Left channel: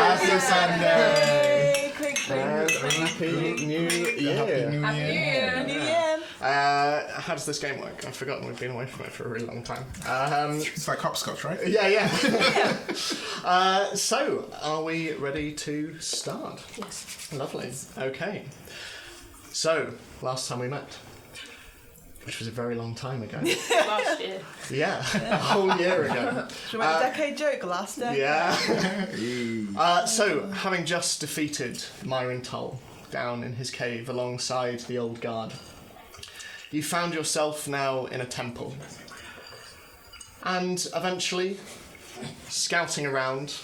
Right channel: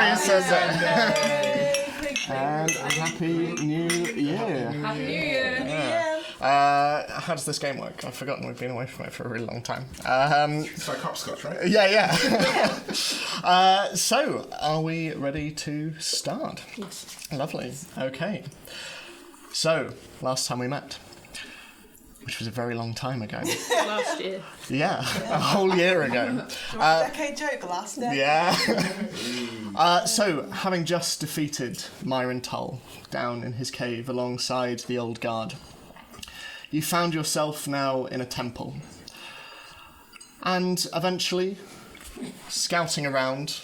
Happy Sunday! And Happy New Year. Happy New Year. How does this game work? I've forgotten. We've been away from it for a really long time. It's like hopscotch, right? Yeah. So, are we ready to start? Yes. Lovely. Okay. So, last time we met, which was a very long time ago. Last year. Yeah, a whole year ago. Decade joke last day. Yeah. So, having just defeated Myron Tull down in his cave alongside the old guard, you found yourself now in a temple. And eventually, scouting around,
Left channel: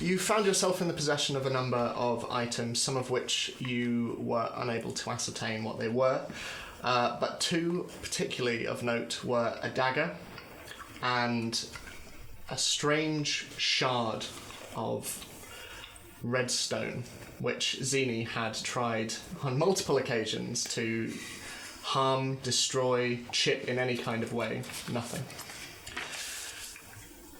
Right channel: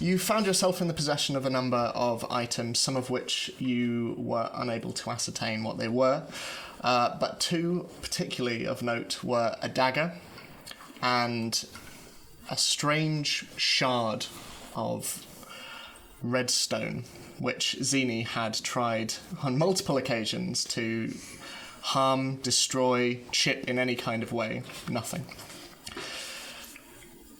you found yourself in the possession of a number of items, some of which you were unable to ascertain what they were. But two particularly of note were a dagger and a strange shard of redstone, which Zini had tried on multiple occasions to harm, destroy, chip in any kind of way. Nothing.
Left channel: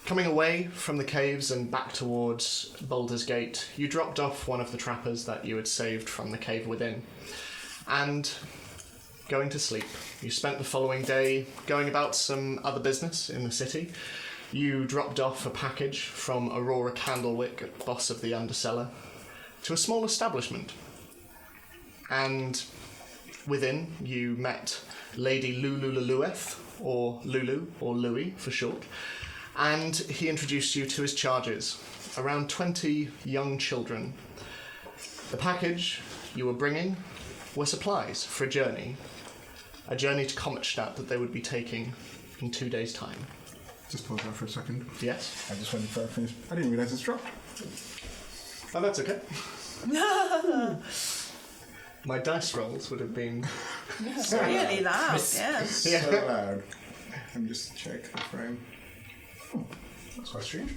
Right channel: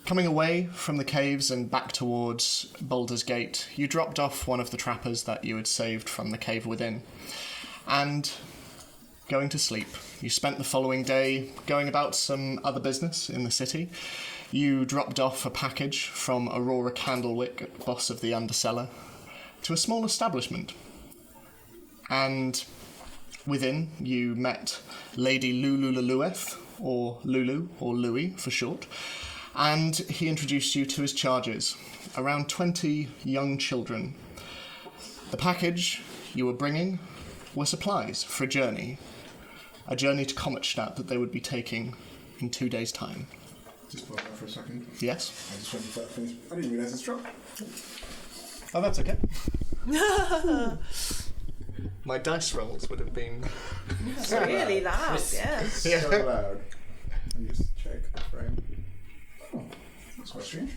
Coming away from the caves and back towards Baldur's Gate, you dropped off one of the trappers that you had saved from the cave within, and going to sleep. You spent the following day going about some other business in the city. You dropped off a package from Aurora Candlewick, boss of the Undercellar, to a small establishment. And within, you met Lady Lulu Lulueth, or Lulu, or Louis for short, and he introduced you to his charges, around 20 young children. The package you were bringing were supplies for a journey to Kometstadt that they would be taking in 2 days' time. Just pause that for a second. Yes? I just wanted to finish. I didn't realise it's dropped. Oh, that's okay. My dice rolls would have been... It's really loud, yes. Yeah. So loud. Let me just check the frame. Oh, that's quite strange.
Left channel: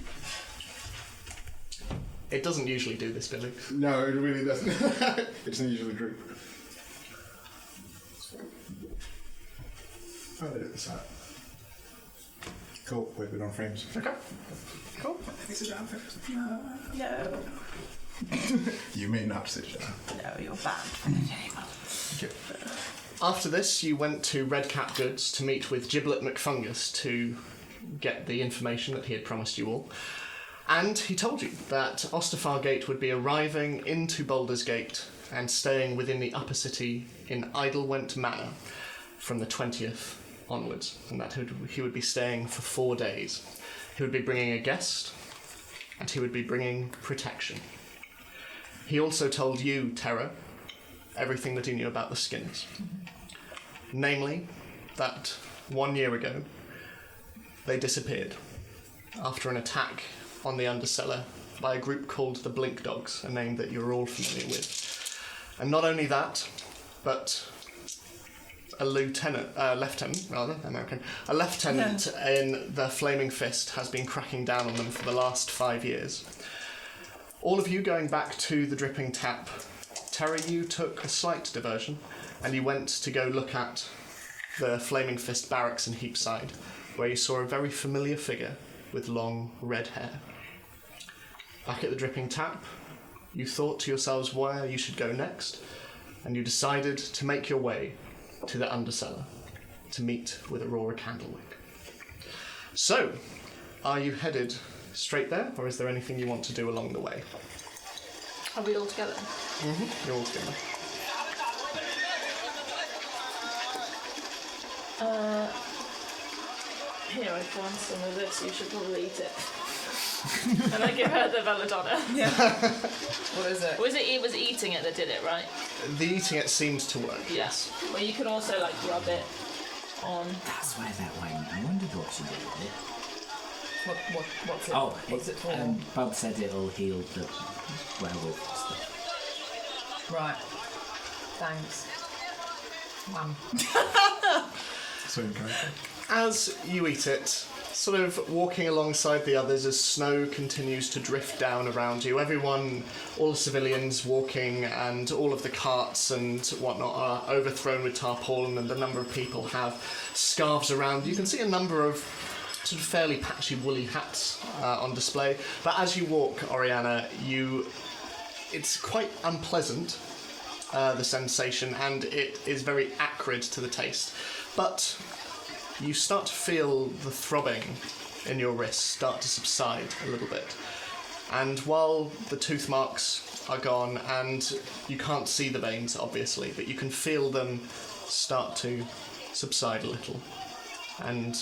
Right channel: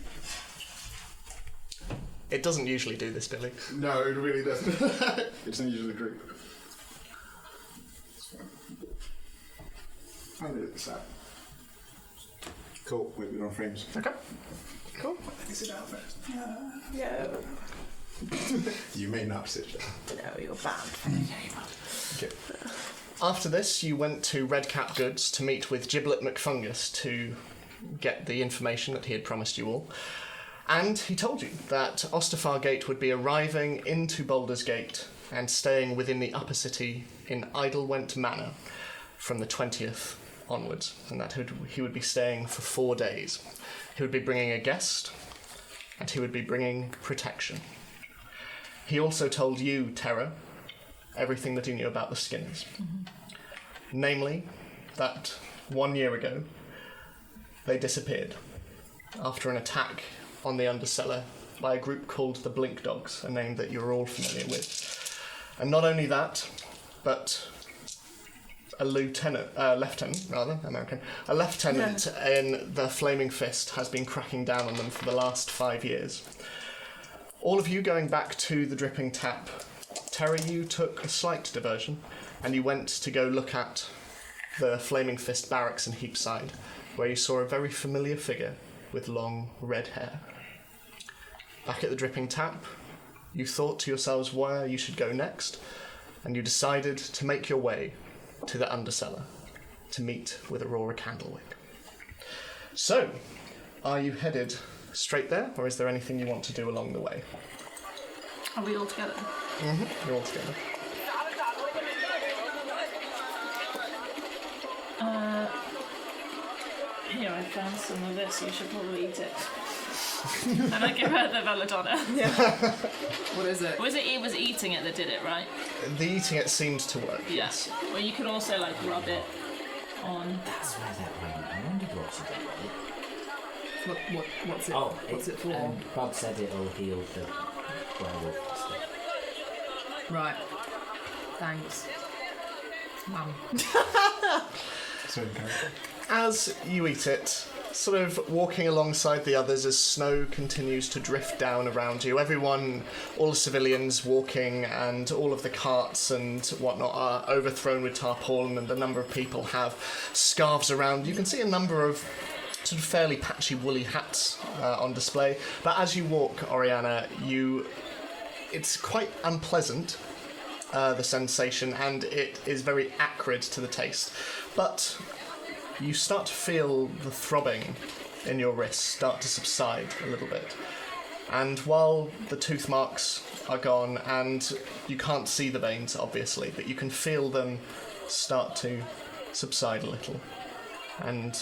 It doesn't usually do this, Billy. No, it really doesn't. It doesn't usually drip. I'll edit this out. Cool, wait, we're on frames. Okay. Cool. Is it out first? No. You may not sit down. No, you're banned. Okay. After this, you went to Red Cap Goods to meet with Giblet McFungus to get the information that he had promised you all. And he told you that Ostafar Gate would be arriving into Baldur's Gate and staying within the upper city in Idlewent Manor from the 20th onwards, and that he would be staying for 4 days. He would be bringing a guest, and he would be bringing protection. He also told you, Terra, everything that he knew about the Skinners. Mm-hmm. Namely, that 1 year ago, they disappeared after an attack on the Undercellar by a group called the Blink Dogs, a name that you're all familiar with. And not only that, but a lieutenant in the Flaming Fist has been cracking down on them for the last 5 years. All of you going back to the Dripping Tap. Terra, you took a slight diversion, and you went to go look at the Flaming Fist barracks in Heapside, where you saw a very familiar figure with long red hair. Back at the Dripping Tap, you thought to yourselves where you should go next, and you decided to make your way to the Undercellar to meet with Aurora Candlewick. So, are you headed straight there, or is there anything you want to do along the way? Are we all together? Mm-hmm. You're all together. Here, I found some of this. You should probably eat it. And I give her the belladonna. Yeah. What is it? It was eating it that did it, right? The eating it seemed to work. Yes. Well, you can also rub it on. That's why that one. I wondered what's in it. What's it? Oh, what's it for? Bob said it'll heal the werewolf stuff. Right. Thanks. Same character. As you eat it, sort of walking alongside the others as snow continues to drift down around you, everyone, all the civilians walking and all of the carts and whatnot are overthrown with tarpaulin, and a number of people have scarves around. You can see a number of sort of fairly patchy woolly hats on display. But as you walk, Oriana, it's quite unpleasant, the sensation, and it is very acrid to the taste. But you start to feel the throbbing in your wrists start to subside a little bit. And while the tooth marks are gone, and you can't see the veins, obviously, but you can feel them start to subside a little. And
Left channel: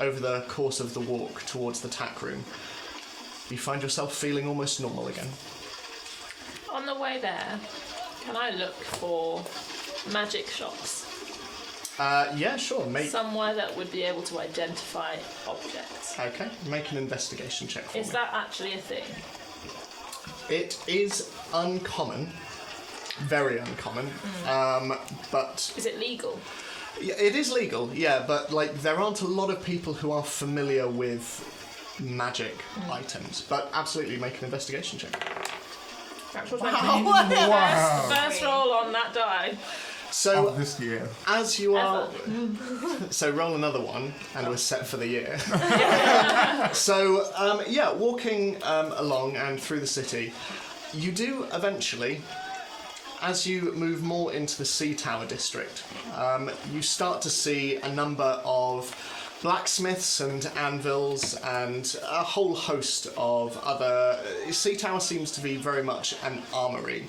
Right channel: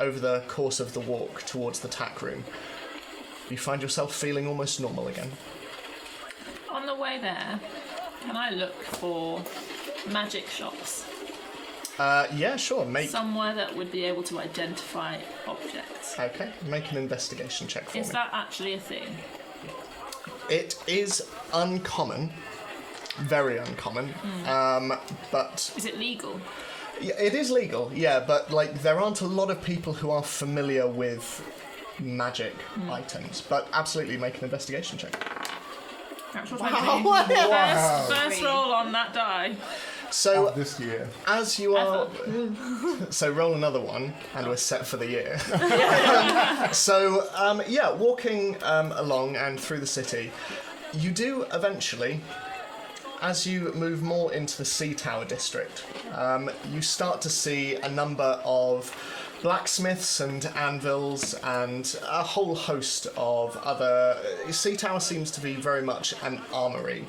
over the course of the walk towards the tack room, you find yourself feeling almost normal again. On the way there, can I look for magic shops? Yeah, sure. Somewhere that would be able to identify objects. Okay, make an investigation check for me. Is that actually a thing? It is uncommon. Very uncommon. But... Is it legal? Yeah, it is legal, yeah, but like there aren't a lot of people who are familiar with magic items. But absolutely make an investigation check. Natural Wow. 20. First roll on that die. So, This year. as you are... So roll another one, and we're set for the year. So, walking along and through the city, you do eventually, as you move more into the Sea Tower district, you start to see a number of blacksmiths and anvils and a whole host of other... Sea Tower seems to be very much an armoury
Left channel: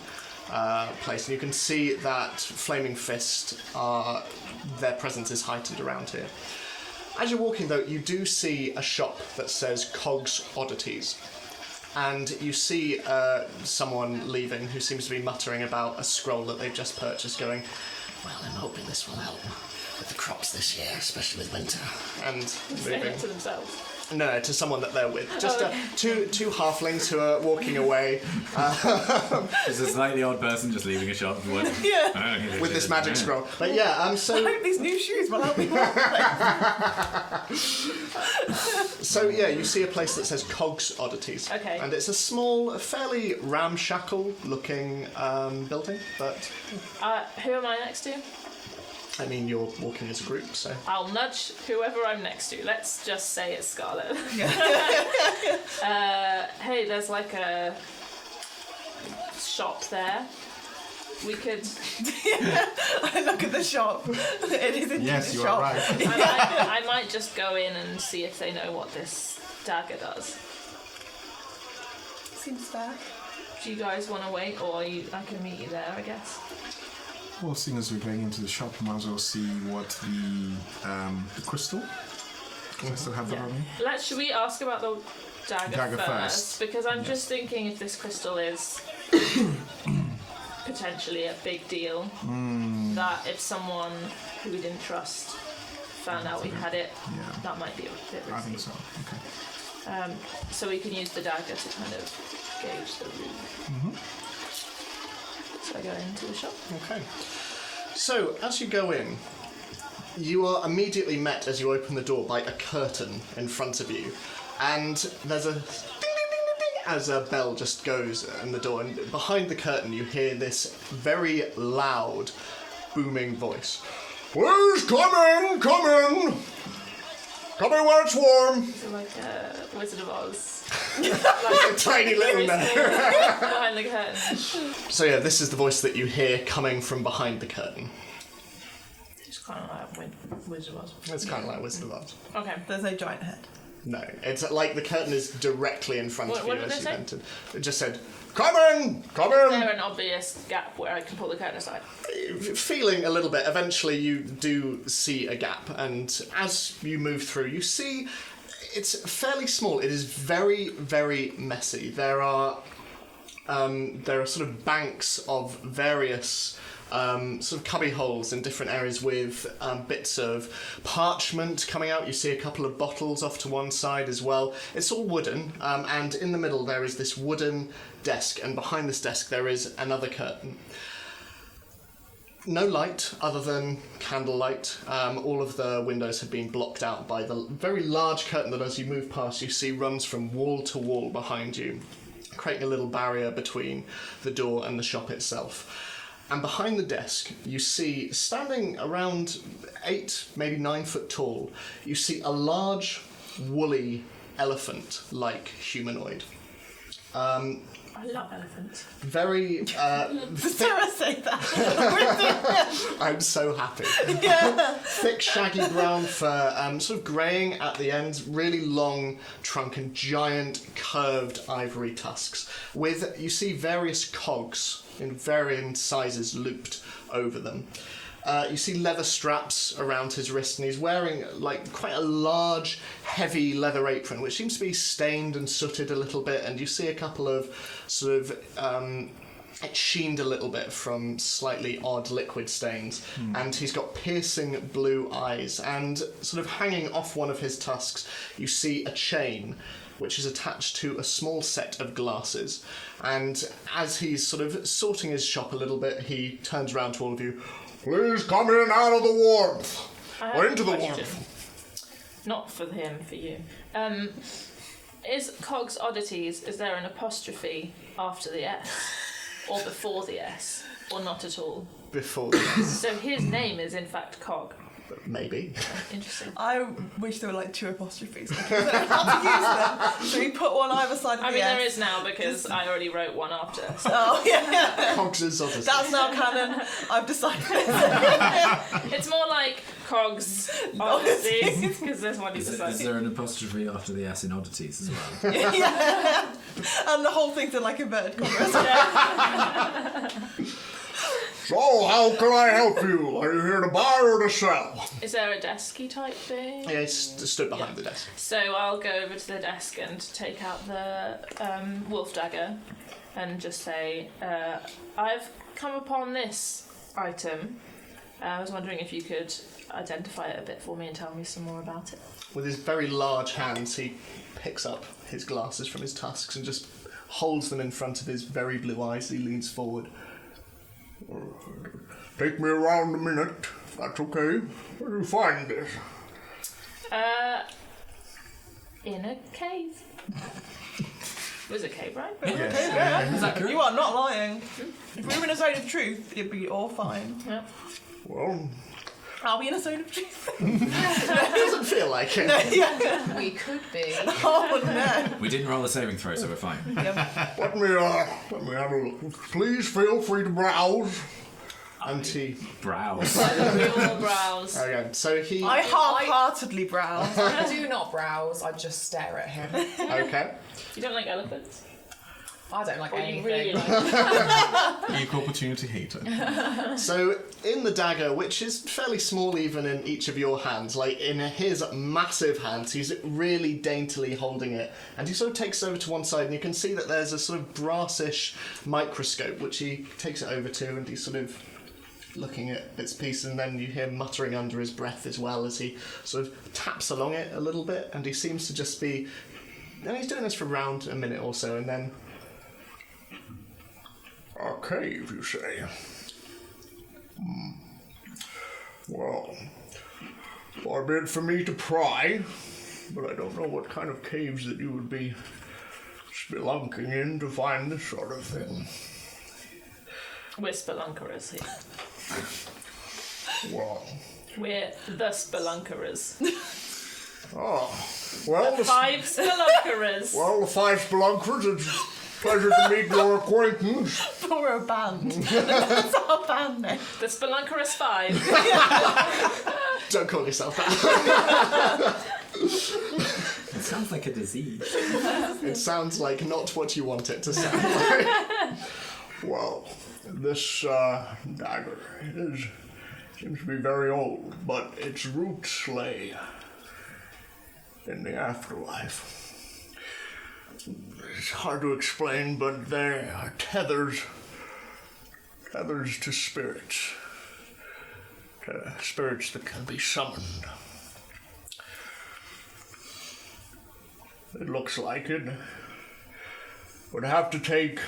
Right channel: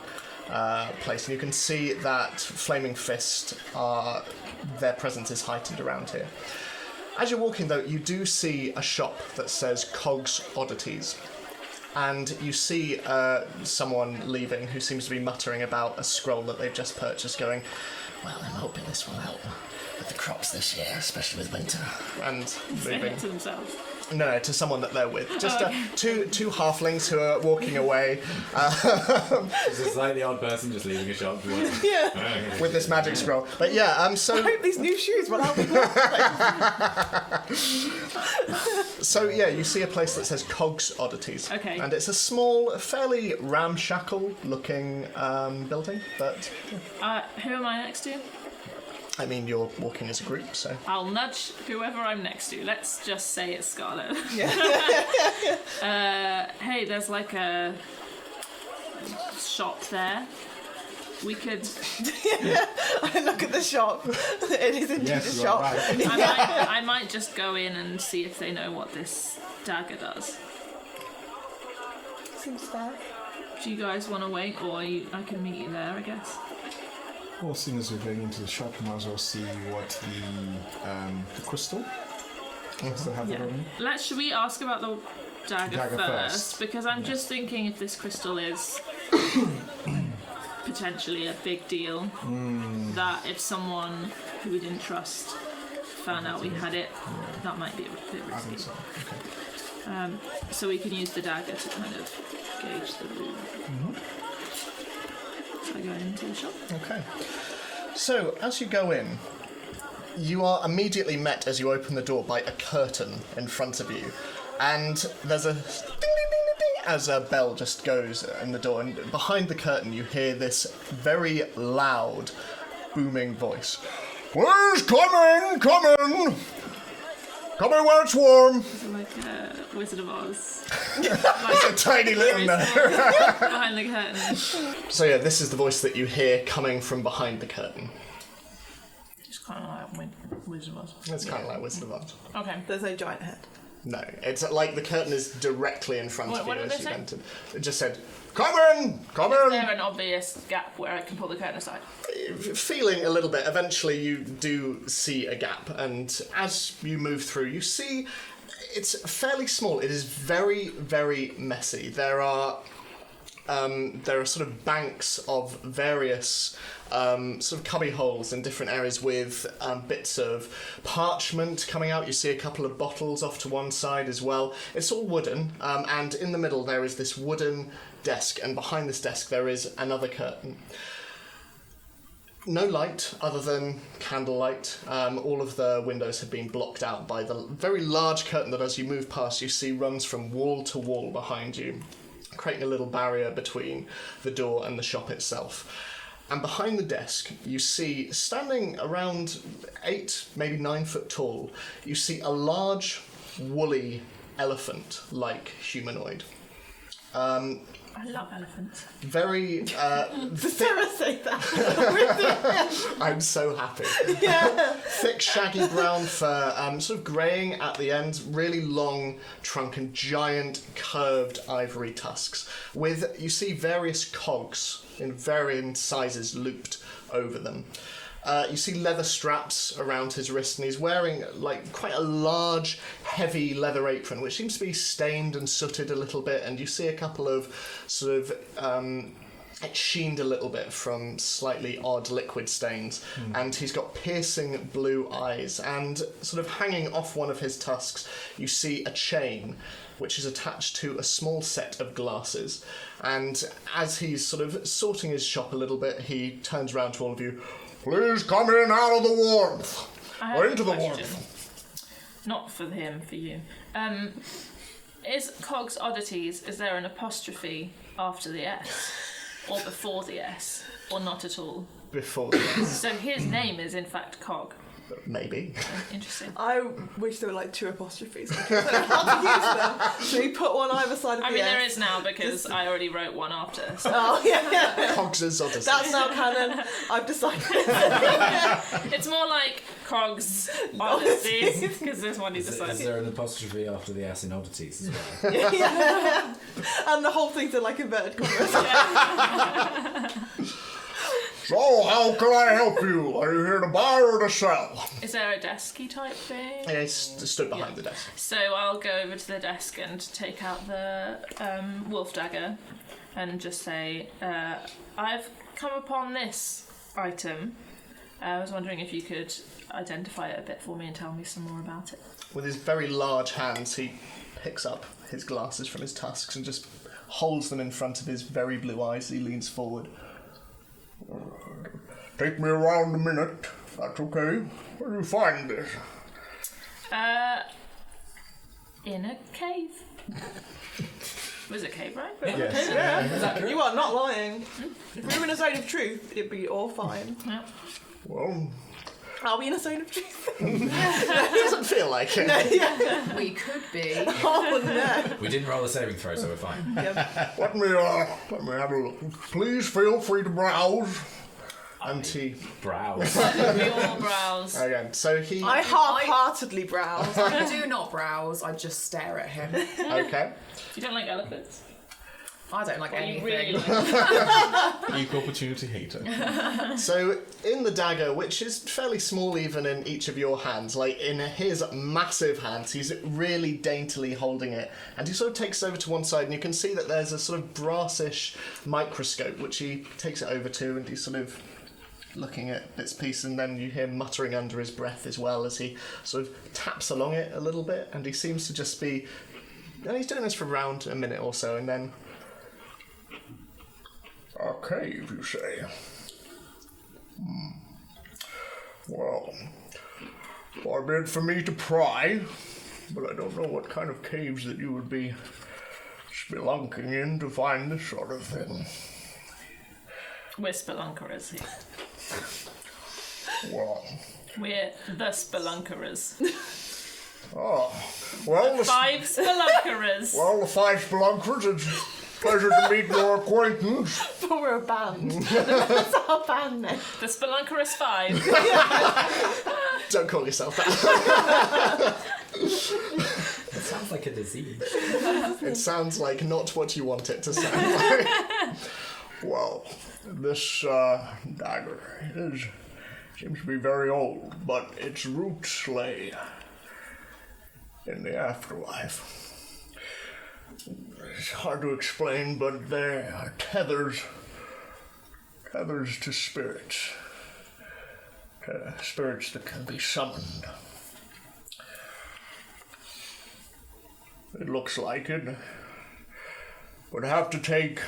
place, and you can see that Flaming Fist, their presence is heightened around here. As you're walking, though, you do see a shop that says Cogs Oddities, and you see someone leaving who seems to be muttering about a scroll that they've just purchased, going, "Well, I'm hoping this will help with the crops this year, especially with winter." And Saying moving. it to themselves. No, to someone that they're with. Just two halflings who are walking away Is this like the old person just leaving a shop? with this magic scroll. But yeah, I hope these new shoes will help me. So yeah, you see a place that says Cogs Oddities. Okay. And it's a small, fairly ramshackle-looking building, but Who am I next to? I mean, you're walking as a group, so... I'll nudge whoever I'm next to. Let's just say it's Scarlet. Hey, there's like a shop there. We could... I look at the shop. It is indeed Yes, a you shop. are right. I might just go in and see if they know what this dagger does. Seems fair. Do you guys want to wait, or I can meet you there, I guess? Well, as soon as we're going into the shop, we might as well see what the crystal. I still have that on me. Should we ask about the dagger first? Because I'm just thinking if this crystal is potentially a big deal, that if someone who we didn't trust found out we had it, that might be a bit I think risky. so. Okay. So we can use the dagger to kind of gauge the room. So I go into the shop. Okay. So, as you go in, you are immediately met as you open the door by a curtain in front of you. And there's a ding, ding, ding, ding, ding, as a bell just goes in the door. And behind the curtain, you hear this very loud, booming voice. "Who's coming? Coming! Coming where it's warm!" It's like a Wizard of Oz. There's a tiny little note. Behind the curtain. So yeah, this is the voice that you hear coming from behind the curtain. It's kind of like Wizard of Oz. It's kind of like Wizard of Oz. Okay. There's no giant head. No, it's like the curtain is directly in front What of you did as they you say? entered. It just said, "Come in! Come Is in!" there an obvious gap where I can pull the curtain aside? Feeling a little bit, eventually you do see a gap, and as you move through, you see it's fairly small. It is very, very messy. There are sort of banks of various sort of cubby holes in different areas with bits of parchment coming out. You see a couple of bottles off to one side as well. It's all wooden, and in the middle there is this wooden desk, and behind this desk there is another curtain. No light other than candlelight. All of the windows have been blocked out by the very large curtain that as you move past you see runs from wall to wall behind you, creating a little barrier between the door and the shop itself. And behind the desk you see, standing around 8, maybe 9 foot tall, you see a large woolly elephant-like humanoid. I love elephants. Very Did Sarah say that? I'm so happy. Thick, shaggy brown fur, sort of greying at the end, really long trunk and giant curved ivory tusks. With, you see various cogs in varying sizes looped over them. You see leather straps around his wrist, and he's wearing like quite a large, heavy leather apron, which seems to be stained and sooted a little bit. And you see a couple of sort of it's sheened a little bit from slightly odd liquid stains. And he's got piercing blue eyes, and sort of hanging off one of his tusks, you see a chain which is attached to a small set of glasses. And as he's sort of sorting his shop a little bit, he turns around to all of you. Please come in out of the warmth. Or into the warmth. Not for him, for you. Is Cog's Oddities, is there an apostrophe after the S? Or before the S? Or not at all? Before the S. So his name is in fact Cog. Maybe. Interesting. I wish there were like 2 apostrophes. I don't know how to use them. So we put one either side of the S. There is now because I already wrote one after. So. Oh, yeah. Cogs' Oddities. That's now canon. I've decided. It's more like Cog's Oddities because there's one you Is decided. there an apostrophe after the S in oddities as well? Yeah. And the whole thing's in like inverted commas. So, how can I help you? Are you here to buy or to sell? Is there a desky type thing? Yeah, it's stood behind the desk. So I'll go over to the desk and take out the wolf dagger and just say, I've come upon this item. I was wondering if you could identify it a bit for me and tell me some more about it. With his very large hands, he picks up his glasses from his tusks and just holds them in front of his very blue eyes. He leans forward. Take me around a minute, if that's okay. Where do you find this? In a cave. It was a cave, right? Yes. You are not lying. If we were in a zone of truth, it'd be all fine. Yeah. Well, Are we in a zone of truth? it doesn't feel like it. We could be. Oh no. We didn't roll a saving throw, so we're fine. Let me have a look. Please feel free to browse. And he... Browse. We all browse. Okay, so he... I half-heartedly browse. I do not browse, I just stare at him. Okay. You don't like elephants? I don't like Or you anything. really like Equal opportunity hater. So, in the dagger, which is fairly small even in each of your hands, like in his massive hands, he's really daintily holding it, and he sort of takes it over to one side, and you can see that there's a sort of brassish microscope, which he takes it over to, and he's sort of looking at bits and pieces, and then you hear muttering under his breath as well as he sort of taps along it a little bit, and he seems to just be... And he's doing this for around a minute or so, and then... A cave, you say? Well, far be it for me to pry, but I don't know what kind of caves that you would be spelunking in to find this sort of thing. We're spelunkerers here. Well, We're the spelunkerers. well, the 5 spelunkerers. well, the 5 spelunkers, it's a pleasure to meet your acquaintance. But we're a band. That's our band name. The spelunkerous 5. Don't call yourself that. It sounds like a disease. It sounds like not what you want it to sound like. Well, this dagger seems to be very old, but its roots lay in the afterlife. It's hard to explain, but they are tethers to spirits. Spirits that can be summoned. It looks like it would have to take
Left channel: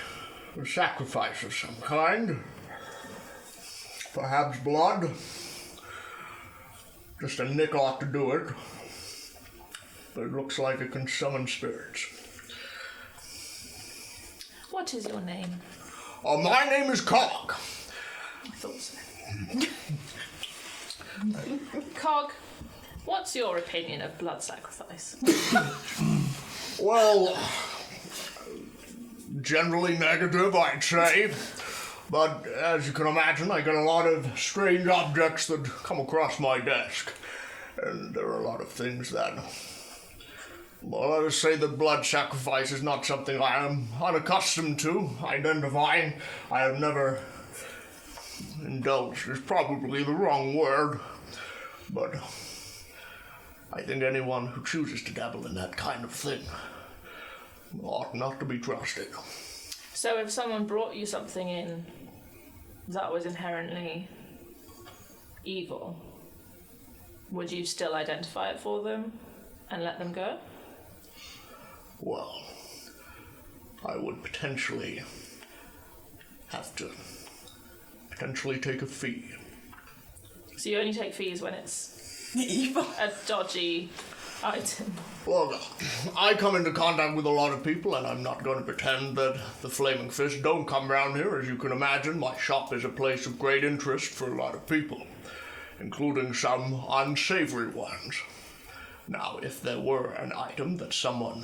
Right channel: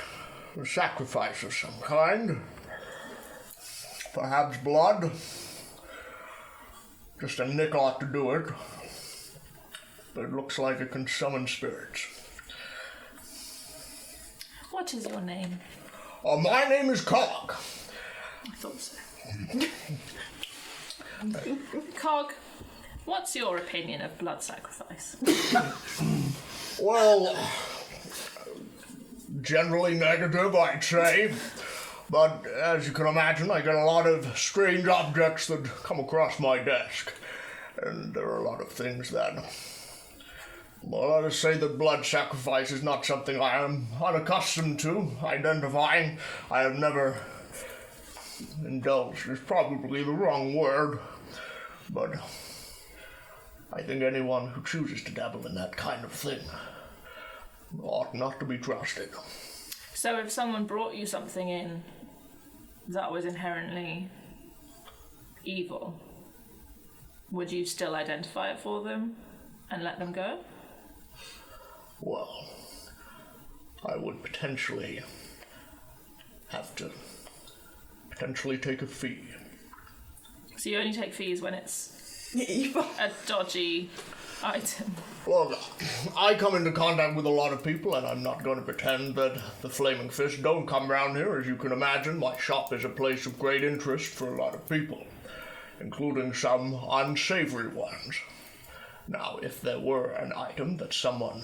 a sacrifice of some kind. Perhaps blood. Just a nick ought to do it. But it looks like it can summon spirits. What is your name? Oh, my name is Cog. I thought so. Cog, What's your opinion of blood sacrifice? Well, generally negative, I'd say. But as you can imagine, I get a lot of strange objects that come across my desk. And there are a lot of things that... Well, I would say that blood sacrifice is not something I am unaccustomed to identifying. I have never indulged is probably the wrong word. But I think anyone who chooses to dabble in that kind of thing ought not to be trusted. So if someone brought you something in that was inherently evil, would you still identify it for them and let them go? Well, I would potentially have to take a fee. So you only take fees when it's Evil. a dodgy item. Well, I come into contact with a lot of people, and I'm not going to pretend that the Flaming Fist don't come round here. As you can imagine, my shop is a place of great interest for a lot of people, including some unsavory ones. Now, if there were an item that someone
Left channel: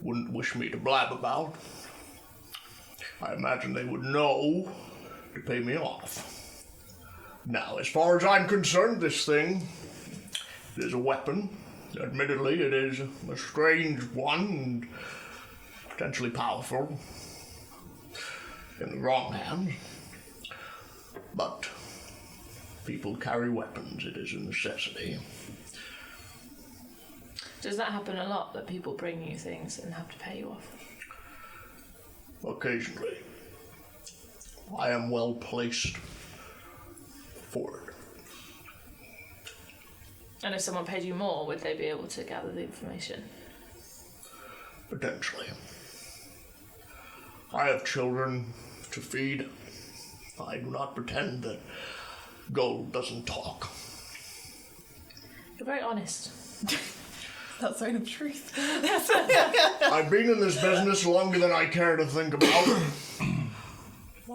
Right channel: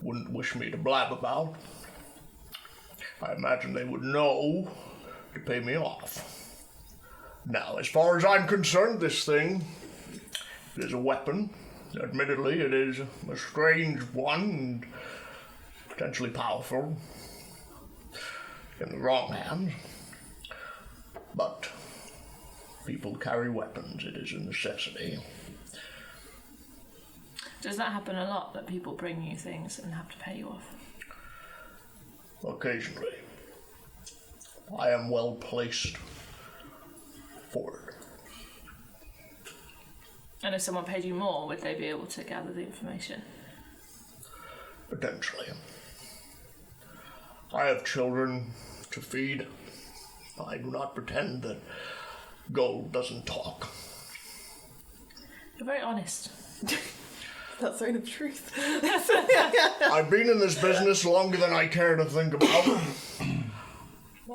wouldn't wish me to blab about, I imagine they would know to pay me off. Now, as far as I'm concerned, this thing is a weapon. Admittedly, it is a strange one and potentially powerful in the wrong hands. But people carry weapons. It is a necessity. Does that happen a lot, that people bring you things and have to pay you off? Occasionally. I am well placed for it. And if someone paid you more, would they be able to gather the information? Potentially. I have children to feed. I do not pretend that gold doesn't talk. You're very honest. That sign of truth. I've been in this business longer than I care to think about.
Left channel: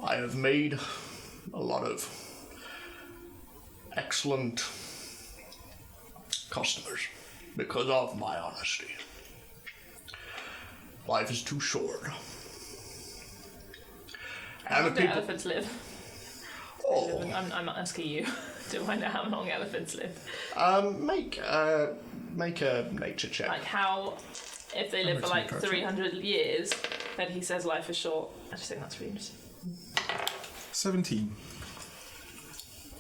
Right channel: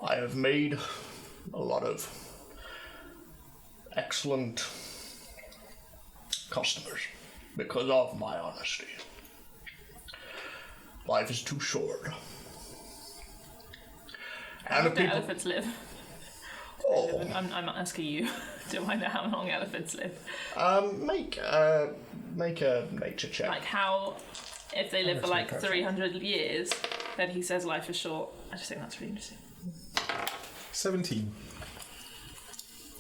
I have made a lot of excellent customers because of my honesty. Life is too short. How long do elephants live? Oh, I'm asking you. Do I know how long elephants live? make a nature check. Like how, if they live for like Nature check. 300 years, then he says life is short. I just think that's really interesting. 17.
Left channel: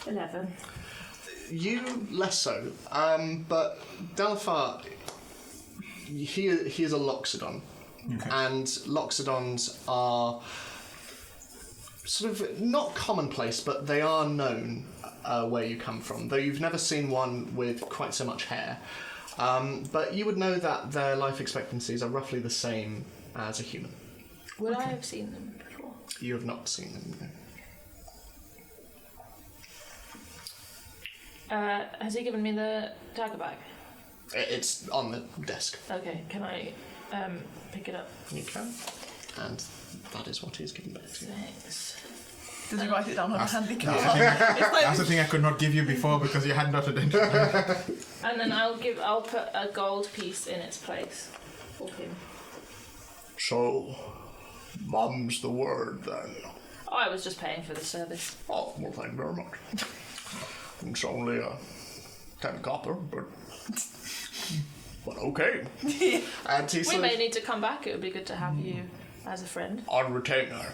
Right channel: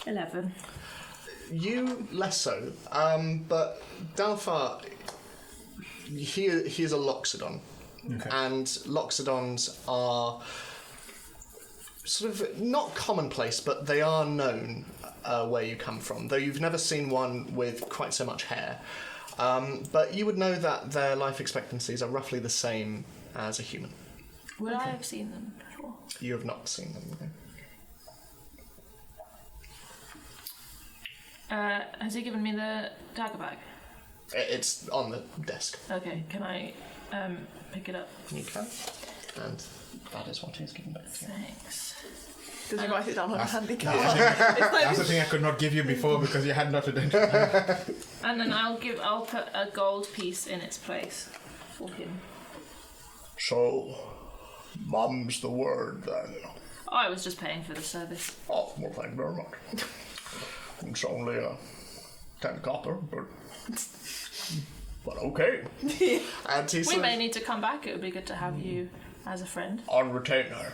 11. You less so, but Dalafar, he is a Loxodon, Okay. and Loxodons are sort of not commonplace, but they are known where you come from, though you've never seen one with quite so much hair. But you would know that their life expectancies are roughly the same as a human. Would I have seen them before? You have not seen them, no. Has he given me the dagger bag? It's on the desk. Okay, can I pick it up? You can. And that is what he's given back to you. Thanks. Does he write it down on a That's- handicap? That's the thing I could not give you before because you had not identified. And then I'll put a gold piece in its place for him. So, mum's the word then. Oh, I was just paying for the service. Oh, well, thank you very much. It's only 10 copper, but okay. And he We sort may of, need to come back. It would be good to have you as a friend. on retainer.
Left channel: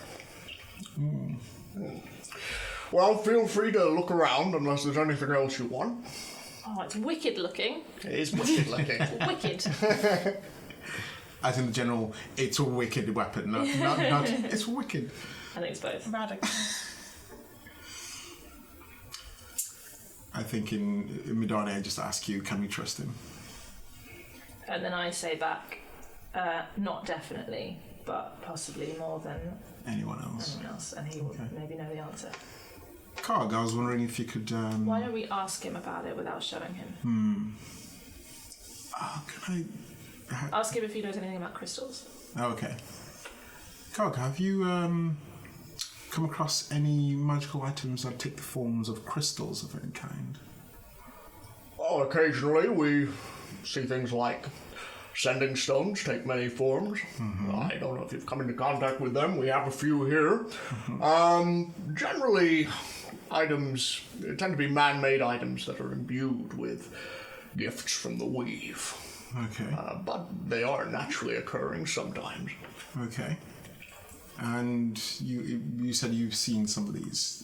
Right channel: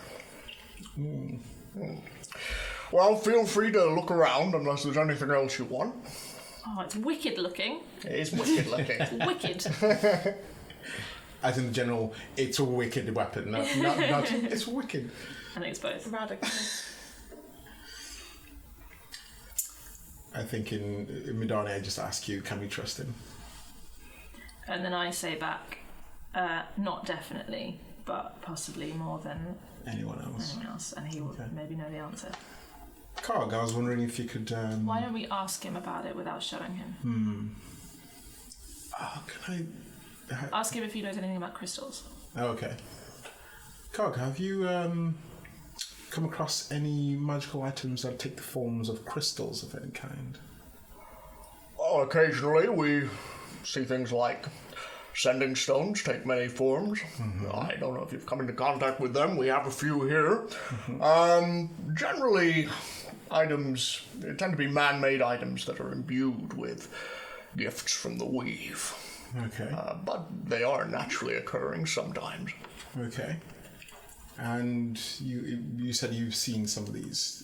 Well, feel free to look around unless there's anything else you want. Oh, it's wicked looking. It is wicked looking. Wicked. As in general, it's a wicked weapon. Not it's wicked. I think it's both. Radical. I think in Midani, I just ask you, can we trust him? And then I say back, not definitely, but possibly more than Anyone else? anyone else, and he will maybe know the answer. Karg, I was wondering if you could. Why don't we ask him about it without showing him? Can I? Ask him if he knows anything about crystals. Oh, okay. Karg, have you come across any magical items that take the forms of crystals of any kind? Well, occasionally we see things like sending stones take many forms. I don't know if you've come into contact with them. We have a few here. Generally, items tend to be man-made items that are imbued with gifts from the weave. Okay. But they are naturally occurring sometimes. Okay. And you said you've seen some of these.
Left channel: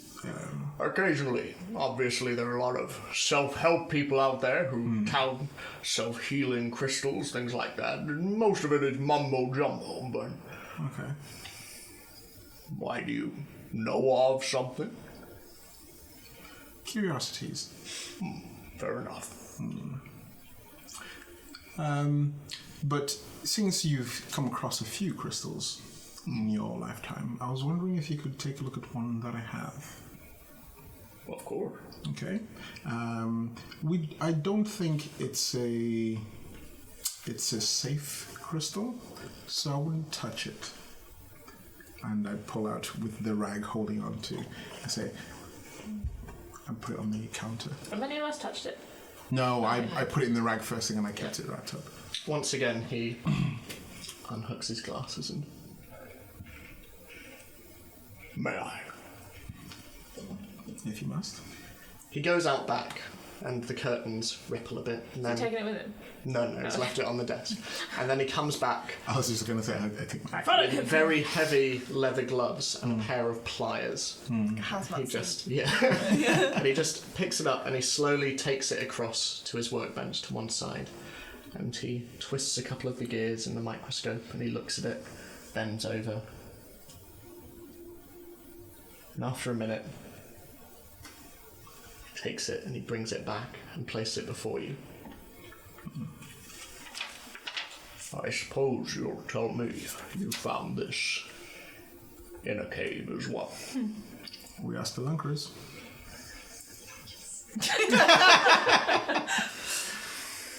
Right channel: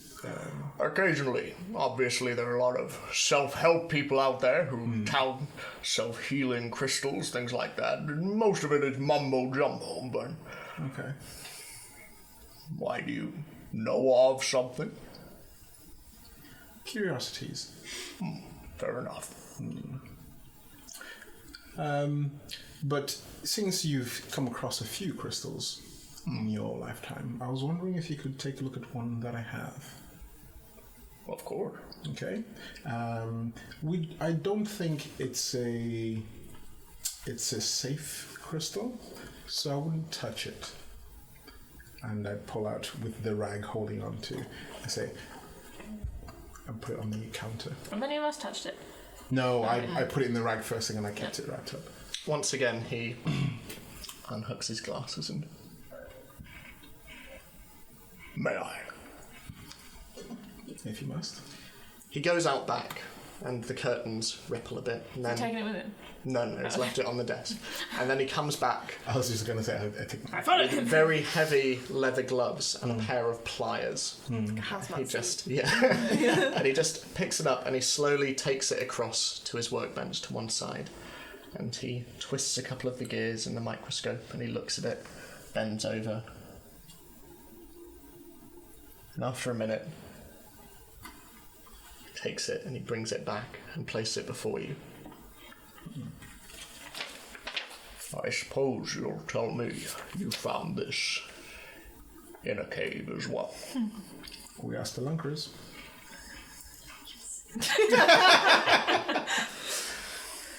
Occasionally. Obviously, there are a lot of self-help people out there who tout self-healing crystals, things like that. Most of it is mumbo-jumbo, but Okay. why do you know of something? Curiosities. Fair enough. But since you've come across a few crystals in your lifetime, I was wondering if you could take a look at one that I have. Of course. Okay. I don't think it's a safe crystal, so I wouldn't touch it. And I'd pull out with the rag holding on to, and say, I put it on the counter. And many of us touched it. No, I put it in the rag first thing and I kept it wrapped up. Once again, he unhooks his glasses and... May I? If you must. He goes out back, and the curtains ripple a bit. And then... Taking it with him. No, he's left it on the desk. And then he comes back I was just going to say, I take my... Follow with him. very heavy leather gloves and a pair of pliers. Hazmat He suit. just, and he just picks it up and he slowly takes it across to his workbench to one side. And he twists a couple of the gears in the microscope and he looks at it, bends over. And after a minute, he takes it and he brings it back and places it before you. I suppose you'll tell me you found this in a cave as well. We asked the Lunkers.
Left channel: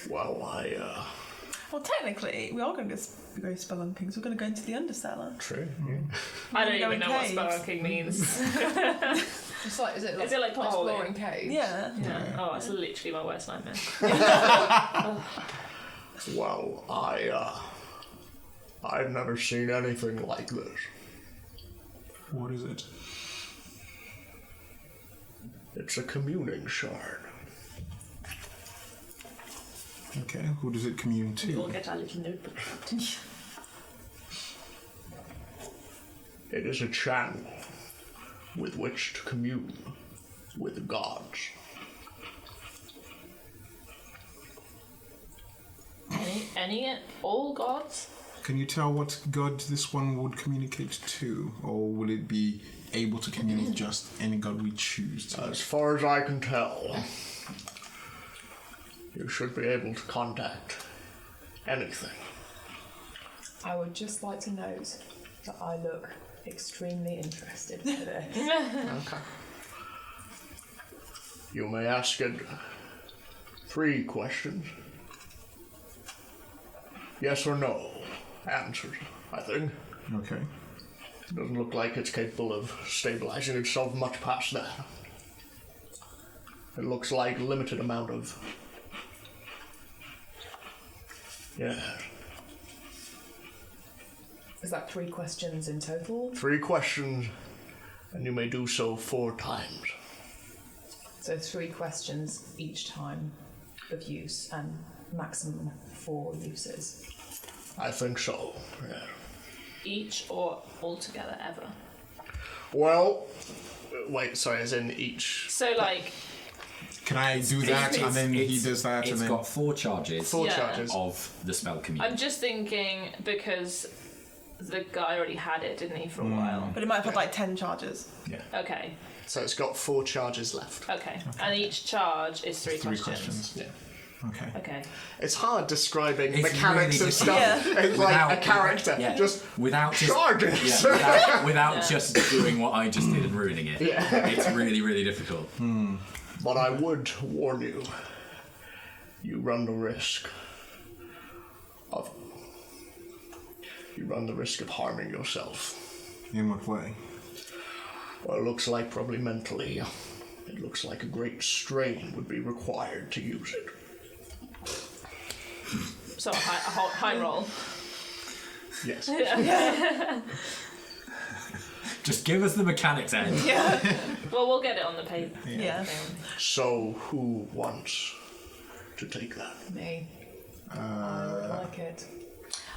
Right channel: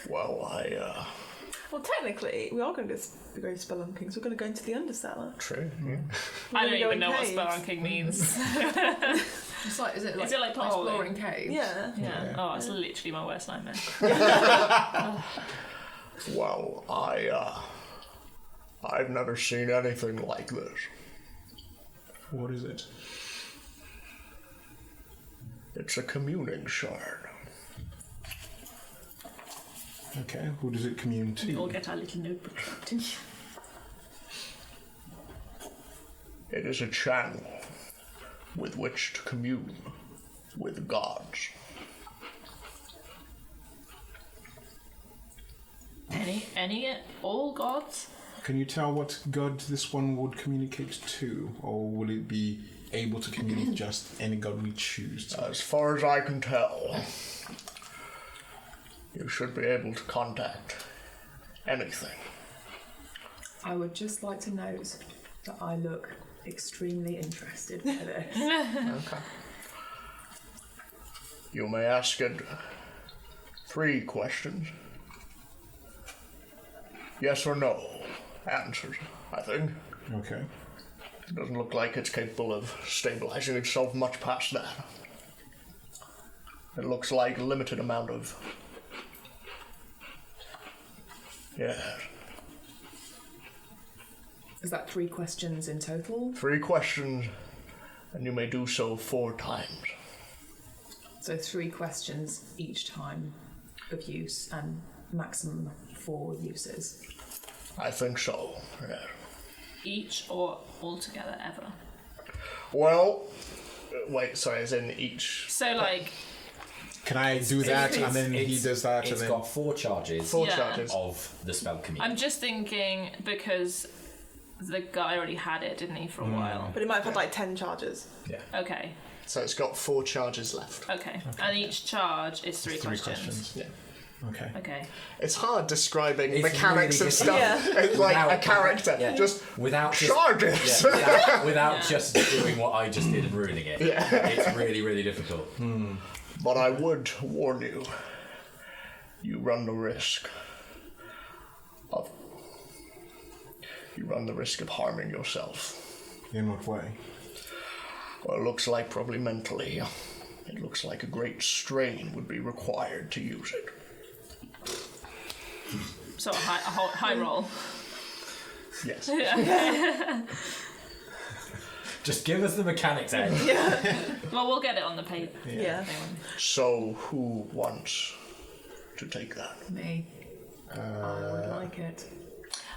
Well, Well, technically, we are going to go spelunking, so we're going to go into the undercellar. True, yeah. I don't Go even in know what caves. spelunking means. It's like, is it like patrolling? exploring caves? Yeah. Yeah. Oh, it's literally my worst nightmare. Well, I've never seen anything like this. What is it? It's a communing shard. Okay, who does it commune We all to? get our little notebook out. It is a channel with which to commune with gods. All gods? Can you tell what god this one would communicate to, or will it be able to communicate with just any god we choose to? As far as I can tell, you should be able to contact anything. I would just like to note that I look extremely interested in this. Okay. You may ask it 3 questions. Yes or no answers, I think. Okay. It doesn't look like it's capable of stabilizing itself much past that. It looks like a limited amount of... Yeah. Is that 3 questions in total? 3 questions, and you may do so 4 times. So 3 questions each time of use and maximum 4 uses. I think so, yeah. Each or all together ever? Well, wait, sorry, as in each... So, like, Can I do that and then he does that and It's then... got 4 charges 4 Yeah. charges. of the spell community. I'm just thinking because the guy already had it, didn't he, for a while? But it might have had like 10 charges. Okay, So it's got 4 charges left. okay. And each charge is 3 3 questions. questions. Yeah. Okay. Okay. It's hard describing It's mechanics really of stuff. difficult. It's like Without- a character. yeah. Just without just charges. without just doing what I just did and ruining it. Yeah. It's really, really difficult. But I would warn you, you run the risk of harming yourself. In what way? Well, it looks like probably mentally. It looks like a great strain would be required to use it. So a high roll. Yes. Yeah. Just give us the mechanics, Ed. Well, we'll get it on the paper. Yeah. So, who wants to take that? Me. I would like it.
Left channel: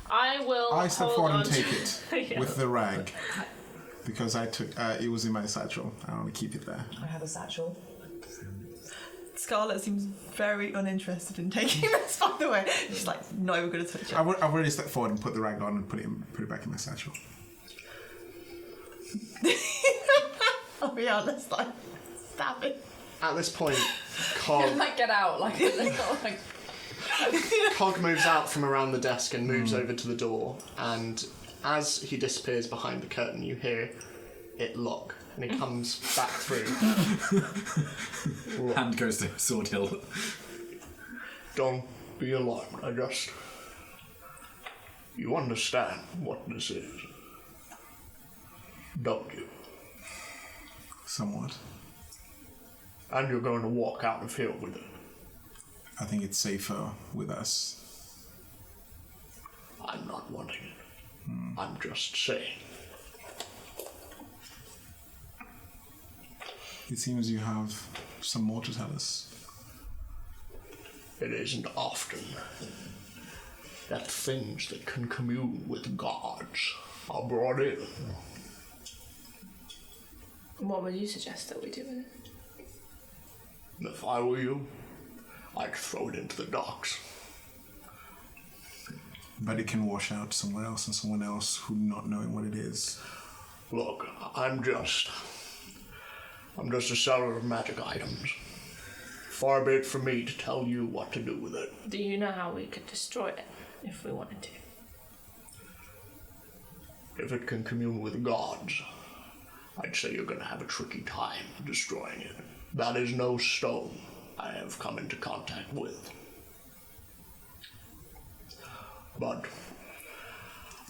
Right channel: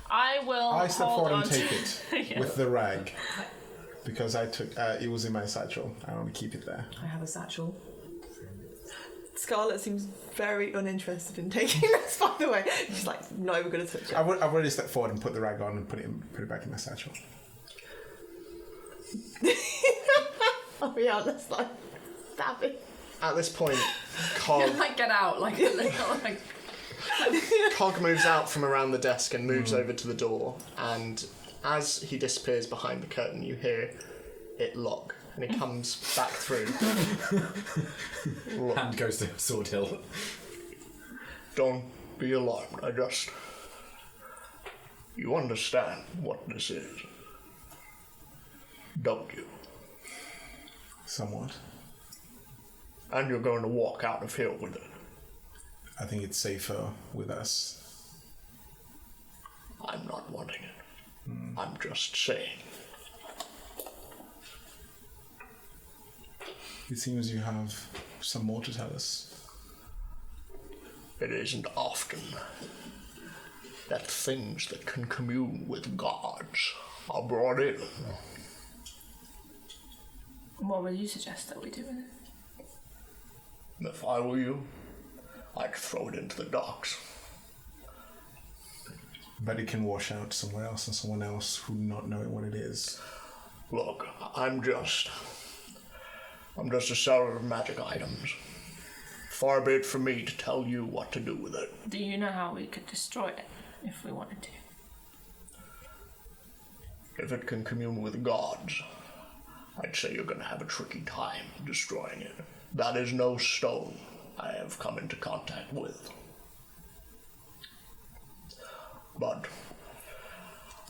I will. I step hold forward on and take it Yeah. with the rag. Because I took it was in my satchel. I want to keep it there. I have a satchel. Scarlet seems very uninterested in taking this, by the way. She's like, no, we're going to touch it. I've already stepped forward and put the rag on and put it back in my satchel. Oh yeah, let's like stab it. At this point, Cog, Like get out, like Cog moves out from around the desk and moves over to the door, and as he disappears behind the curtain, you hear it lock, and he comes back through. Hand goes to Sword Hill. Don't be alarmed, you understand what this is, don't you? Somewhat. And you're going to walk out of here with it. I think it's safer with us. I'm not wanting it. I'm just saying. It seems you have some more to tell us. It isn't often that things that can commune with gods are brought in. What would you suggest that we do with it? If I were you, I'd throw it into the docks. But it can wash out somewhere else and someone else who not knowing what it is. Look, I'm just a seller of magic items. Far be it from me to tell you what to do with it. Do you know how we could destroy it if we wanted to? If it can commune with gods, I'd say you're going to have a tricky time destroying it. That is no stone I have come into contact with. But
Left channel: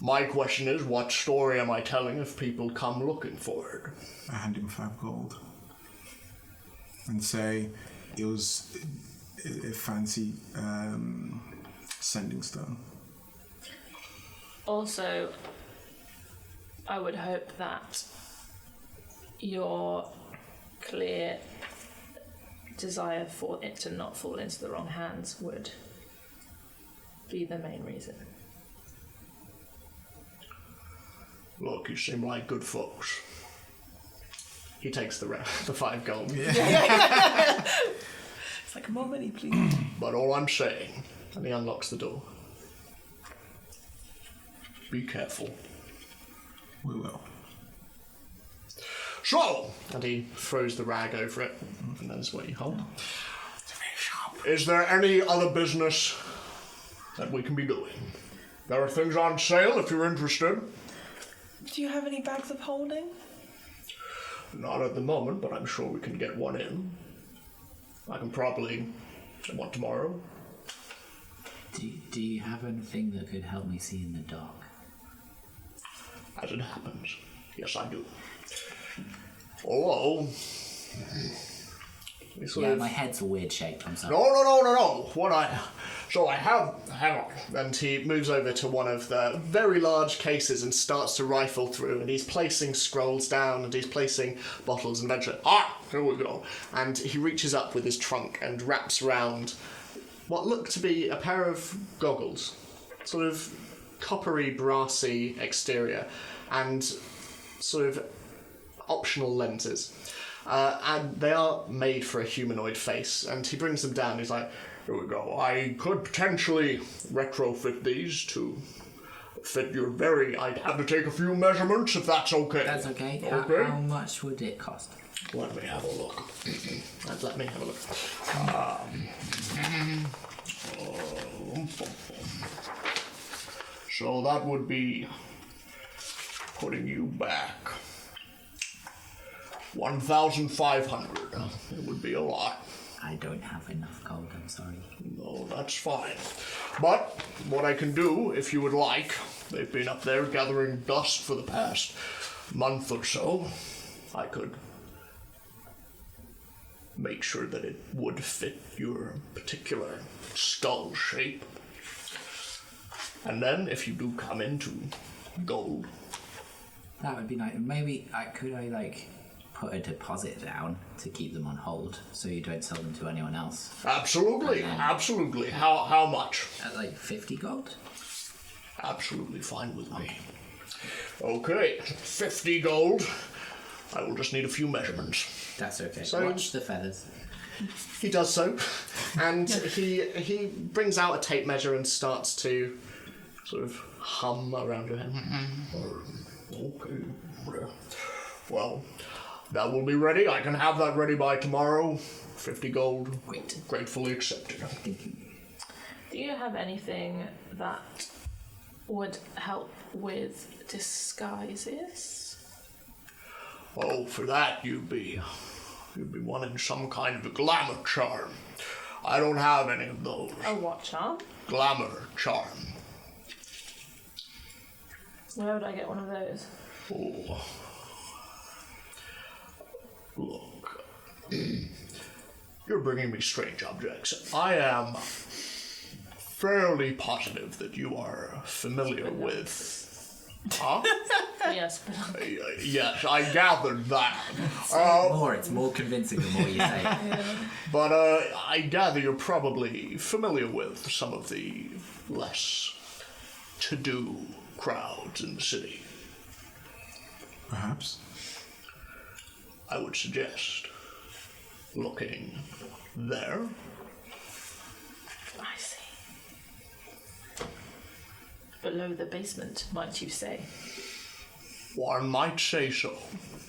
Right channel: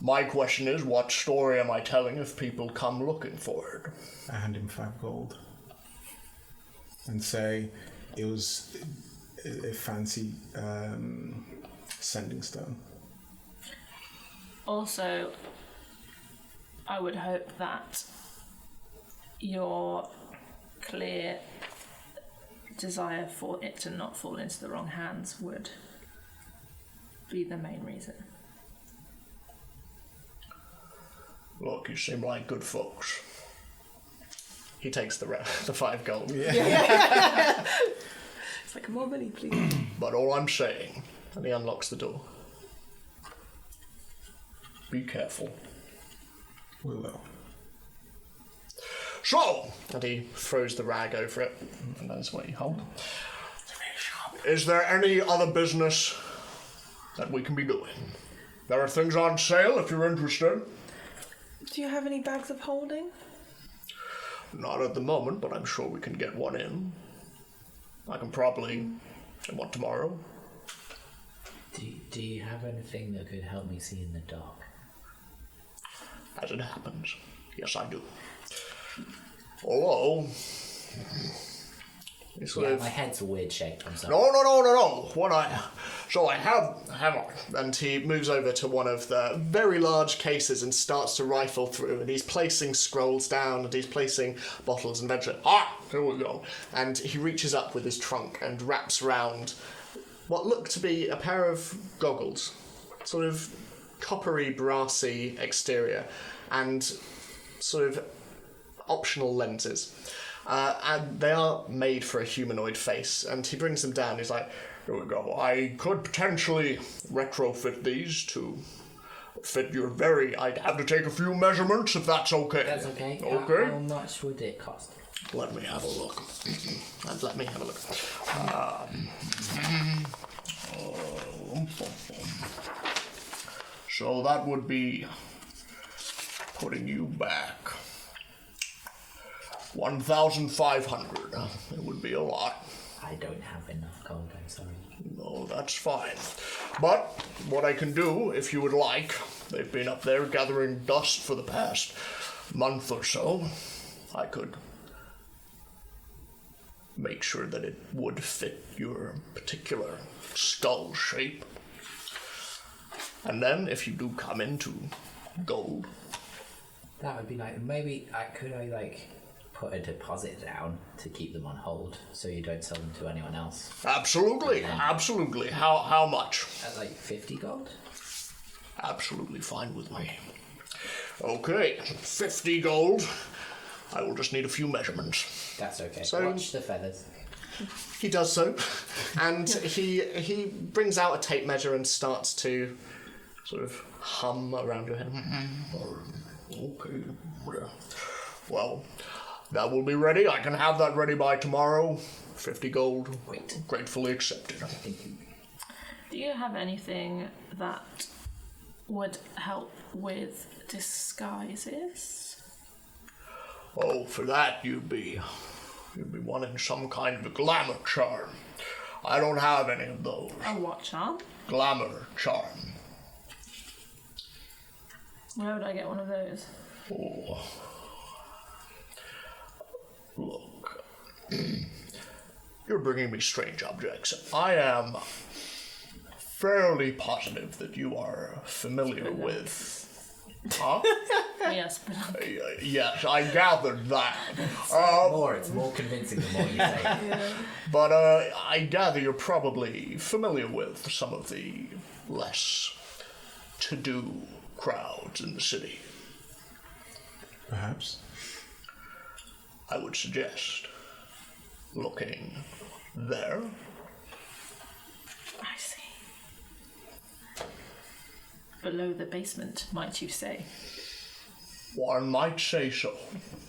my question is, what story am I telling if people come looking for it? I hand him 5 gold. And say it was a fancy sending stone. Also, I would hope that your clear desire for it to not fall into the wrong hands would be the main reason. Look, you seem like good folks. He takes the 5 gold. It's like, more money, please. But all I'm saying, and he unlocks the door. Be careful. We will. So, and he throws the rag over it, and that's what you hold. Is there any other business that we can be doing? There are things on sale if you're interested. Do you have any bags of holding? Not at the moment, but I'm sure we can get one in. I can probably get one tomorrow. Do you have anything that could help me see in the dark? As it happens, yes, I do. Although, My head's a weird shape, I'm sorry. No. So I have, hang on. And he moves over to one of the very large cases and starts to rifle through, and he's placing scrolls down, and he's placing bottles, and eventually, here we go. And he reaches up with his trunk and wraps around what look to be a pair of goggles. Sort of coppery, brassy exterior, and sort of optional lenses. And they are made for a humanoid face, and he brings them down. He's like, here we go. I could potentially retrofit these to fit your I'd have to take a few measurements if that's okay. That's okay. Okay. How much would it cost? Let me have a look. So that would be putting you back 1,500. It would be a lot. I don't have enough gold, I'm sorry. No, that's fine. But what I can do, if you would like, they've been up there gathering dust for the past month or so. I could make sure that it would fit your particular skull shape. And then, if you do come into gold, That would be nice. Maybe could I like put a deposit down to keep them on hold so you don't sell them to anyone else? absolutely, absolutely. How much? At like 50 gold? Absolutely fine with me. Okay, 50 gold. I will just need a few measurements. That's okay. So- Watch the feathers. He does so, and he brings out a tape measure and starts to sort of hum around your head. Okay. Well, that will be ready. I can have that ready by tomorrow. 50 gold. Great. Gratefully accepted. Do you have anything that would help with disguises? Oh, for that you'd be wanting some kind of a glamour charm. I don't have any of those. A what charm? Glamour charm. Where would I get one of those? Oh. Look. You're bringing me strange objects. I am fairly positive that you are familiar with... Huh? Yes, but Yes, I gathered that. It's more convincing the more you say it. But I gather you're probably familiar with some of the less to-do crowds in the city. Perhaps. I would suggest looking there. I see. Below the basement, might you say? One might say so.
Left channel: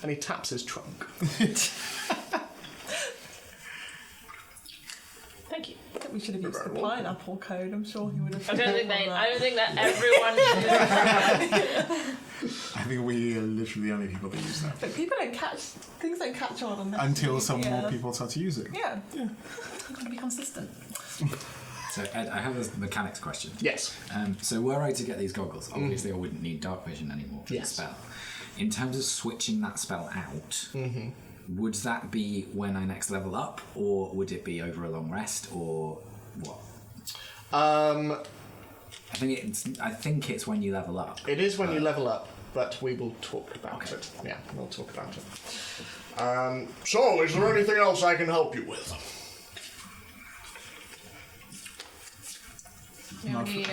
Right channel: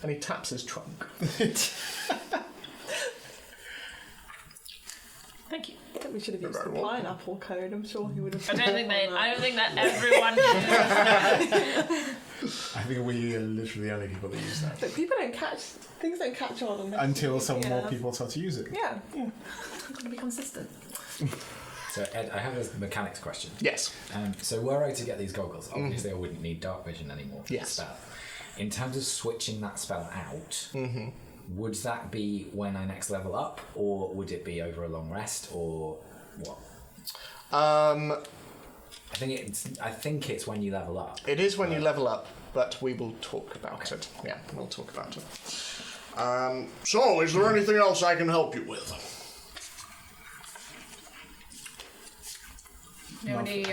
And he taps his trunk. Thank you. I think we should have used the pineapple code. I'm sure he would have. I don't think that everyone knew. I think we are literally the only people that use that. But people don't catch things. Don't catch on this. Until some more people start to use it. Yeah. Gotta be consistent. So, Ed, I have a mechanics question. Yes. So, were I to get these goggles, obviously I wouldn't need dark vision anymore for the Yes. spell. In terms of switching that spell out, would that be when I next level up, or would it be over a long rest, or what? I think it's when you level up. It is when you level up, but we will talk about it. Yeah, we'll talk about it. So, is there anything else I can help you with? You know any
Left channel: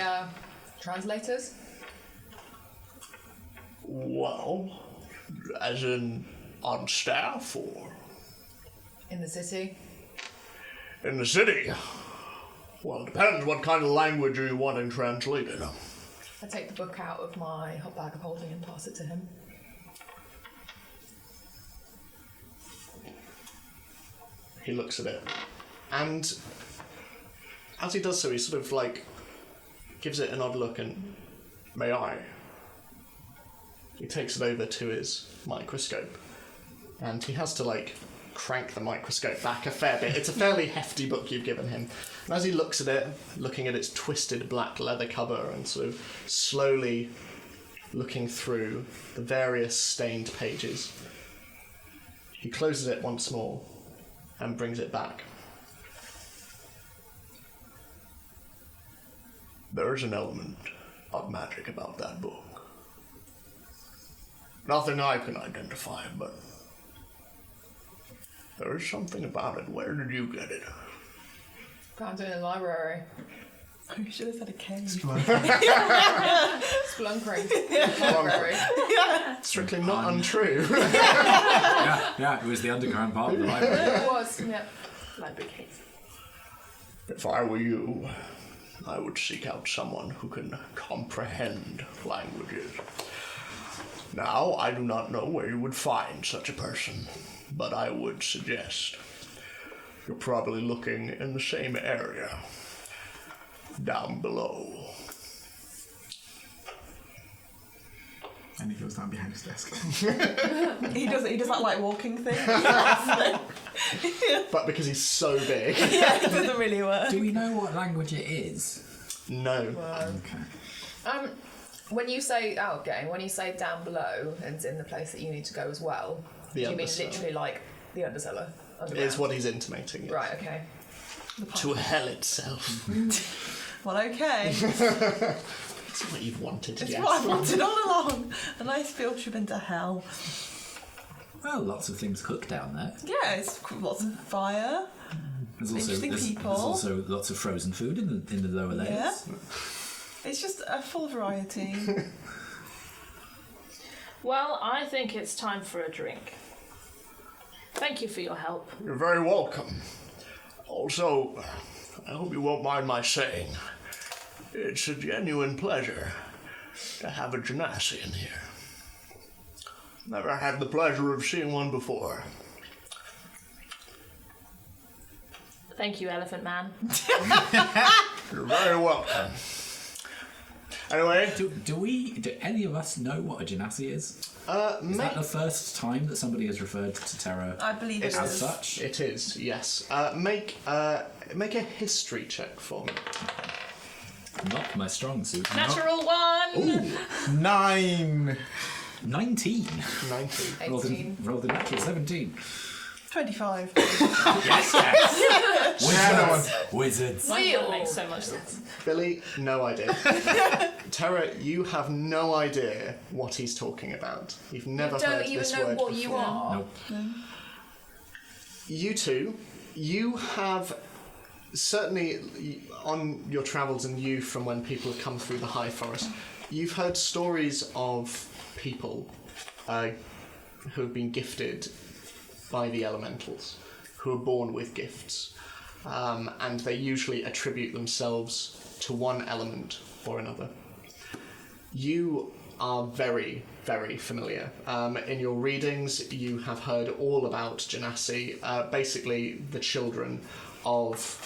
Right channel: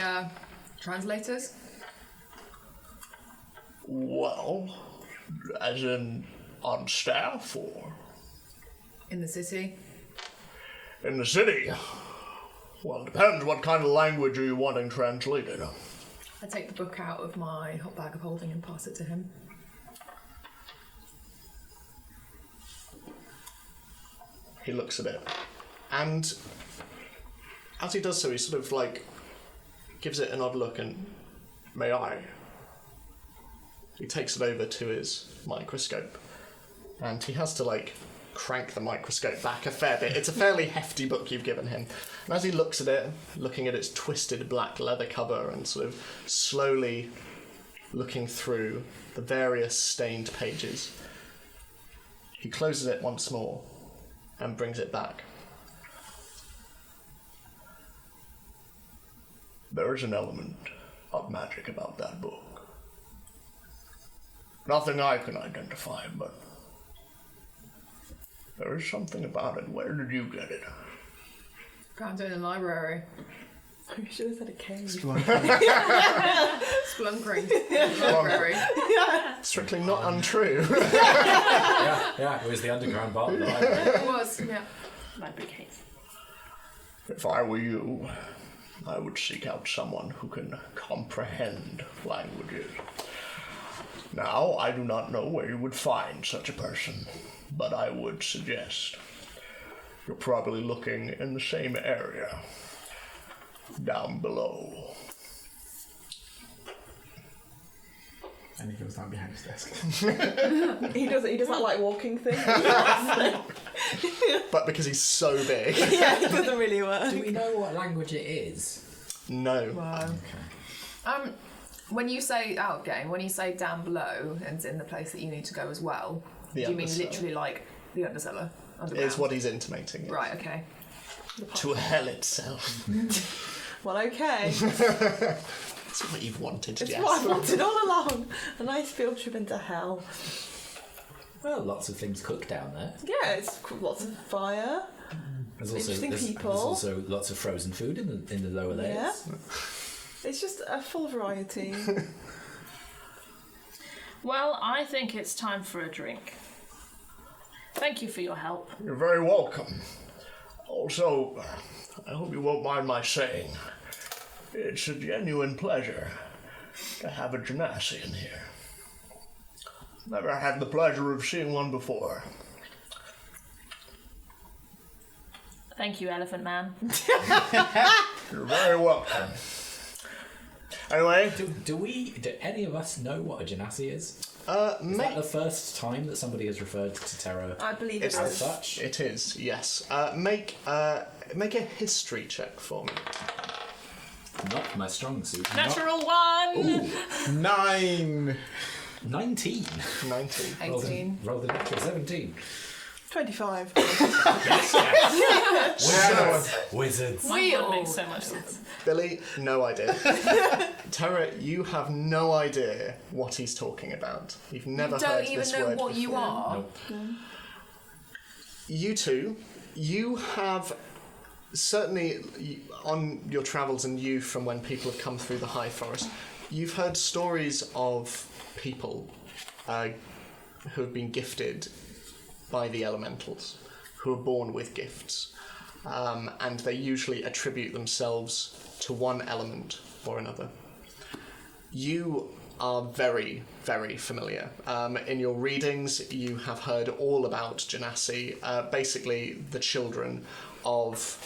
translators? Well, as in on staff or In the city? in the city? Well, it depends what kind of language are you wanting translated. I take the book out of my hot bag of holding and pass it to him. He looks at it, and as he does so, he sort of like gives it an odd look and, may I? He takes it over to his microscope, and he has to like crank the microscope back a fair bit. It's a fairly hefty book you've given him, and as he looks at it, looking at its twisted black leather cover and sort of slowly looking through the various stained pages, he closes it once more and brings it back. There is an element of magic about that book. Nothing I can identify, but there is something about it. Where did you get it? Found it in the library. You should have said a cave. Splunkering. Library. Strictly not untrue. Yeah, it was the underground part of the library. It was, yeah. Library cave. If I were you, I would seek out someone who can comprehend languages. Now, I do not know where you would find such a person, but I would suggest you're probably looking in the same area, down below. And he goes down behind his desk. He does that like walking thing. But because he's so big. Yeah, it doesn't really work. Do we know what language it is? No. Okay. When you say when you say down below and in the place that you need to go as well, The do you mean undercellar. literally like the undercellar? Underground? Is what he's intimating. Yes. Right, okay. To hell itself. Well, okay. That's what you've wanted, It's Jess. what I wanted all along. A nice field trip into hell. Well, lots of things cooked down there. Yeah, it's lots of fire. There's also Interesting there's people. also lots of frozen food in the lower layers. Yeah. It's just a full variety. Well, I think it's time for a drink. Thank you for your help. You're very welcome. Also, I hope you won't mind my saying, it's a genuine pleasure to have a genasi in here. Never had the pleasure of seeing one before. Thank you, Elephant Man. You're very welcome. Anyway, Do any of us know what a genasi is? Is make that the first time that somebody has referred to Terra I believe it as is. such? it is, yes. Make a history check for me. Not my strong suit. Natural one! Ooh, 9. 19. 19. 18. Rolled a natural 17. 25. Wizards. That would make so much sense. Billy, no idea. Tara, you have no idea what he's talking about. You've never You heard don't even this know word what you before. are. Nope. You two, you have certainly on your travels and you from when people have come through the High Forest, you've heard stories of people who have been gifted by the elementals, who are born with gifts, and they usually attribute themselves to one element or another. You are very, very familiar. In your readings, you have heard all about Genasi, basically the children of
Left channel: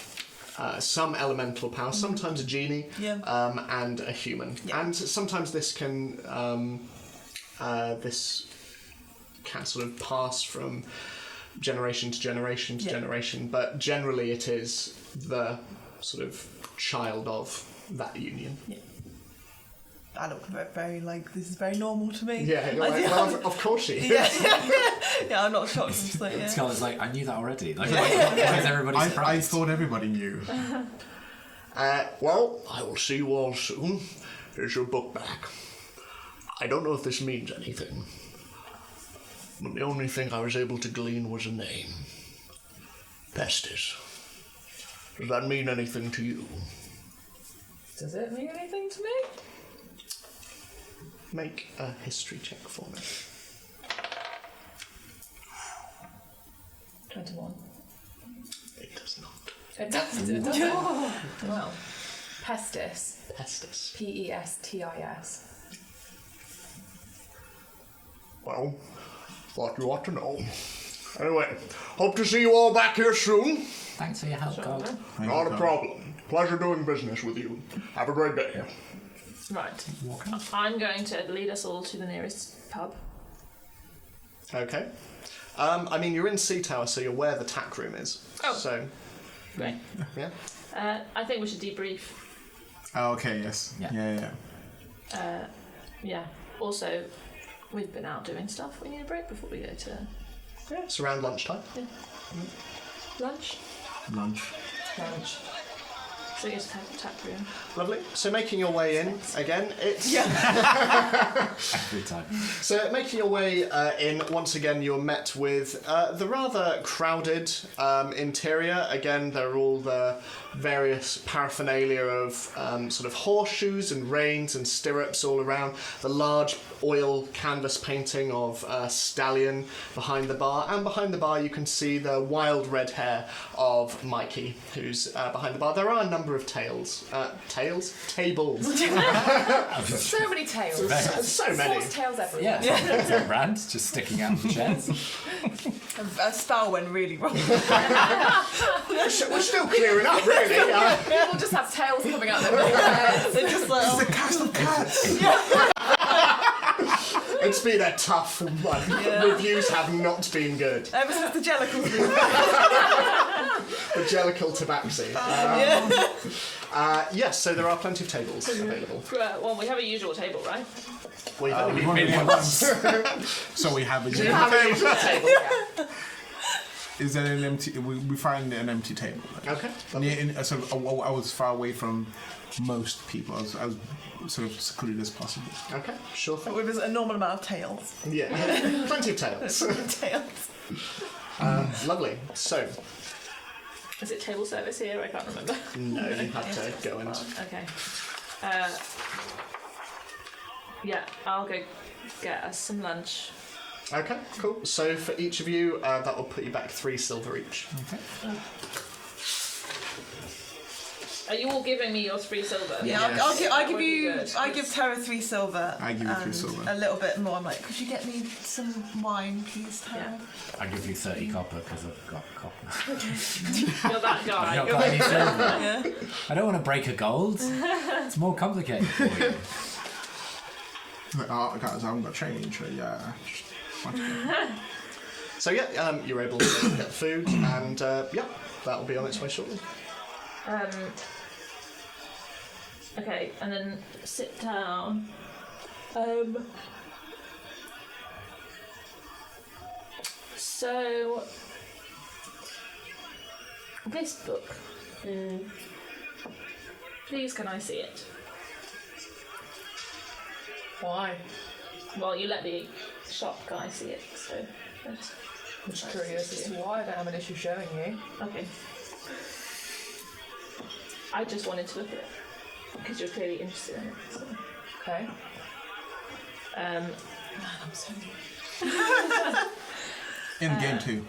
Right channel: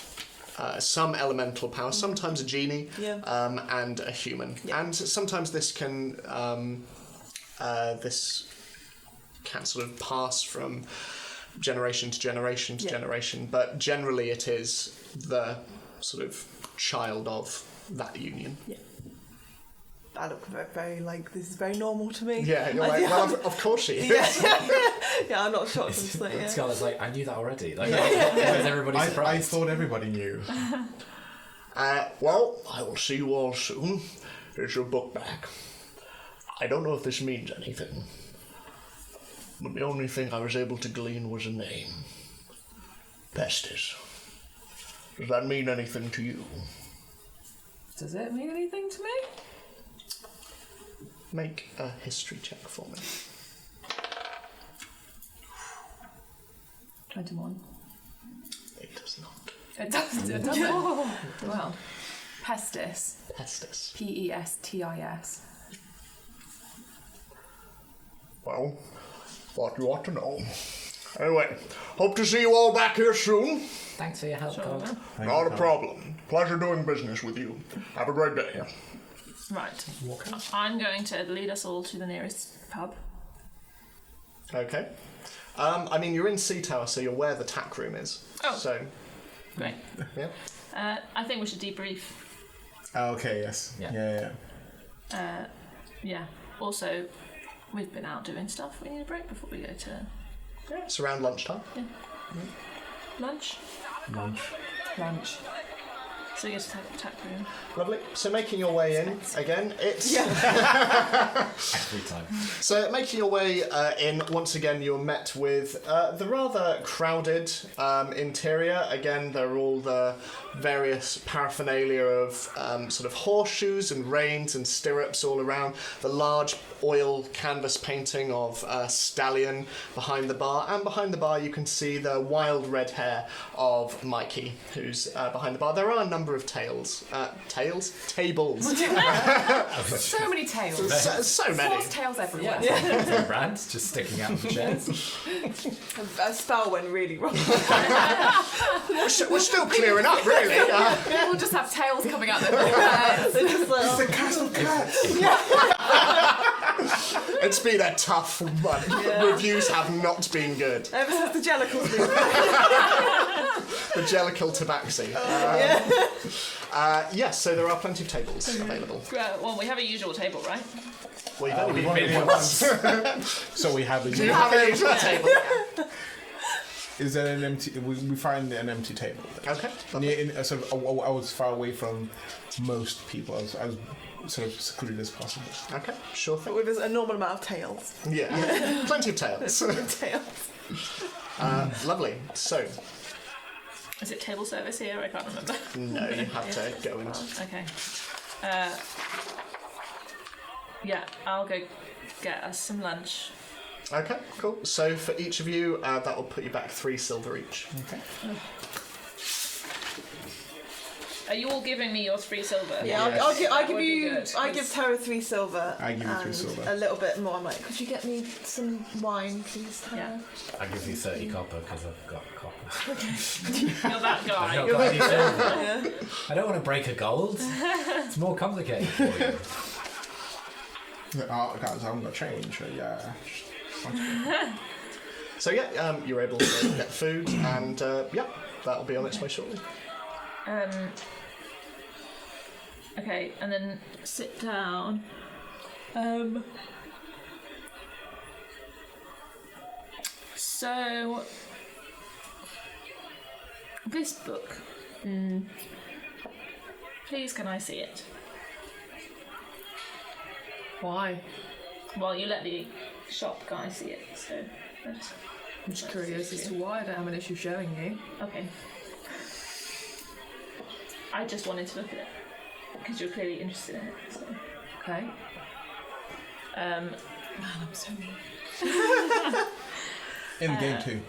some elemental power, sometimes a genie, and a human. And sometimes this can sort of pass from generation to generation to generation, but generally it is the sort of child of that union. I look very like, this is very normal to me. Yeah, you're like, well, of course she is. Yeah, I'm not shocked. Like, yeah. Scarlett's like, I knew that already. Like, why is everybody I surprised? thought everybody knew. Well, I will see you all soon. Here's your book back. I don't know if this means anything, but the only thing I was able to glean was a name. Pestis. Does that mean anything to you? Does it mean anything to me? Make a history check for me. 21. It does not. It doesn't. It doesn't. Well, Pestis. Pestis. Pestis. Well, thought you ought to know. Anyway, hope to see you all back here soon. Thanks for your help, Carl. Not a problem. Pleasure doing business with you. Have a great day. Right. I'm going to lead us all to the nearest pub. Okay. I mean, you're in Sea Tower, so you're where the tack room is. Oh. So, Right. yeah. I think we should debrief. Oh, okay, yes. Yeah. Yeah. Yeah. Also, we've been out doing stuff. We need a break before we go to Yeah, it's around lunchtime. lunch. Lunch. So we get to the tap room. Lovely. So making your way in again, it's Every time. so making your way in once again. You're met with the rather crowded interior. Again, there are all the various paraphernalia of sort of horseshoes and reins and stirrups all around. The large oil canvas painting of a stallion behind the bar, and behind the bar you can see the wild red hair of Mikey, who's behind the bar. There are a number of tables. So many tails. So many. Horse tails everywhere. Yeah, brands just sticking out of the chairs. A spell went really wrong. We're still clearing up, really. People just have tails coming out their heads. They're just like, The castle cats! It's been a tough month. Reviews have not been good. ever since the Jellicles been The Jellicle Tabaxi. Yes, so there are plenty of tables available. Well, we have a usual table, right? We've only been only big had once. So we have a Do you have a usual table? Is there an empty? We find an empty table. Okay. I was far away from most people. I was sort of secluded as possible. Okay, sure thing. With a normal amount of tails. Yeah, plenty of tails. Tails. Lovely. So, Is it table service here? I can't remember. no, you have to go and... Okay. Yeah, I'll go get us some lunch. Okay, cool. So for each of you, that will put you back 3 silver each. Okay. Are you all giving me your 3 silver? Yeah, Yes. I'll That give would be you. good, I 'cause- give Tara 3 silver. I give you 3 and silver. a little bit more. I'm like, could you get me some wine, please, Tara? I give you 30 copper because I've got copper. You're that I've guy. not got any silver. Yeah. I don't want to break a gold. It's more complicated for you. Oh, guys, I haven't got change. Yeah. So yeah, you're able to get food, and yeah, that'll be on its way shortly. Okay, and then sit down. So this book. Please, can I see it? Why? Well, you let the shop guy see it, so. That's, I'm just curious as to why. I don't have an issue showing you. okay. I just wanted to look at it because you're clearly interested in it. So. Okay. Um, Man, I'm so. In game 2.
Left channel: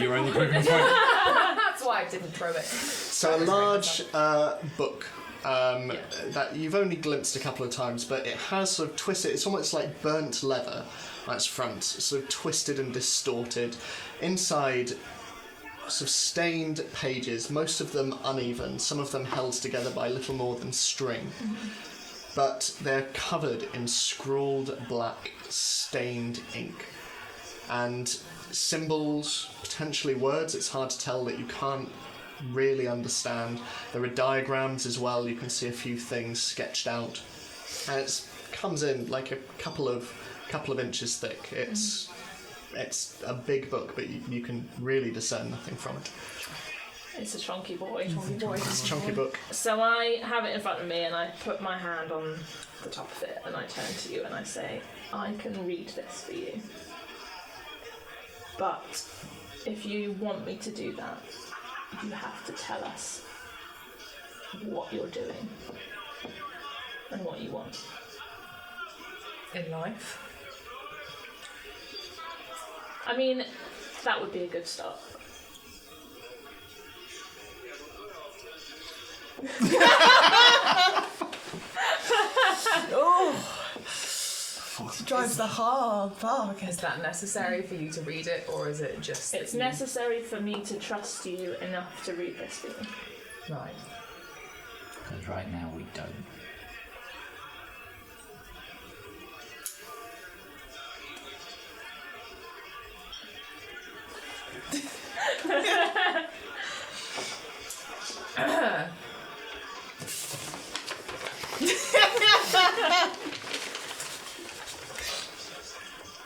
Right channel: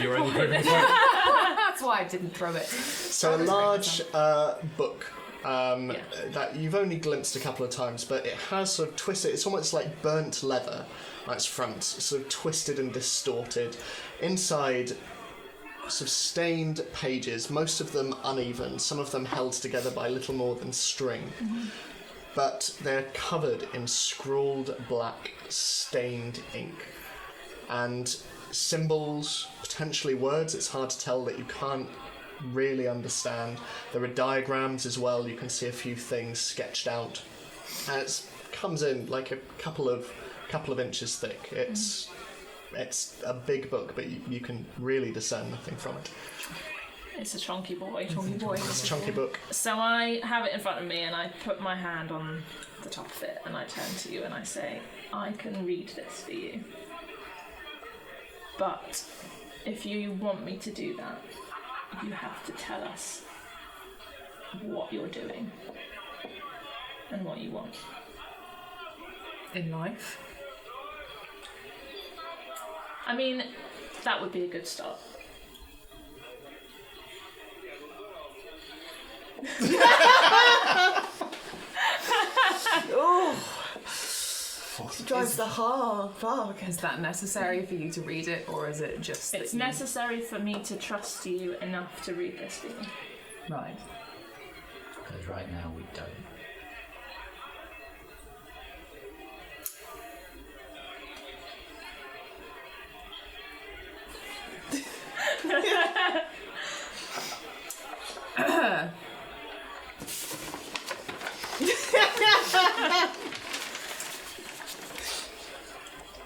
You're only proving a point. That's why I didn't throw it. So a large book that you've only glimpsed a couple of times, but it has sort of twisted. It's almost like burnt leather on its front, sort of twisted and distorted. Inside, sort of stained pages, most of them uneven, some of them held together by little more than string. But they're covered in scrawled black stained ink. And symbols, potentially words, it's hard to tell, that you can't really understand. There are diagrams as well, you can see a few things sketched out. And it comes in like a couple of inches thick. It's a big book, but you can really discern nothing from it. it's a chunky boy. It's a chunky book. So I have it in front of me and I put my hand on the top of it and I turn to you and I say, I can read this for you. But if you want me to do that, you have to tell us what you're doing and what you want. In life. I mean, that would be a good start. Oh, drives the hard bargain. Is that necessary for you to read it, or is it just? It's that you- necessary for me to trust you enough to read this for you. Right. Because right now we don't.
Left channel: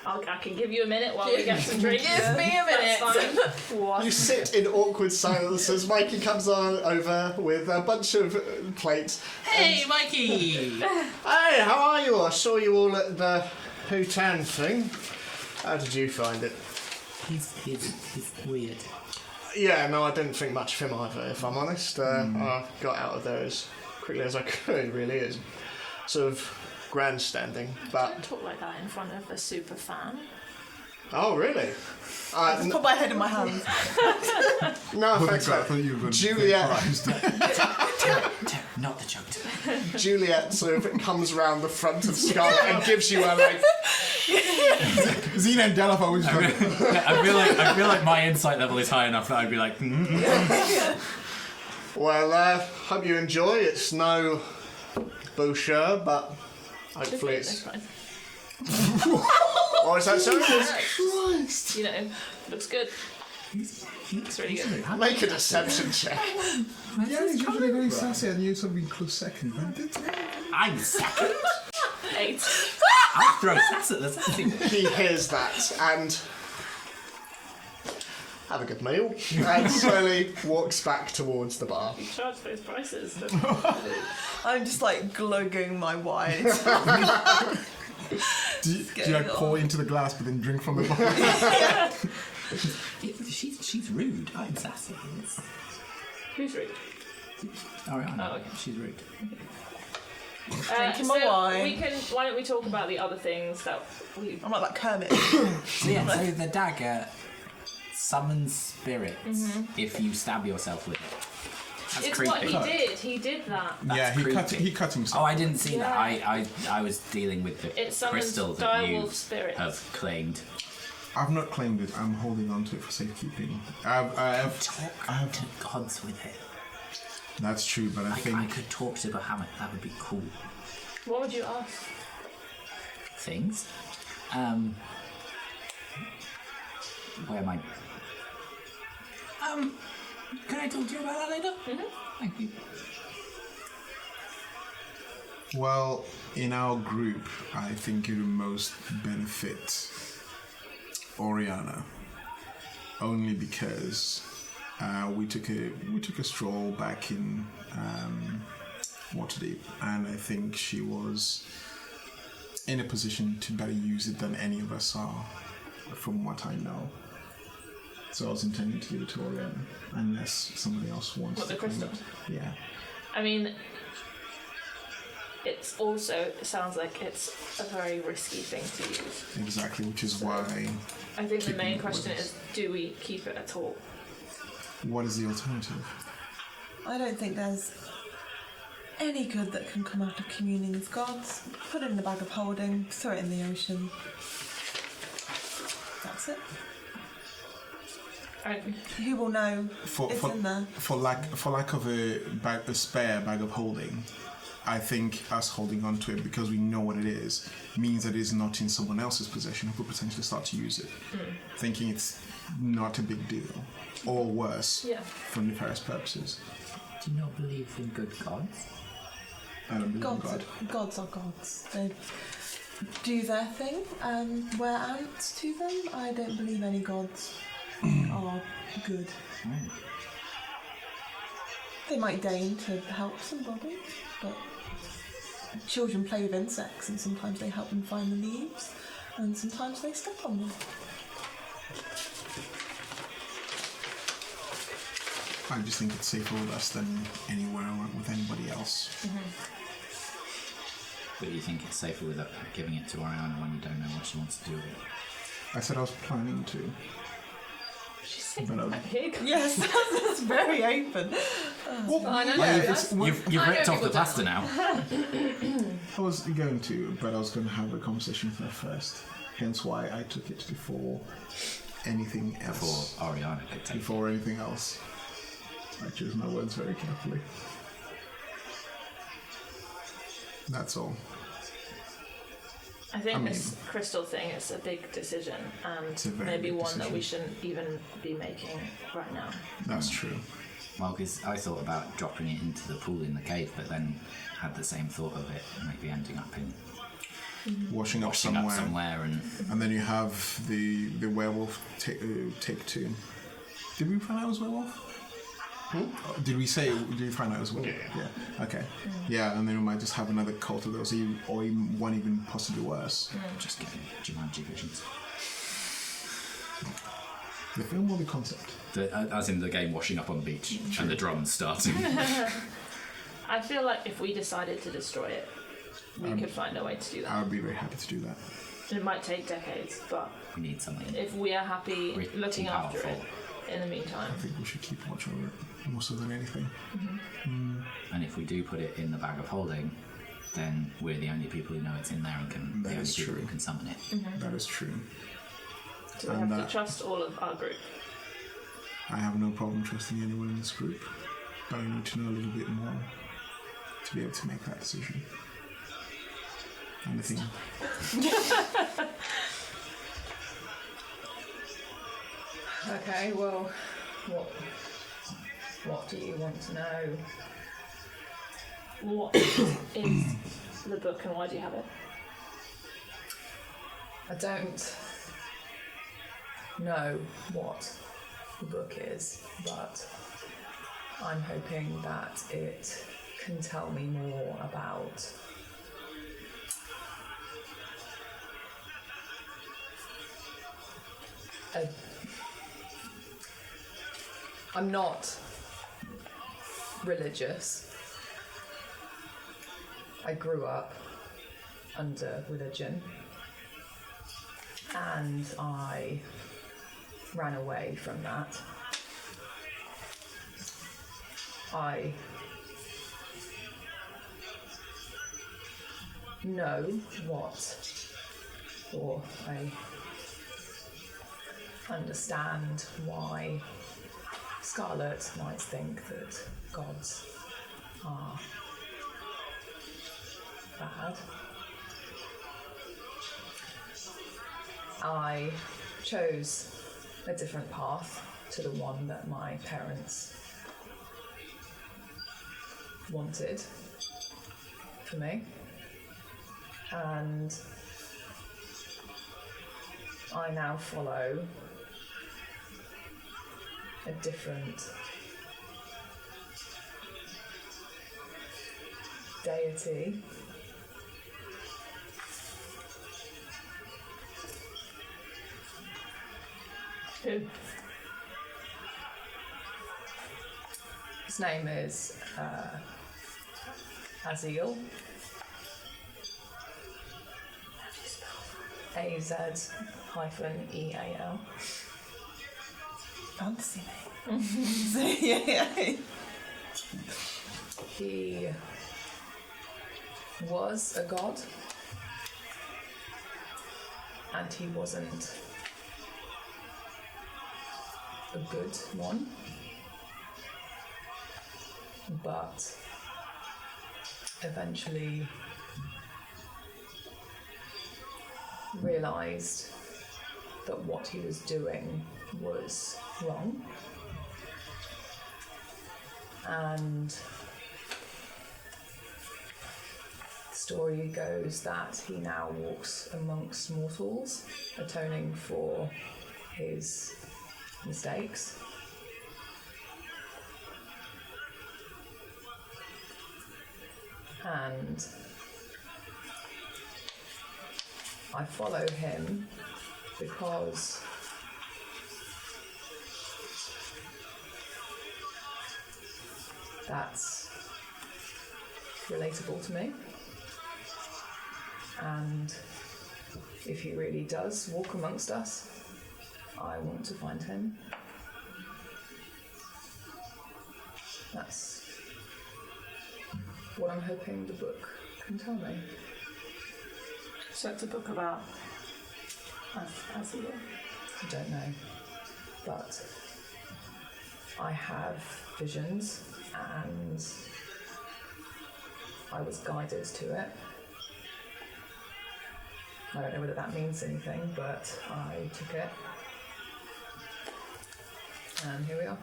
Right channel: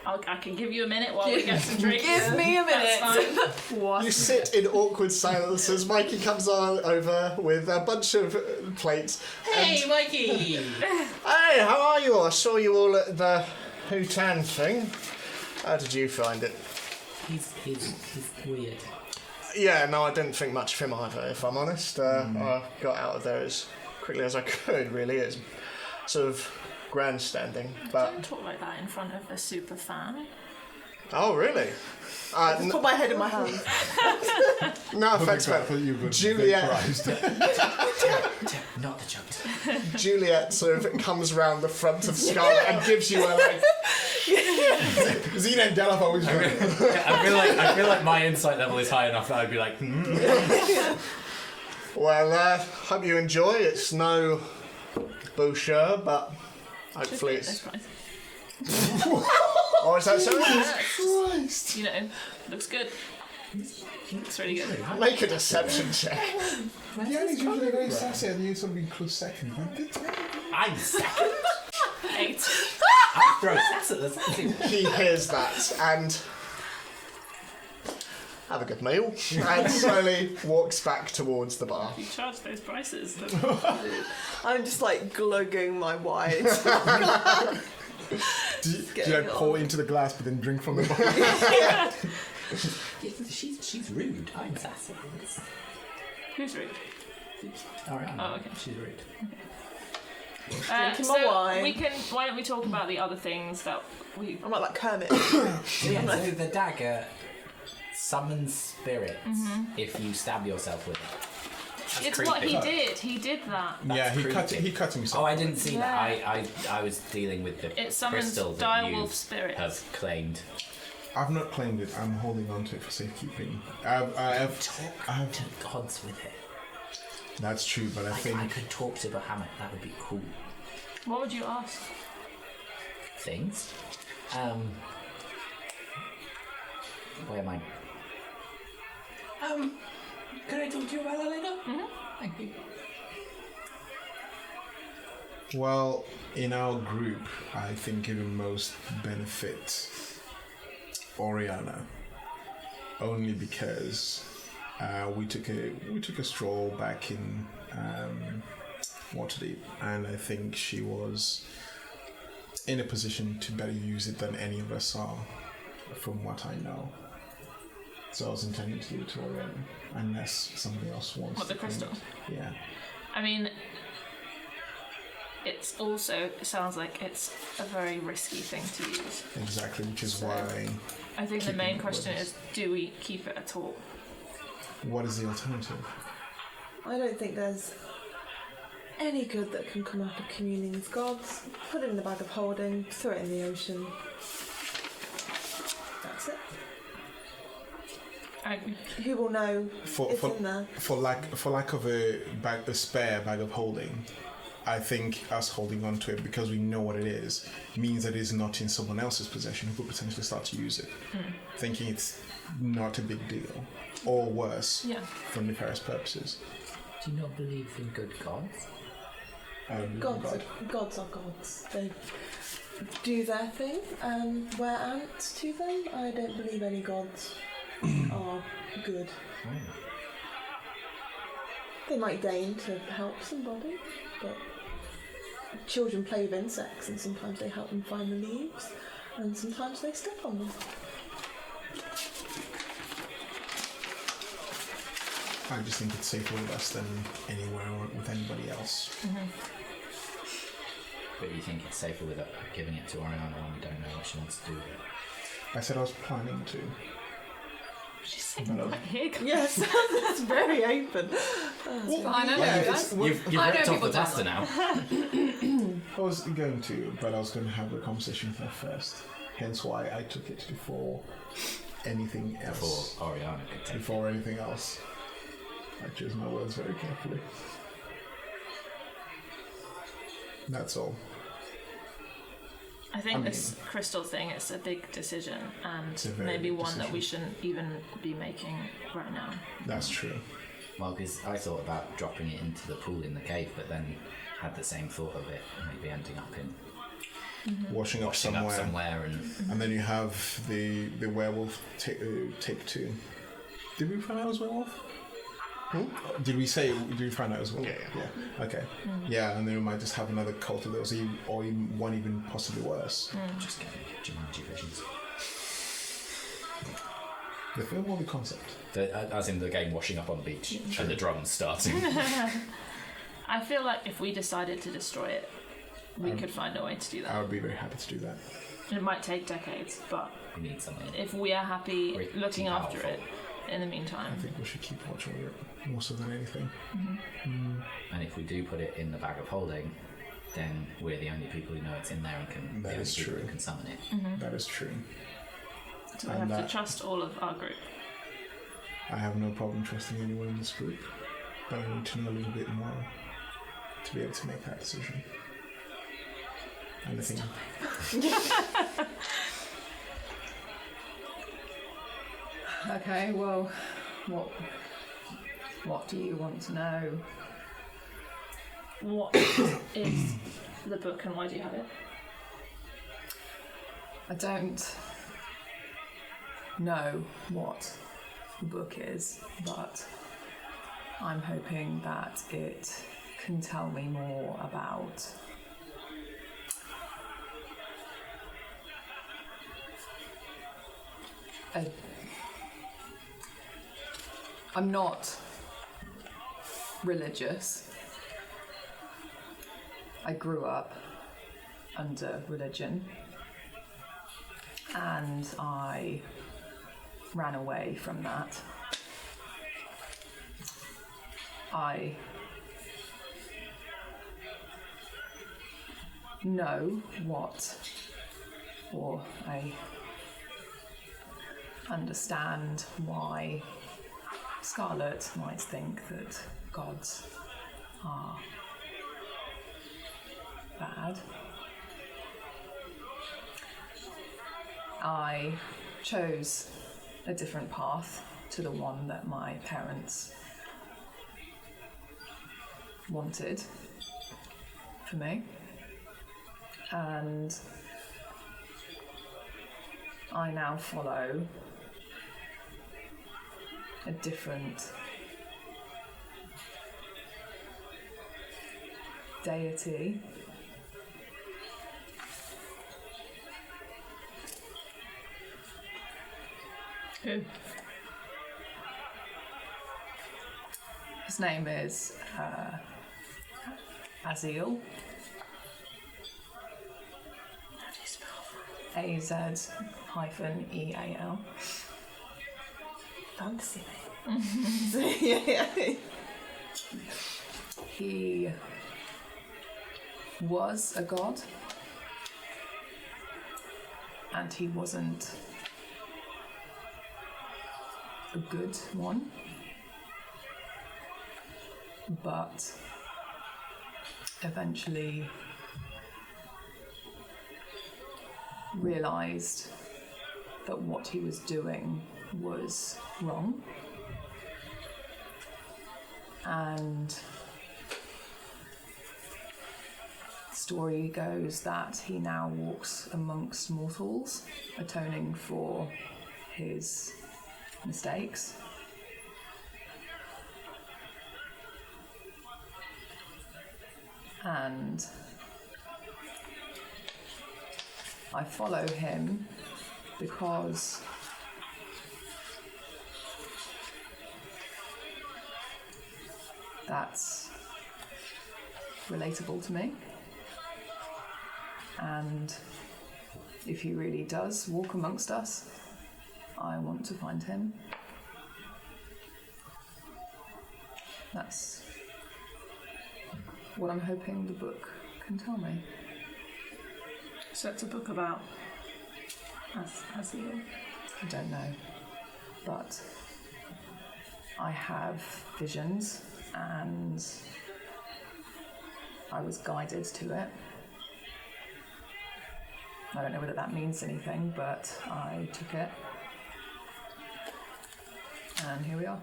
I can give you a minute while we get some drinks. Give me a That's minute. fine. You sit in awkward silence as Mikey comes over with a bunch of plates. Hey, Mikey! Hey, how are you? I saw you all at the Hootan thing. How did you find it? He's weird. Yeah, no, I didn't think much of him either, if I'm honest. I got out of there as quickly as I could, really. It's sort of grandstanding, but... Don't talk like that in front of a super fan. Oh, really? Just put my head in my hand. No offense, I but thought you were Juliet, Not the joke. Juliet sort of comes round the front of Scarlet and gives you a, like... Xena and Delaph always like, I feel like my insight level is high enough that I'd be like, Well, hope you enjoy. It's no boucher, but hopefully That's it's... fine. Oh, is that so? Christ. You know, looks good. Looks really good. Make a deception check. Yeah, he's usually very sassy and you sort of be close second. I'm second. 8. I'll throw sass at this. He hears that and have a good meal and slowly walks back towards the bar. You charge those prices. I'm just like glugging my wine. Did I pour into the glass but then drink from the bottle? She's rude. I'm sassy. Who's rude? Ariana. Oh, okay. She's rude. Drinking my wine. we can. Why don't we talk about the other things that we? I'm like Kermit. So yeah, so the dagger summons spirits if you stab yourself with it. That's It's creepy. what he did. He did that. Yeah, That's he creepy. cut himself. Oh, I didn't see Yeah. that. I was dealing with the It summons crystal that you direwolf spirits. have claimed. I've not claimed it. I'm holding on to it for safekeeping. I've Talk to gods with it. That's true, but I think I could talk to Bahamut. That would be cool. What would you ask? Things. Where am I? Can I talk to you about that later? Thank you. well, in our group, I think it would most benefit Oriana, only because we took a stroll back in Waterdeep, and I think she was in a position to better use it than any of us are, from what I know. So I was intending to give it to Oriana, unless somebody else wants What, the to claim crystal? it. Yeah. I mean, it sounds like it's a very risky thing to use. Exactly, which is why. I think the Keeping main it question with is, do we keep it at all? What is the alternative? I don't think there's any good that can come out of communing with gods. Put it in the bag of holding, throw it in the ocean. That's it. I, Who will know it's in there? For lack of a spare bag of holding, I think us holding on to it because we know what it is means that it is not in someone else's possession who could potentially start to use it, thinking it's not a big deal, or worse, yeah. for nefarious purposes. Do you not believe in good gods? I don't believe in God. Gods are gods. They do their thing and wear ants to them. I don't believe any gods are good. They might deign to help somebody, but children play with insects and sometimes they help them find the leaves and sometimes they step on them. I just think it's safer with us than anywhere or with anybody else. But you think it's safer with giving it to Ariana when you don't know what she wants to do with it? I said I was planning to. She's saying But, that here. Yes, that's very open. I know. Yeah, it's, You've I ripped know off the people pasta now. I was going to, but I was going to have a conversation with her first. Hence why I took it before anything else. Before Ariana could take it. Before anything else. I choose my words very carefully. That's all. I think I mean- this crystal thing is a big decision It's a and very maybe big one that we decision. shouldn't even be making right now. That's true. Well, because I thought about dropping it into the pool in the cave, but then had the same thought of it maybe ending up in Washing up washing somewhere. up somewhere and And then you have the werewolf take two. Did we find out it was werewolf? Did we find out it was werewolf? Yeah. Okay. Yeah, and then we might just have another cult of those, or even one even possibly worse. just getting Jumanji visions. The film or the concept? As in the game washing up on the beach and the drums starting. I feel like if we decided to destroy it, we could find a way to do that. I would be very happy to do that. It might take decades, but We need something. if we are happy Pretty looking after powerful. it in the meantime. I think we should keep watch over it more so than anything. And if we do put it in the bag of holding, then we're the only people who know it's in there and can That the only is people true. who can summon it. That is true. So we And have to trust all of our group. I have no problem trusting anyone in this group, but I need to know a little bit more to be able to make that decision. And I think Okay, well, what do you want to know? What is the book and why do you have it? I don't know what the book is, but I'm hoping that it can tell me more about I'm not religious. I grew up under religion and I ran away from that. I know what, or I understand why Scarlet might think that gods are bad. I chose a different path to the one that my parents wanted for me, and I now follow a different deity. Who? His name is Azil. How do you spell AZ-EAL. Fantasy name. So, yeah. He was a god, and he wasn't a good one, but eventually realized that what he was doing was wrong, and the story goes that he now walks amongst mortals, atoning for his mistakes. And I follow him because that's relatable to me. And if he really does walk amongst us, I want to find him. That's what I'm hoping the book can tell me. So it's a book about Azil. I don't know, but I have visions and I was guided to it. I don't know whether that means anything, but I took it. And here we are.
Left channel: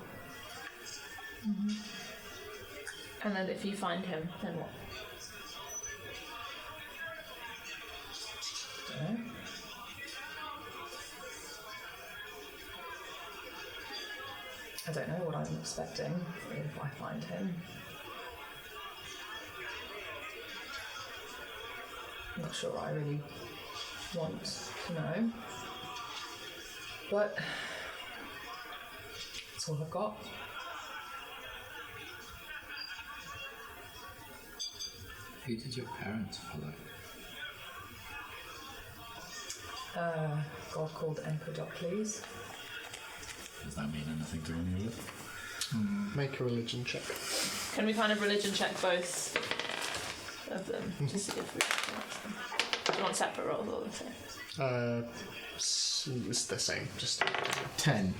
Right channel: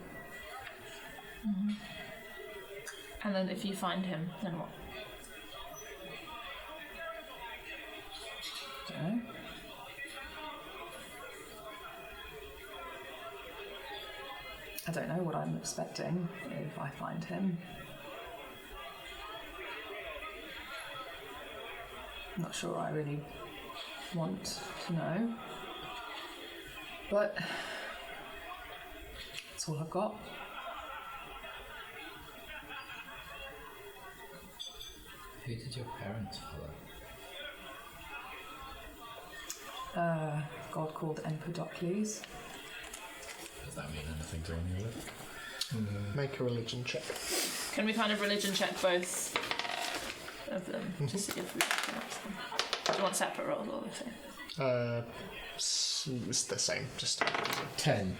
Mm-hmm. And then if you find him, then what? Don't know. I don't know what I'm expecting if I find him. I'm not sure I really want to know. But that's all I've got. Who did your parents follow? A god called Empedocles. Does that mean anything to any of it? Make a religion check. Can we kind of religion check both of them to see if we recognize them? Do you want separate rolls or the same? It's the same. Just 10.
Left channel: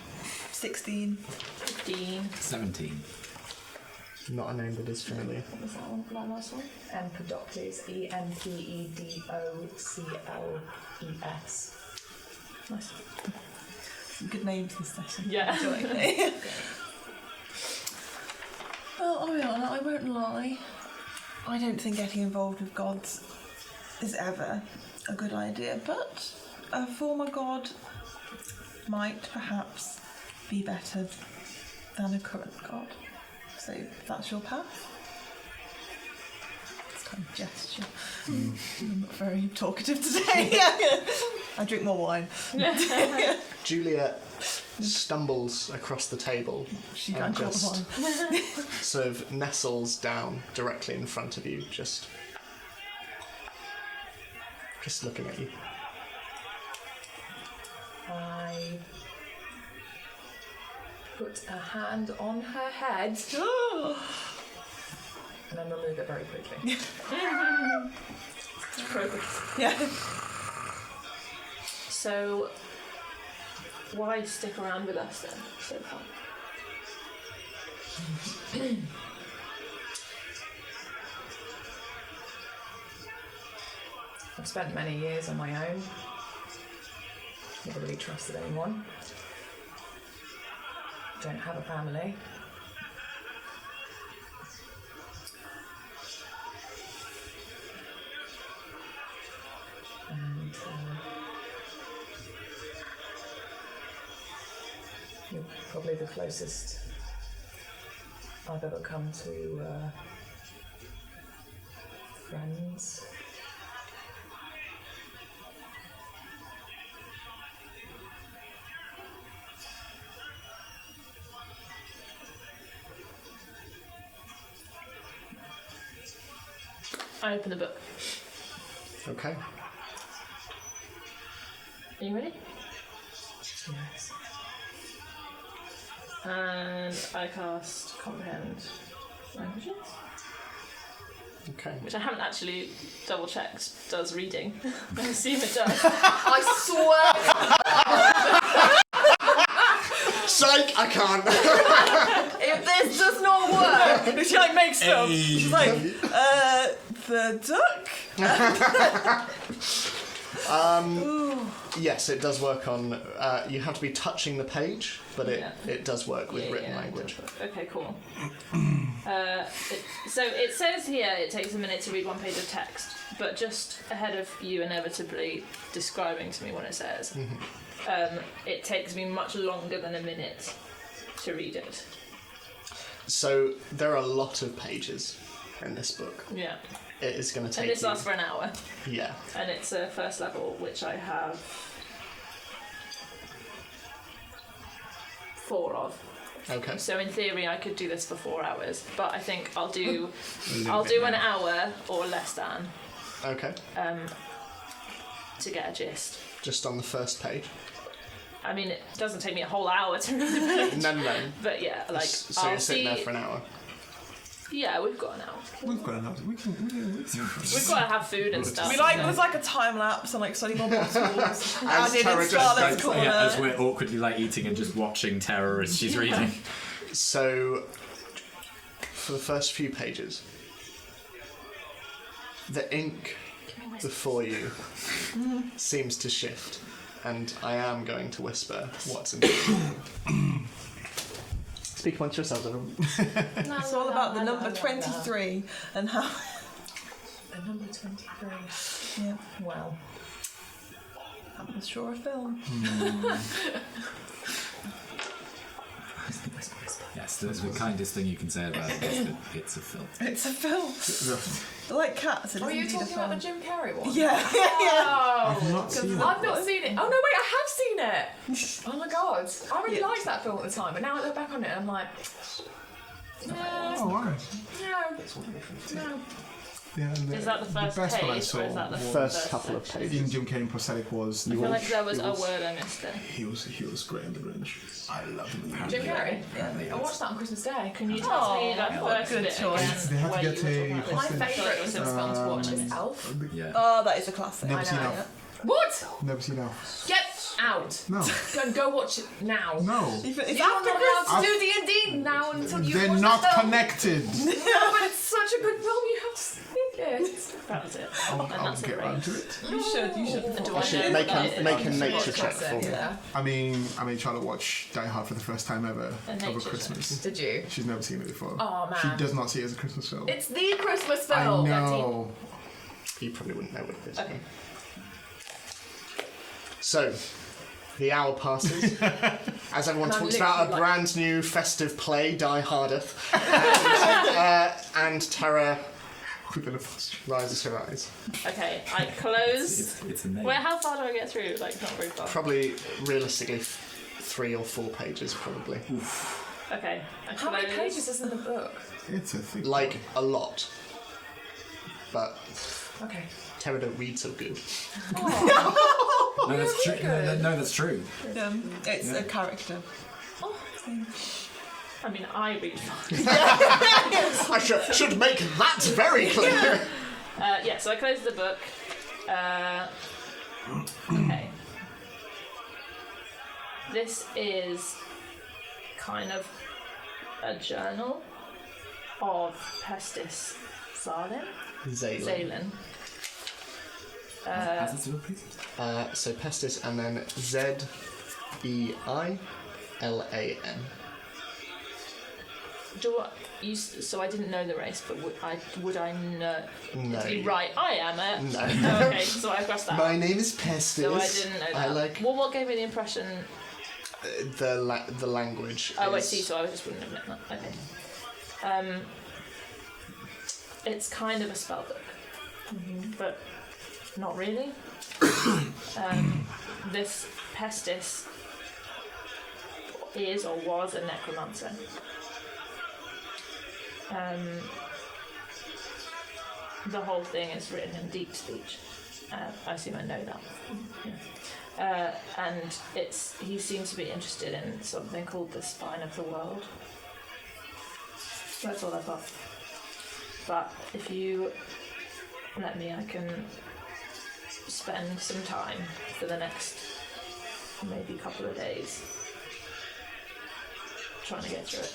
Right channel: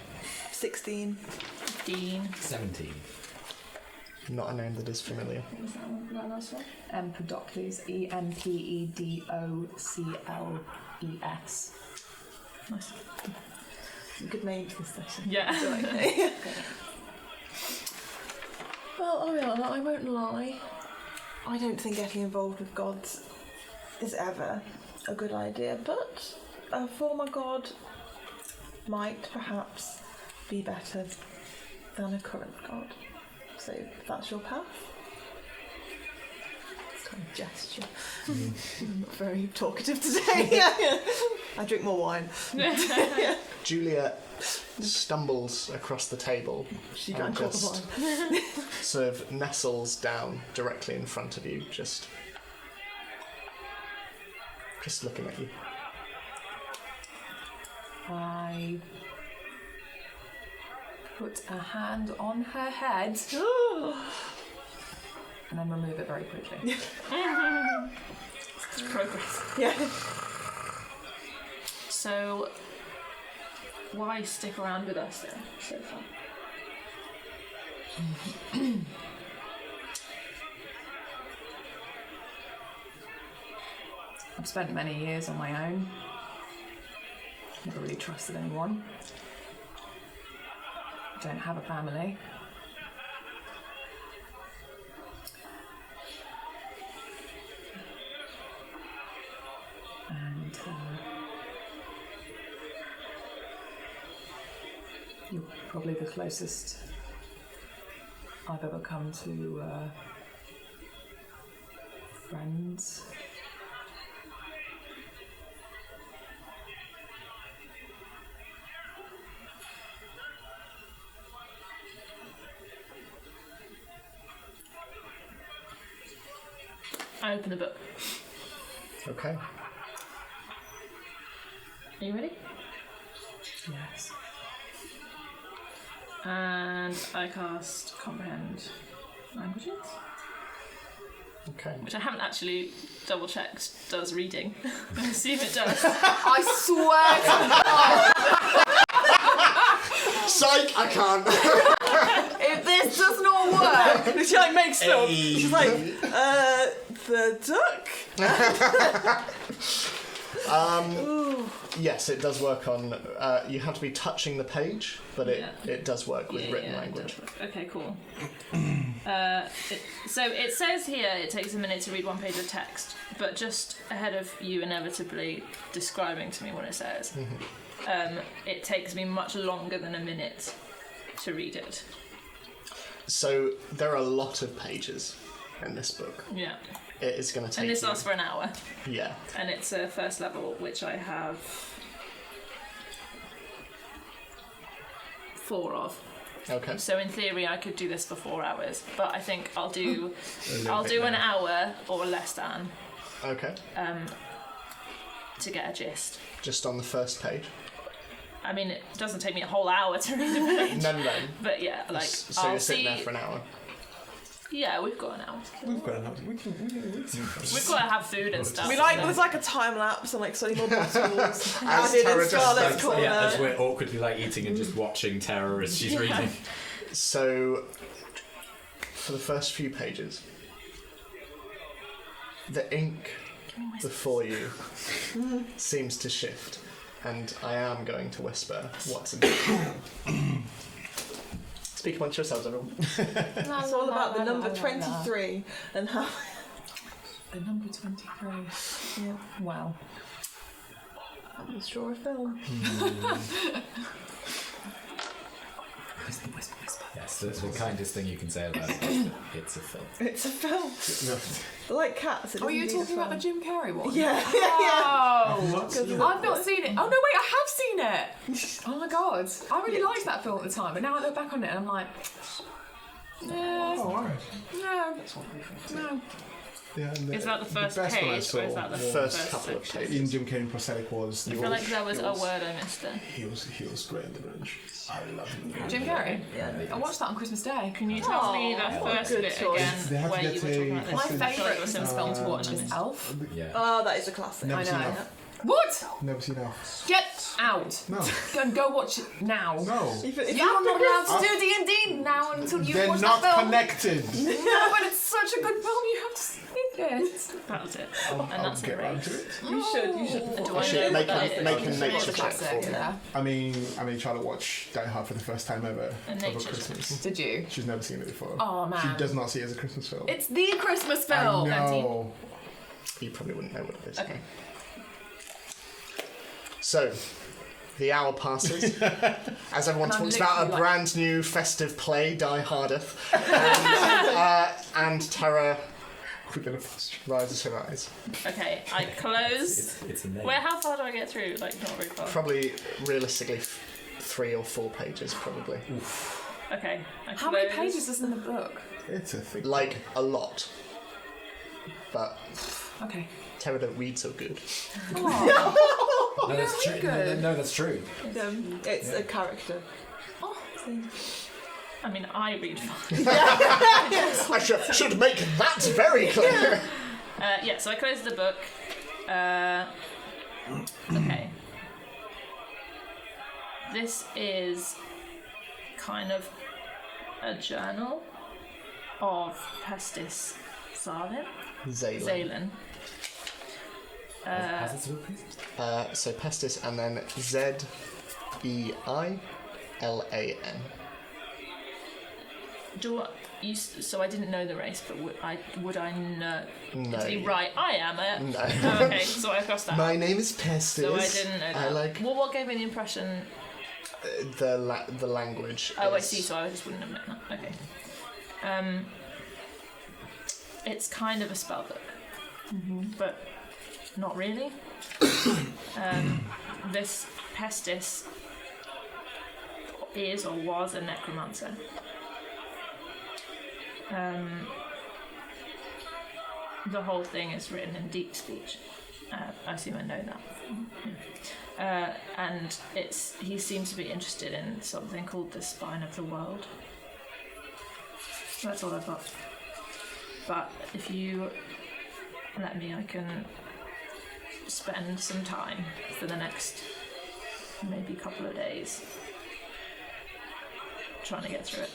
16. 15. 17. not a name that is familiar. What was that one? That last one? Empedocles. Empedocles. Nice. Good name for this session. Yeah. Well, I won't lie. I don't think getting involved with gods is ever a good idea, but a former god might perhaps be better than a current god. So if that's your path. It's kind of gesture. I'm not very talkative today. I drink more wine. Julia stumbles across the table She and drank all the just wine. sort of nestles down directly in front of you, just looking at you. I put a hand on her head and then remove it very quickly. Progress. Yeah. So, why stick around with us then so far? I've spent many years on my own. Never really trusted anyone. Don't have a family. And you're probably the closest I've ever come to friends. I open the book. Okay. Are you ready? Yes. And I cast Comprehend Languages, Okay. which I haven't actually double checked does reading. I assume it does. I swear! Psych! I can't. If this does not work, She like makes up. She's like, the duck. Yes, it does work on. You have to be touching the page, but it does work with written language. Okay, cool. So it says here it takes a minute to read one page of text, but just ahead of you inevitably describing to me what it says, it takes me much longer than a minute to read it. So there are a lot of pages in this book. Yeah. It is going to take And this you. lasts for an hour, Yeah. and it's a first level, which I have 4 of. Okay. So in theory, I could do this for 4 hours, but I think I'll do an hour or less than Okay. to get a gist. Just on the first page. I mean, it doesn't take me a whole hour to read the page, No. but yeah, like So I'll you're sitting see. there for an hour. Yeah, we've got an hour to kill. We've got enough. We can We've got to have food and stuff. We like so- there's like a time lapse and like study more bottles. As Added Tara in just Scarlet's like- corner. Yeah, as we're awkwardly like eating and just watching Terror as she's reading. So, for the first few pages, the ink before you seems to shift, and I am going to whisper what's in it. Speak amongst yourselves, everyone. It's all about the number 23 and how. The number 23. Yeah, Wow. I'm not sure a film. Yes, that's the kindest thing you can say about it is that it's a film. It's a film. Like cats. It Oh, are is you indeed a talking about the film. Jim Carrey one? Yeah. Oh, I've not seen it. I've not seen it. Oh no, wait, I have seen it. Oh my god, I really liked that film at the time, but now I look back on it and I'm like, Oh, alright. no. Yeah, and Is that the first best one I page, saw or is that the was First couple of section? pages. in Jim Carrey prosthetic was I feel like there was a word I missed there. he was great in The Grinch. I love him. Jim Carrey. I watched that on Christmas Day. Can you tell me that what a first good bit choice. They again, have to where you get were a talking about My this? favourite It was Christmas film to watch I is missed. Elf. Yeah. Oh, that is a classic. Never I seen know. Elf. What? Never seen Elf. Get out. No. Go watch it now. No. It's You're not after allowed Christmas. to do D&D now until you They're watch not the film. connected. No, but it's such a good film. You have to see it. That was it. I'll And that's get it, round to it. You should. Do You I should know make what a it is? nature check Classic, for me. yeah. I mean, Charlotte watched Die Hard for the first time ever And over nature Christmas. Did you? She's never seen it before. Oh man. She does not see it as a Christmas film. It's the Christmas film. I know. You probably wouldn't know what it is. Okay. So, the hour passes as everyone talks about a brand new festive play, Die Hardeth, and Terra rises her eyes. Okay, I close. It's a name. How far do I get through? Like, not very far. Probably, realistically, 3 or 4 pages, probably. Okay, I How close. many pages is in the book? It's a thick. Like, a lot. But Okay. Terra don't read so good. No, that's true. No, that's true. It's a character. Oh, I mean, I read fine. I should make that very clear. Yeah, so I close the book. Okay. This is kind of a journal of Pestis Zalen. How's this book, please? So Pestis and then Zeilan. So I didn't know the race, but would I know? No. To be right, I am it. No. Oh, okay, so I crossed that. My name is Pestis. So I didn't know that. I like Well, what gave me the impression? the language. Oh, I is- see. So I just wouldn't have known that. Okay. It's kind of a spell book, but not really. This Pestis is or was a necromancer. The whole thing is written in deep speech. I assume I know that. And he seems to be interested in something called the spine of the world. That's all I've got. But if you let me, I can spend some time for the next maybe couple of days trying to get through it.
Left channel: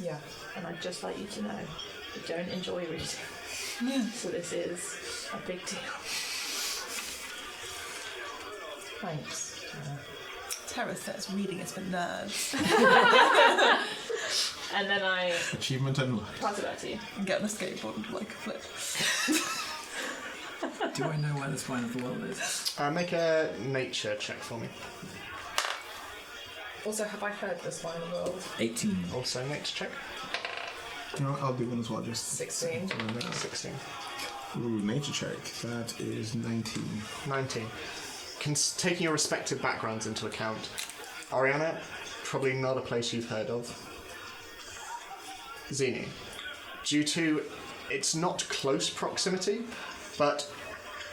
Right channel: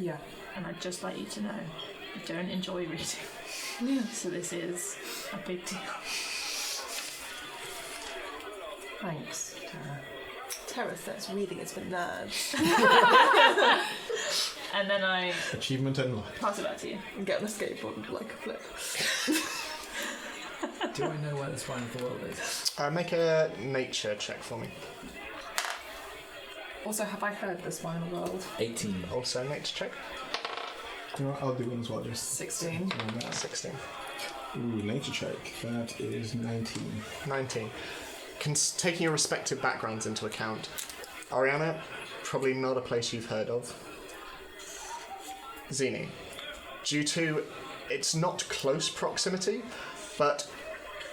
yeah. And I'd just like you to know I don't enjoy reading. So this is a big deal. Thanks. Terra says reading is for nerds. And then I Achievement unlocked. pass it back to you. And get on a skateboard and do like a flip. Do I know where the spine of the world is? Make a nature check for me. Also, have I heard the spine world? 18. Also nature check. You know what, I'll do one as well, just 16. something like that. 16. Ooh, nature check. That is 19. 19. Taking your respective backgrounds into account, Ariana, probably not a place you've heard of. Zini, due to its not close proximity, but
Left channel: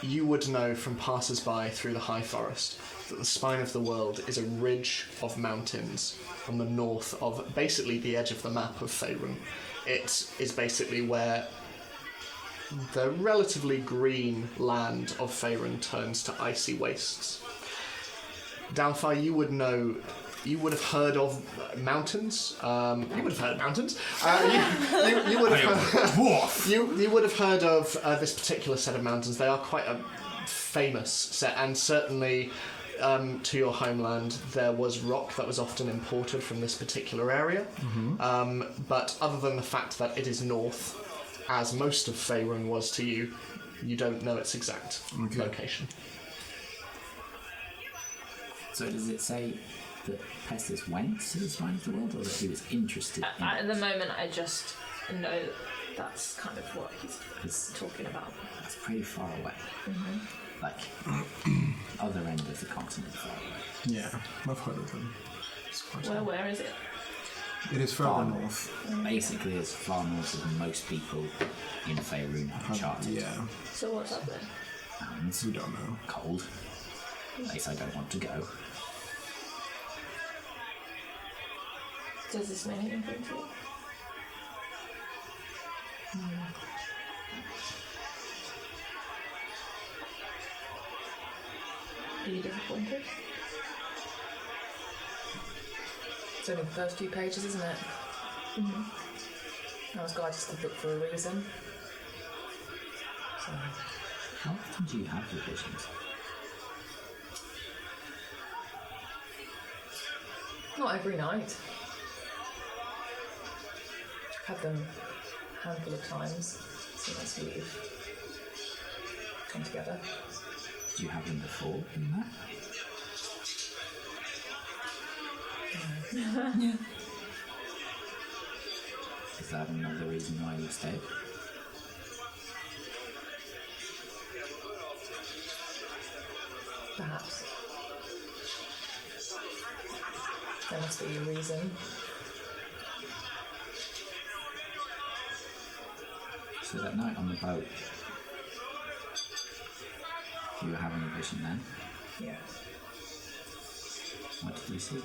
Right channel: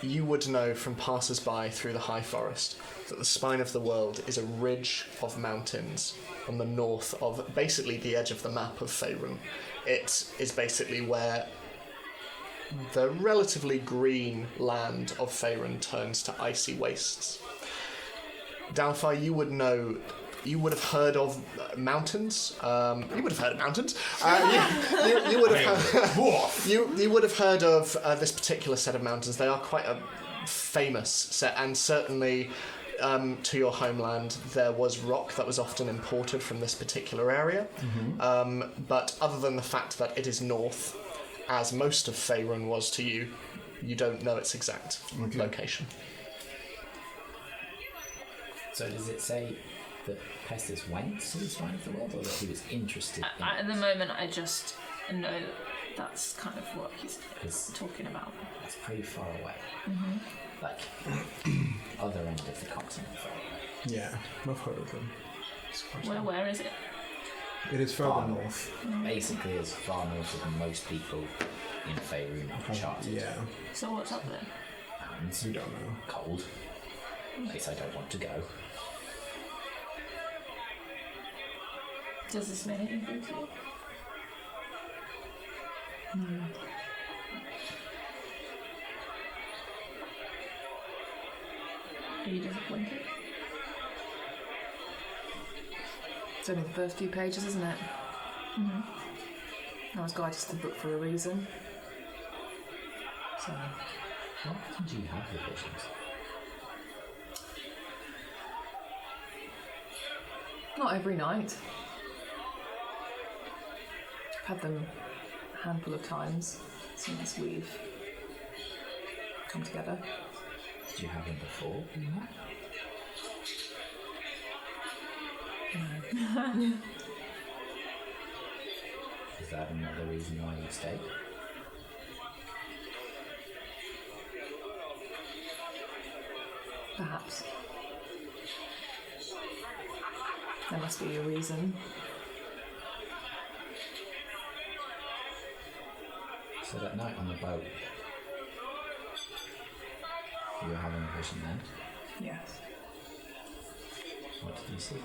you would know from passers-by through the high forest that the spine of the world is a ridge of mountains on the north of basically the edge of the map of Faerun. It is basically where the relatively green land of Faerun turns to icy wastes. Downfire, you would have heard of mountains. You would have heard of mountains. You would have heard, you would have heard of this particular set of mountains. They are quite a famous set, and certainly to your homeland there was rock that was often imported from this particular area. But other than the fact that it is north, as most of Faerun was to you, you don't know its exact location. So does it say that Pestis went to the spine of the world, or that he was interested in At the moment, I just know that's kind of what he's It's- talking about. That's pretty far away. Like, other end of the continent far away. Yeah, I've heard of them. It's quite Where is it? It is further Far north. Basically as far north as most people in Faerun have charted. Yeah, So what's up there? Mountains, we don't know. cold. Place I don't want to go. Does this mean anything to you? Are you disappointed? It's only the first few pages, isn't it? I was guided to the book for a reason. So, How often do you have the visions? not every night. I've had them a handful of times since we've come together. Did you have him before you met? Yeah. Is that another reason why you stayed? Perhaps. There must be a reason. So that night on the boat, you were having a vision then? Yes. What did you see?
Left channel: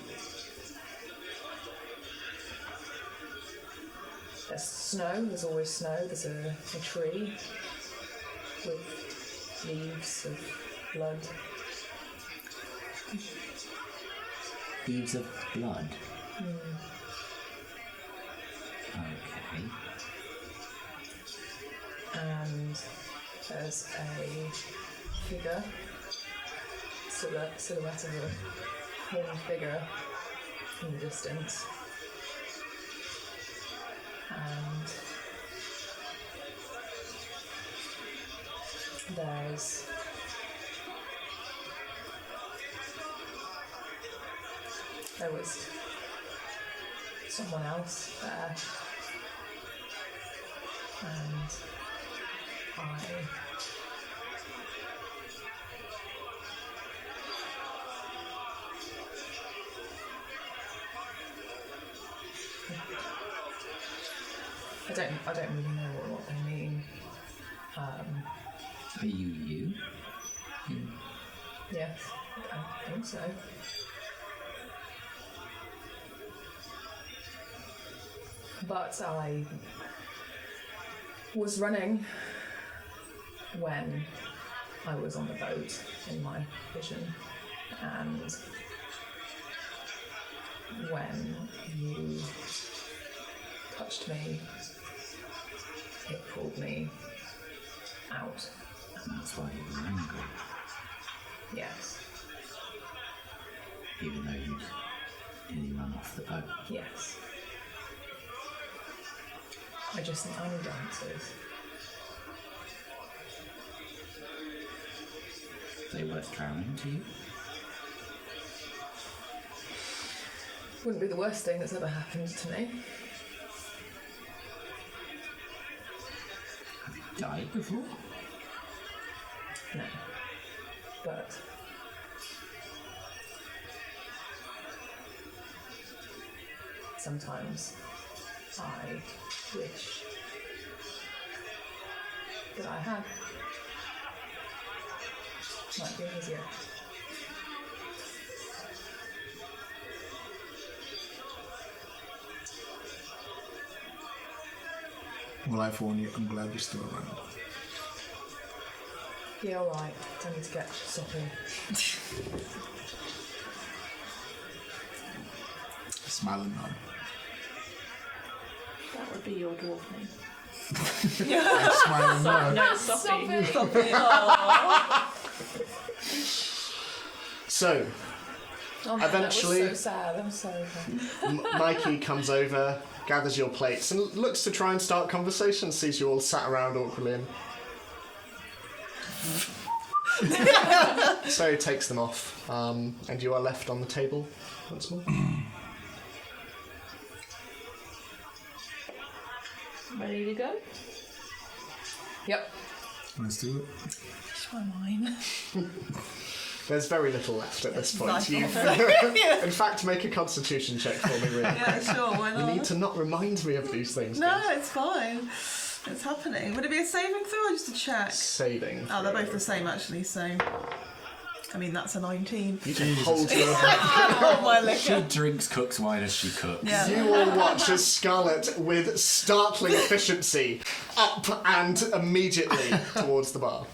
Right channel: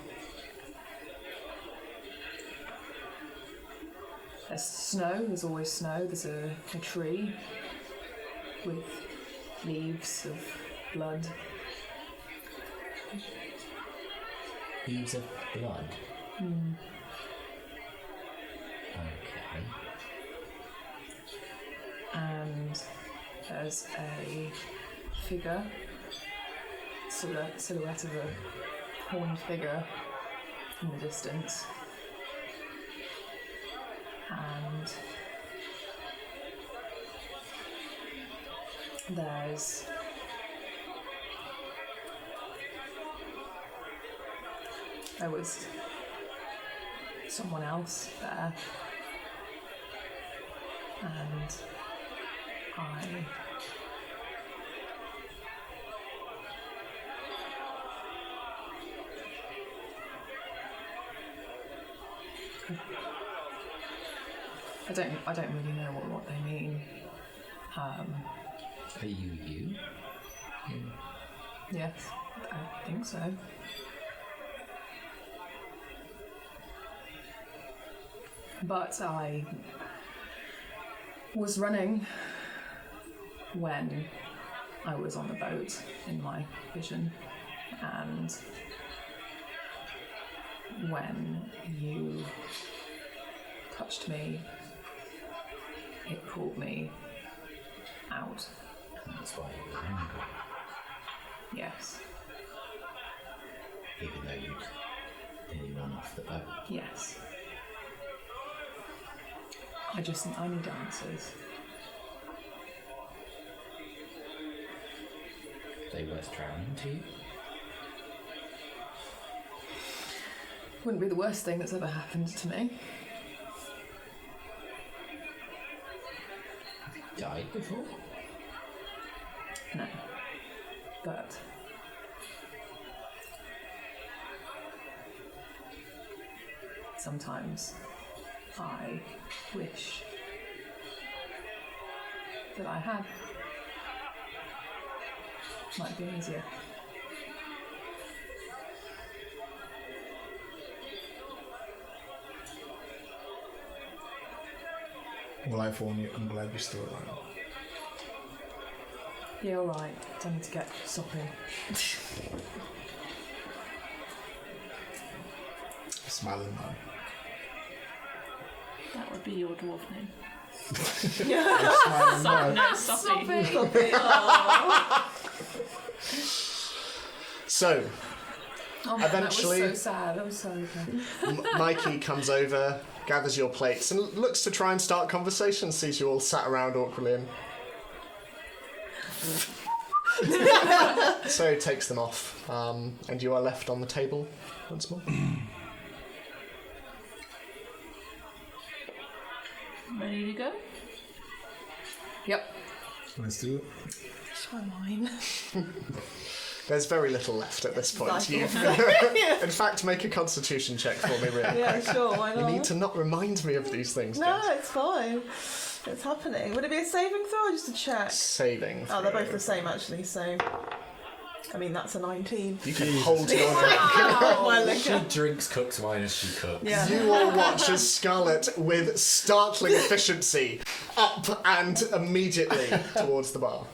There's snow, there's always snow, there's a tree with leaves of blood. Leaves of blood? Okay. And there's a figure, silhouette of a horned figure in the distance. And there was someone else there, and I don't really know what they mean. Are you? Yes, I think so. But I was running when I was on the boat in my vision, and when you touched me, it pulled me out. And that's why you were angry, Yes, even though you'd nearly run off the boat. yes. I need answers. They worth drowning to you? Wouldn't be the worst thing that's ever happened to me. Have you died before? No. But sometimes I wish that I had. Might be easier. Well, I phone you. I'm glad you're still around. Yeah, alright. Don't need to get soppy. Smile and nod. That would be your dwarf name. I smile and nod. No, Sophie. So, Oh man, Eventually- that was so sad. I'm sorry. Mikey comes over, gathers your plates, and looks to try and start conversation, sees you all sat around awkwardly and... So takes them off, and you are left on the table once more. Ready to go? Yep. Let's do it. It's my mind. There's very little left at this point. Exactly. You've, in fact, make a constitution check for me, really. Yeah, sure, why You not? need to not remind me of these things. No, Jess. it's fine. It's happening. Would it be a saving throw or just a check? Saving. Oh, they're throw. both the same actually, so... I mean, that's a 19. You can hold your Oh, my She liquor. drinks, cooks wine as she cooks. Yeah. You all watch as Scarlet, with startling efficiency, up and immediately towards the bar.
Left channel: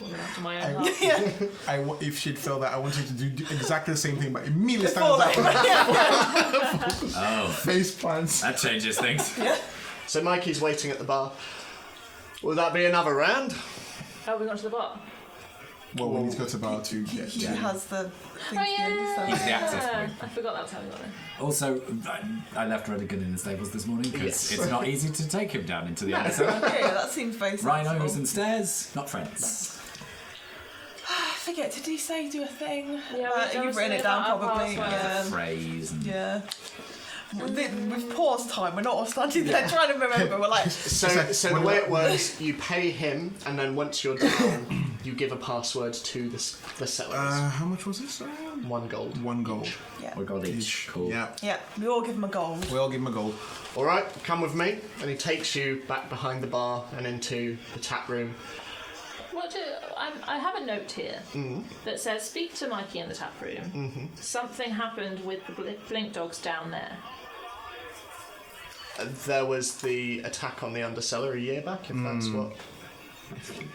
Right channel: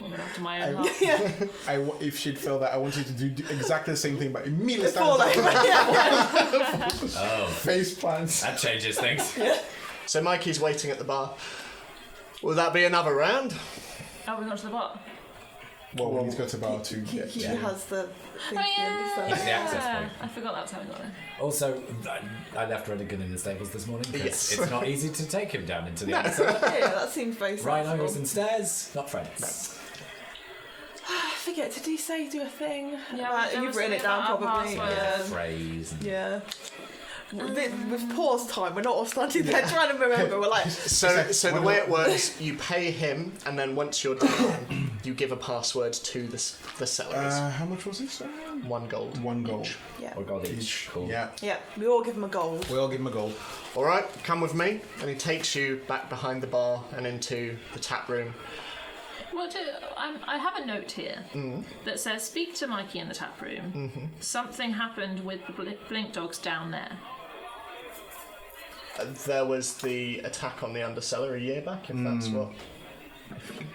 Well, after my own heart. If she'd felt that, I want you to do exactly the same thing, but immediately stands Fall up. over. Oh, Face plants. that changes things. So Mikey's waiting at the bar. Will that be another round? Oh, we got to the bar. Well, we need to go to bar to He get has the thing Oh, at the end, He's so... the access point. I forgot that's how we got in. Also, I left Redigan in the stables this morning because Yes. it's not easy to take him down into the answer. Yeah, that seems very sensible. Rhinos and stairs, not friends. forget, did he say do a thing? Yeah, You've written it down probably. Phrase and Yeah. With pause time, we're not standing there trying to remember. We're like, So the way it works, you pay him, and then once you're down, you give a password to the sellers. How much was it? Sorry? 1 gold. 1 gold. yeah, we got each. Cool. Yeah. we all give him a gold. We all give him a gold. All right, come with me. And he takes you back behind the bar and into the tap room. Well, I have a note here that says, speak to Mikey in the tap room. Something happened with the blink dogs down there. There was the attack on the undercellar a year back, if that's what...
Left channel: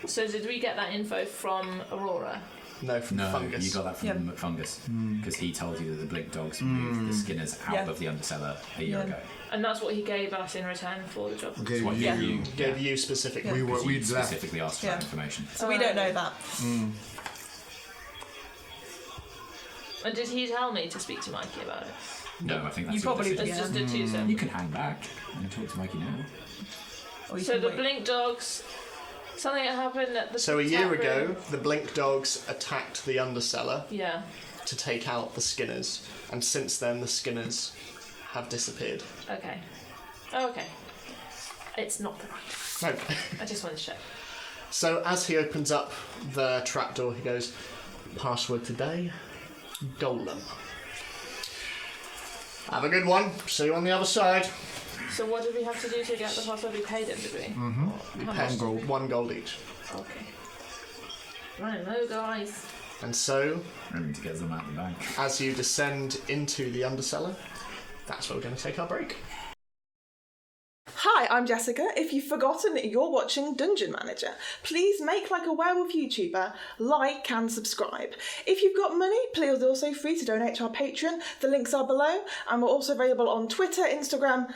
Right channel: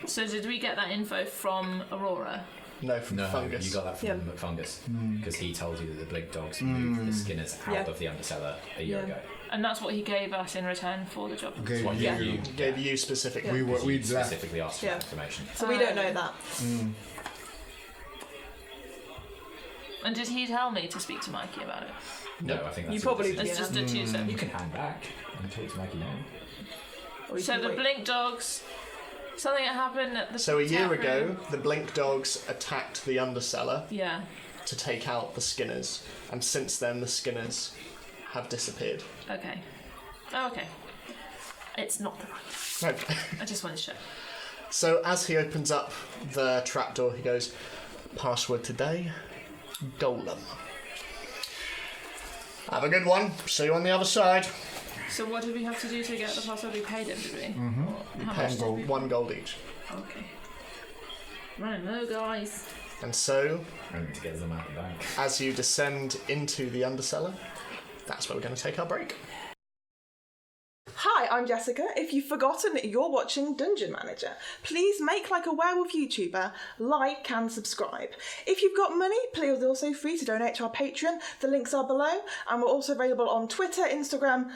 So did we get that info from Aurora? No, from No, Fungus. you got that from Fungus because he told you that the blink dogs moved the skinners out of the undercellar a year ago. And that's what he gave us in return for the job. Okay. What Yeah. you Gave you specifically. We specifically asked for that information. So we don't know that. And did he tell me to speak to Mikey about it? No, I think that's You your probably- decision. It's just a two-step. You can hang back and talk to Mikey now. Or you So can the wait. blink dogs, something that happened at the So a year tap ago, room. the Blink Dogs attacked the undercellar Yeah. to take out the Skinners, and since then the Skinners have disappeared. Okay. Oh, okay. It's not the right. Okay. I just wanted to check. So as he opens up the trapdoor, he goes, password today, Golem. Have a good one. See you on the other side. So what did we have to do to get the password? We paid him, did we? Or how Pay much did we? 1 gold each. Okay. Right, no, guys. And so, Only to get them out of the bank. as you descend into the undercellar, that's where we're going to take our break. Hi, I'm Jessica. If you've forgotten, you're watching Dungeon Manager. Please make like a werewolf YouTuber, like and subscribe. If you've got money, please also free to donate to our Patreon. The links are below. And we're also available on Twitter, Instagram,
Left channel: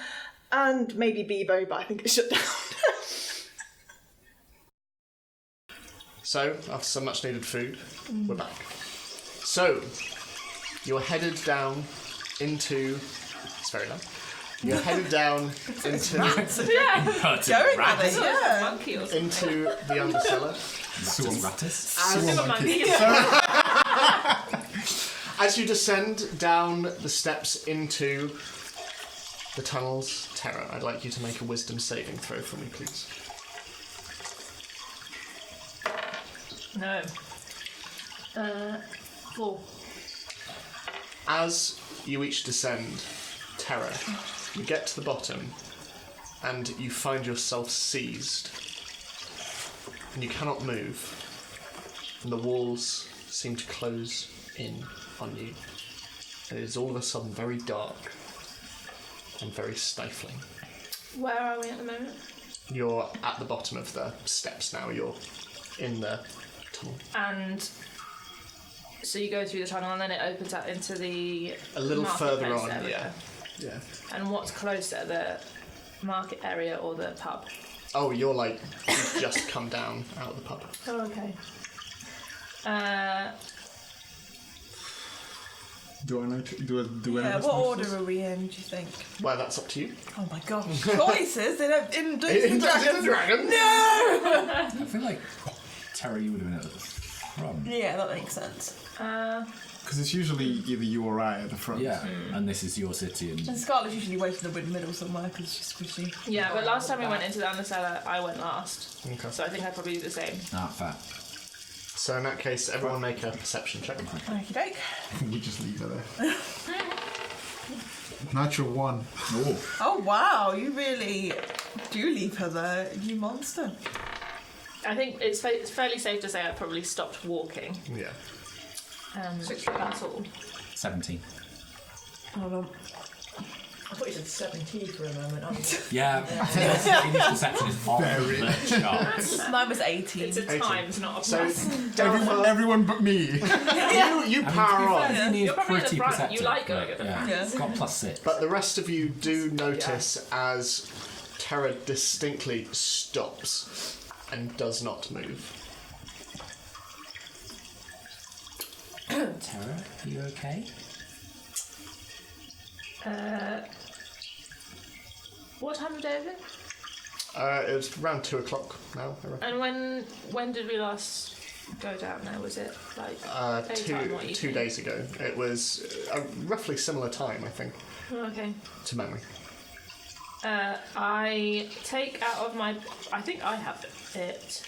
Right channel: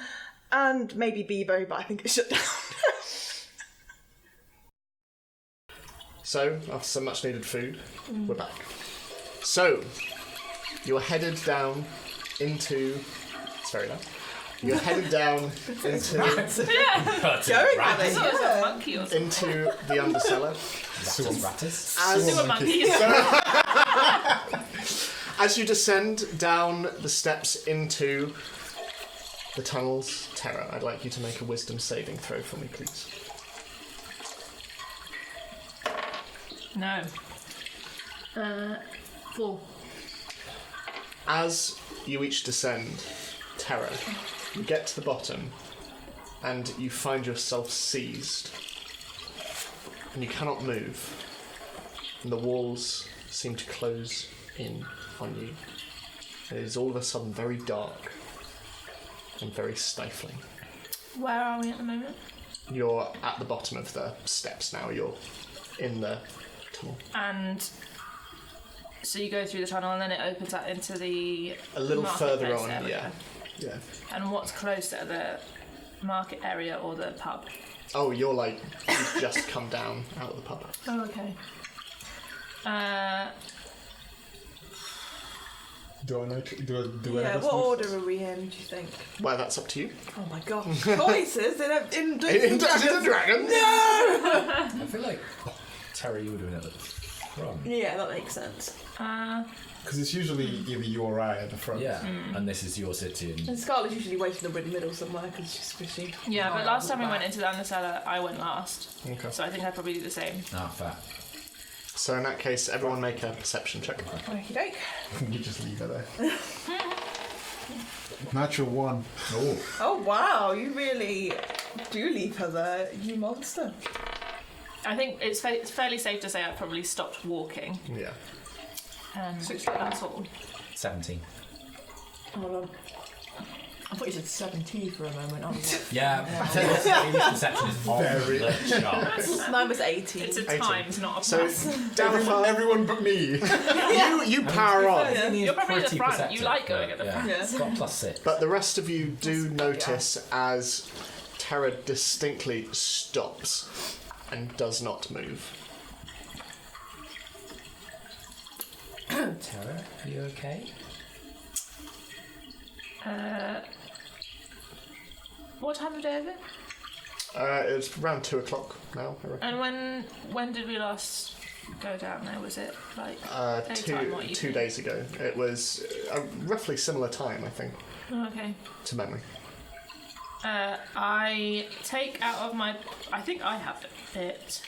and maybe Bebo, but I think it's shut down. So, after some much needed food, we're back. So, you're headed down into... It's very loud. You're headed down into Going with it, yeah. Monkey or something. into the undercellar. Rattus? A monkey. As you descend down the steps into the tunnels, Terra, I'd like you to make a wisdom saving throw for me, please. No. 4. As you each descend, Terra, you get to the bottom and you find yourself seized and you cannot move and the walls seem to close in on you. It is all of a sudden very dark and very stifling. Where are we at the moment? You're at the bottom of the steps now, you're in the tunnel. And so you go through the tunnel and then it opens up into the A little further marketplace on, area. yeah. And what's closer, the market area or the pub? Oh, you've just come down out of the pub. Oh, okay. Do I know? Do any Yeah, of us what know order this? are we in, do you think? Well, that's up to you. Oh my god. Choices? They don't in In Dungeons and Dragons? I feel like Terry, you would have been at the front. Yeah, that makes sense. Because it's usually either you or I at the front. Yeah, and this is your city. And Scarlett's usually waiting in the middle somewhere because she's squishy. Yeah, but Oh, last time we back. went into the undercellar, I went last. Okay. So I think I'd probably do the same. Fair. So in that case, everyone make a perception check. Okie doke. We just leave her there. Natural 1. Oh, Oh wow, you really do leave her there, you monster. I think it's fairly safe to say I probably stopped walking. Yeah. That's all. 17. I thought you said 70 for a moment. Yeah, Amy's perception is on the charts. Mine was 18. It's a 18. times, not a So plus. Everyone but me. you power on, Amy is You're probably at the pretty front. perceptive. You like going at the front. Yeah. It's got +6. but the rest of you do notice as Terra distinctly stops and does not move. Terra, are you okay? What time of day is it? It's around 2 o'clock now, I reckon. And when did we last go down there? Was it like daytime, what you two think? days ago. It was a roughly similar time, I think, Okay. to memory. I take out of my. I think I have it.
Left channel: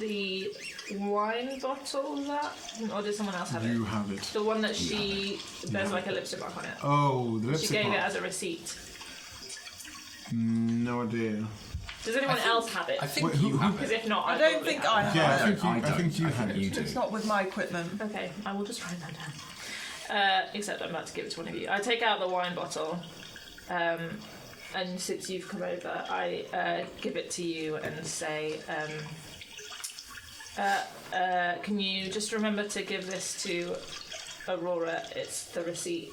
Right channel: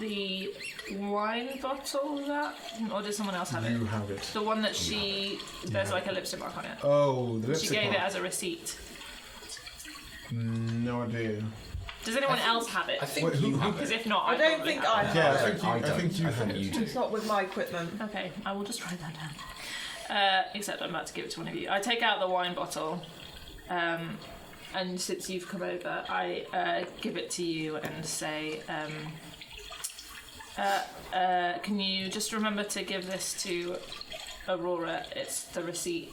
The wine bottle that, or did someone else have it? You have it. The one that she. There's like a lipstick mark on it. Oh, the She lipstick gave mark. it as a receipt. No idea. Does anyone else have it? I think Wait, who- you have Because it. if not, I I don't probably think have I it. have Yeah, I it. think you, I don't. think you I have think it. you do. It's not with my equipment. Okay, I will just write that down. Except I'm about to give it to one of you. I take out the wine bottle, and since you've come over, I give it to you and say, can you just remember to give this to Aurora? It's the receipt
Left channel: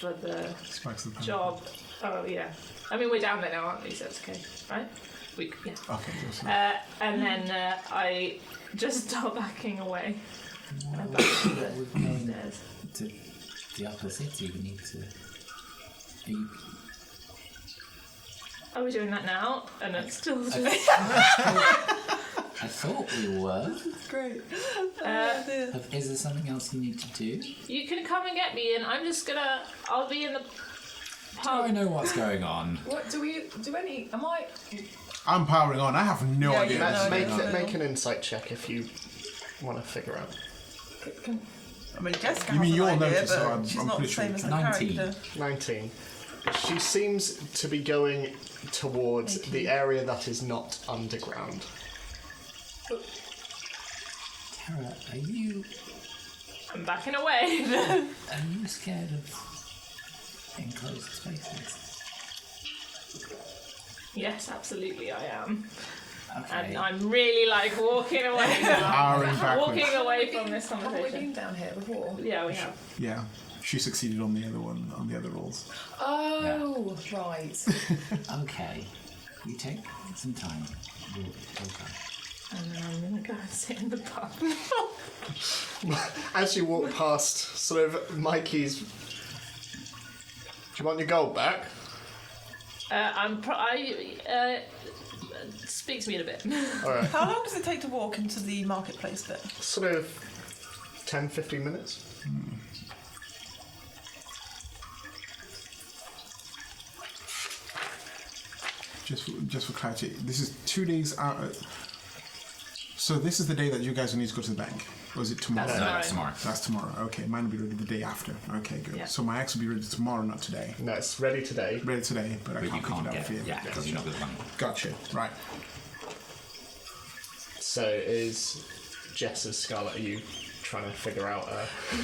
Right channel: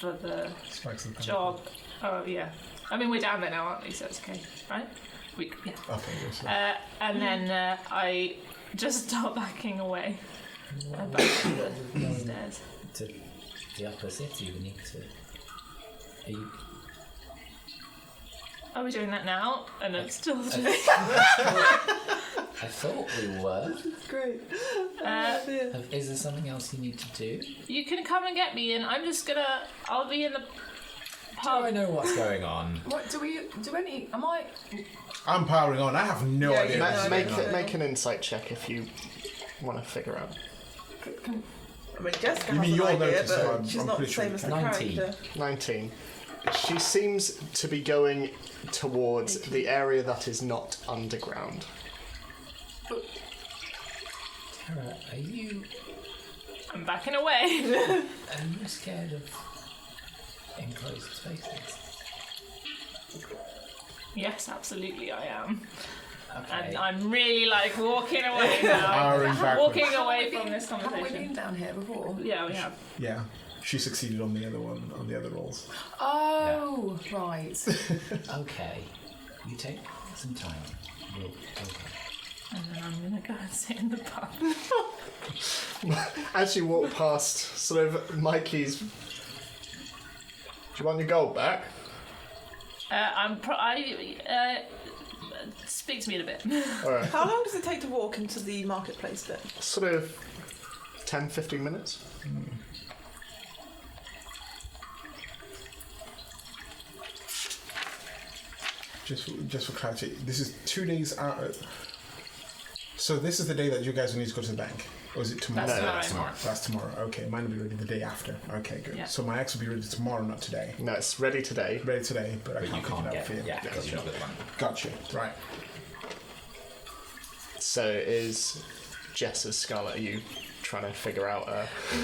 for the Spikes the pen. job. Oh yeah. I mean, we're down there now, aren't we? So it's okay, right? Yeah. Okay, yes. And then I just start backing away. Back to the stairs. To the upper city, we need to. Are you? Are we doing that now? And it's still. I thought we were. Great. Is there something else you need to do? You can come and get me, and I'm just gonna. I'll be in the Do I pub. know what's going on? What do we do? Any? Am I? I'm powering on. I have no Yeah, idea. you what's know, going Make on. it, make an insight check if you want to figure out. I mean, Jessica You mean has an you'll idea, notice, but so I'm she's not the pretty sure same as the 19. character. 19. She seems to be going towards the area that is not underground. Tara, are you I'm backing away. scared of enclosed spaces? Yes, absolutely, I am. Okay. And I'm really like walking away now. Powering backwards. Walking away from this Haven't we conversation. been down here before? Yeah, we have. Yeah, she succeeded on the other one, on the other rolls. Oh, right. Okay. You take some time. We'll go. And then I'm gonna go and sit in the pub. As you walk past, sort of Mikey's. Do you want your gold back? Speak to me in a bit. Alright. How long does it take to walk into the marketplace bit? Sort of 10, 15 minutes. Just for clarity, this is 2 days out. So this is the day that you guys will need to go to the bank, or is it tomorrow? That's No, tomorrow. Tomorrow. That's tomorrow. Okay, mine will be ready the day after. Okay, good. Yeah. So my axe will be ready tomorrow, not today. No, it's ready today. Ready today, but I But you can't pick can't it up get for you. it. Yeah, because you're not got the money. Gotcha. Right. So is Jess's Scarlet, are you trying to figure out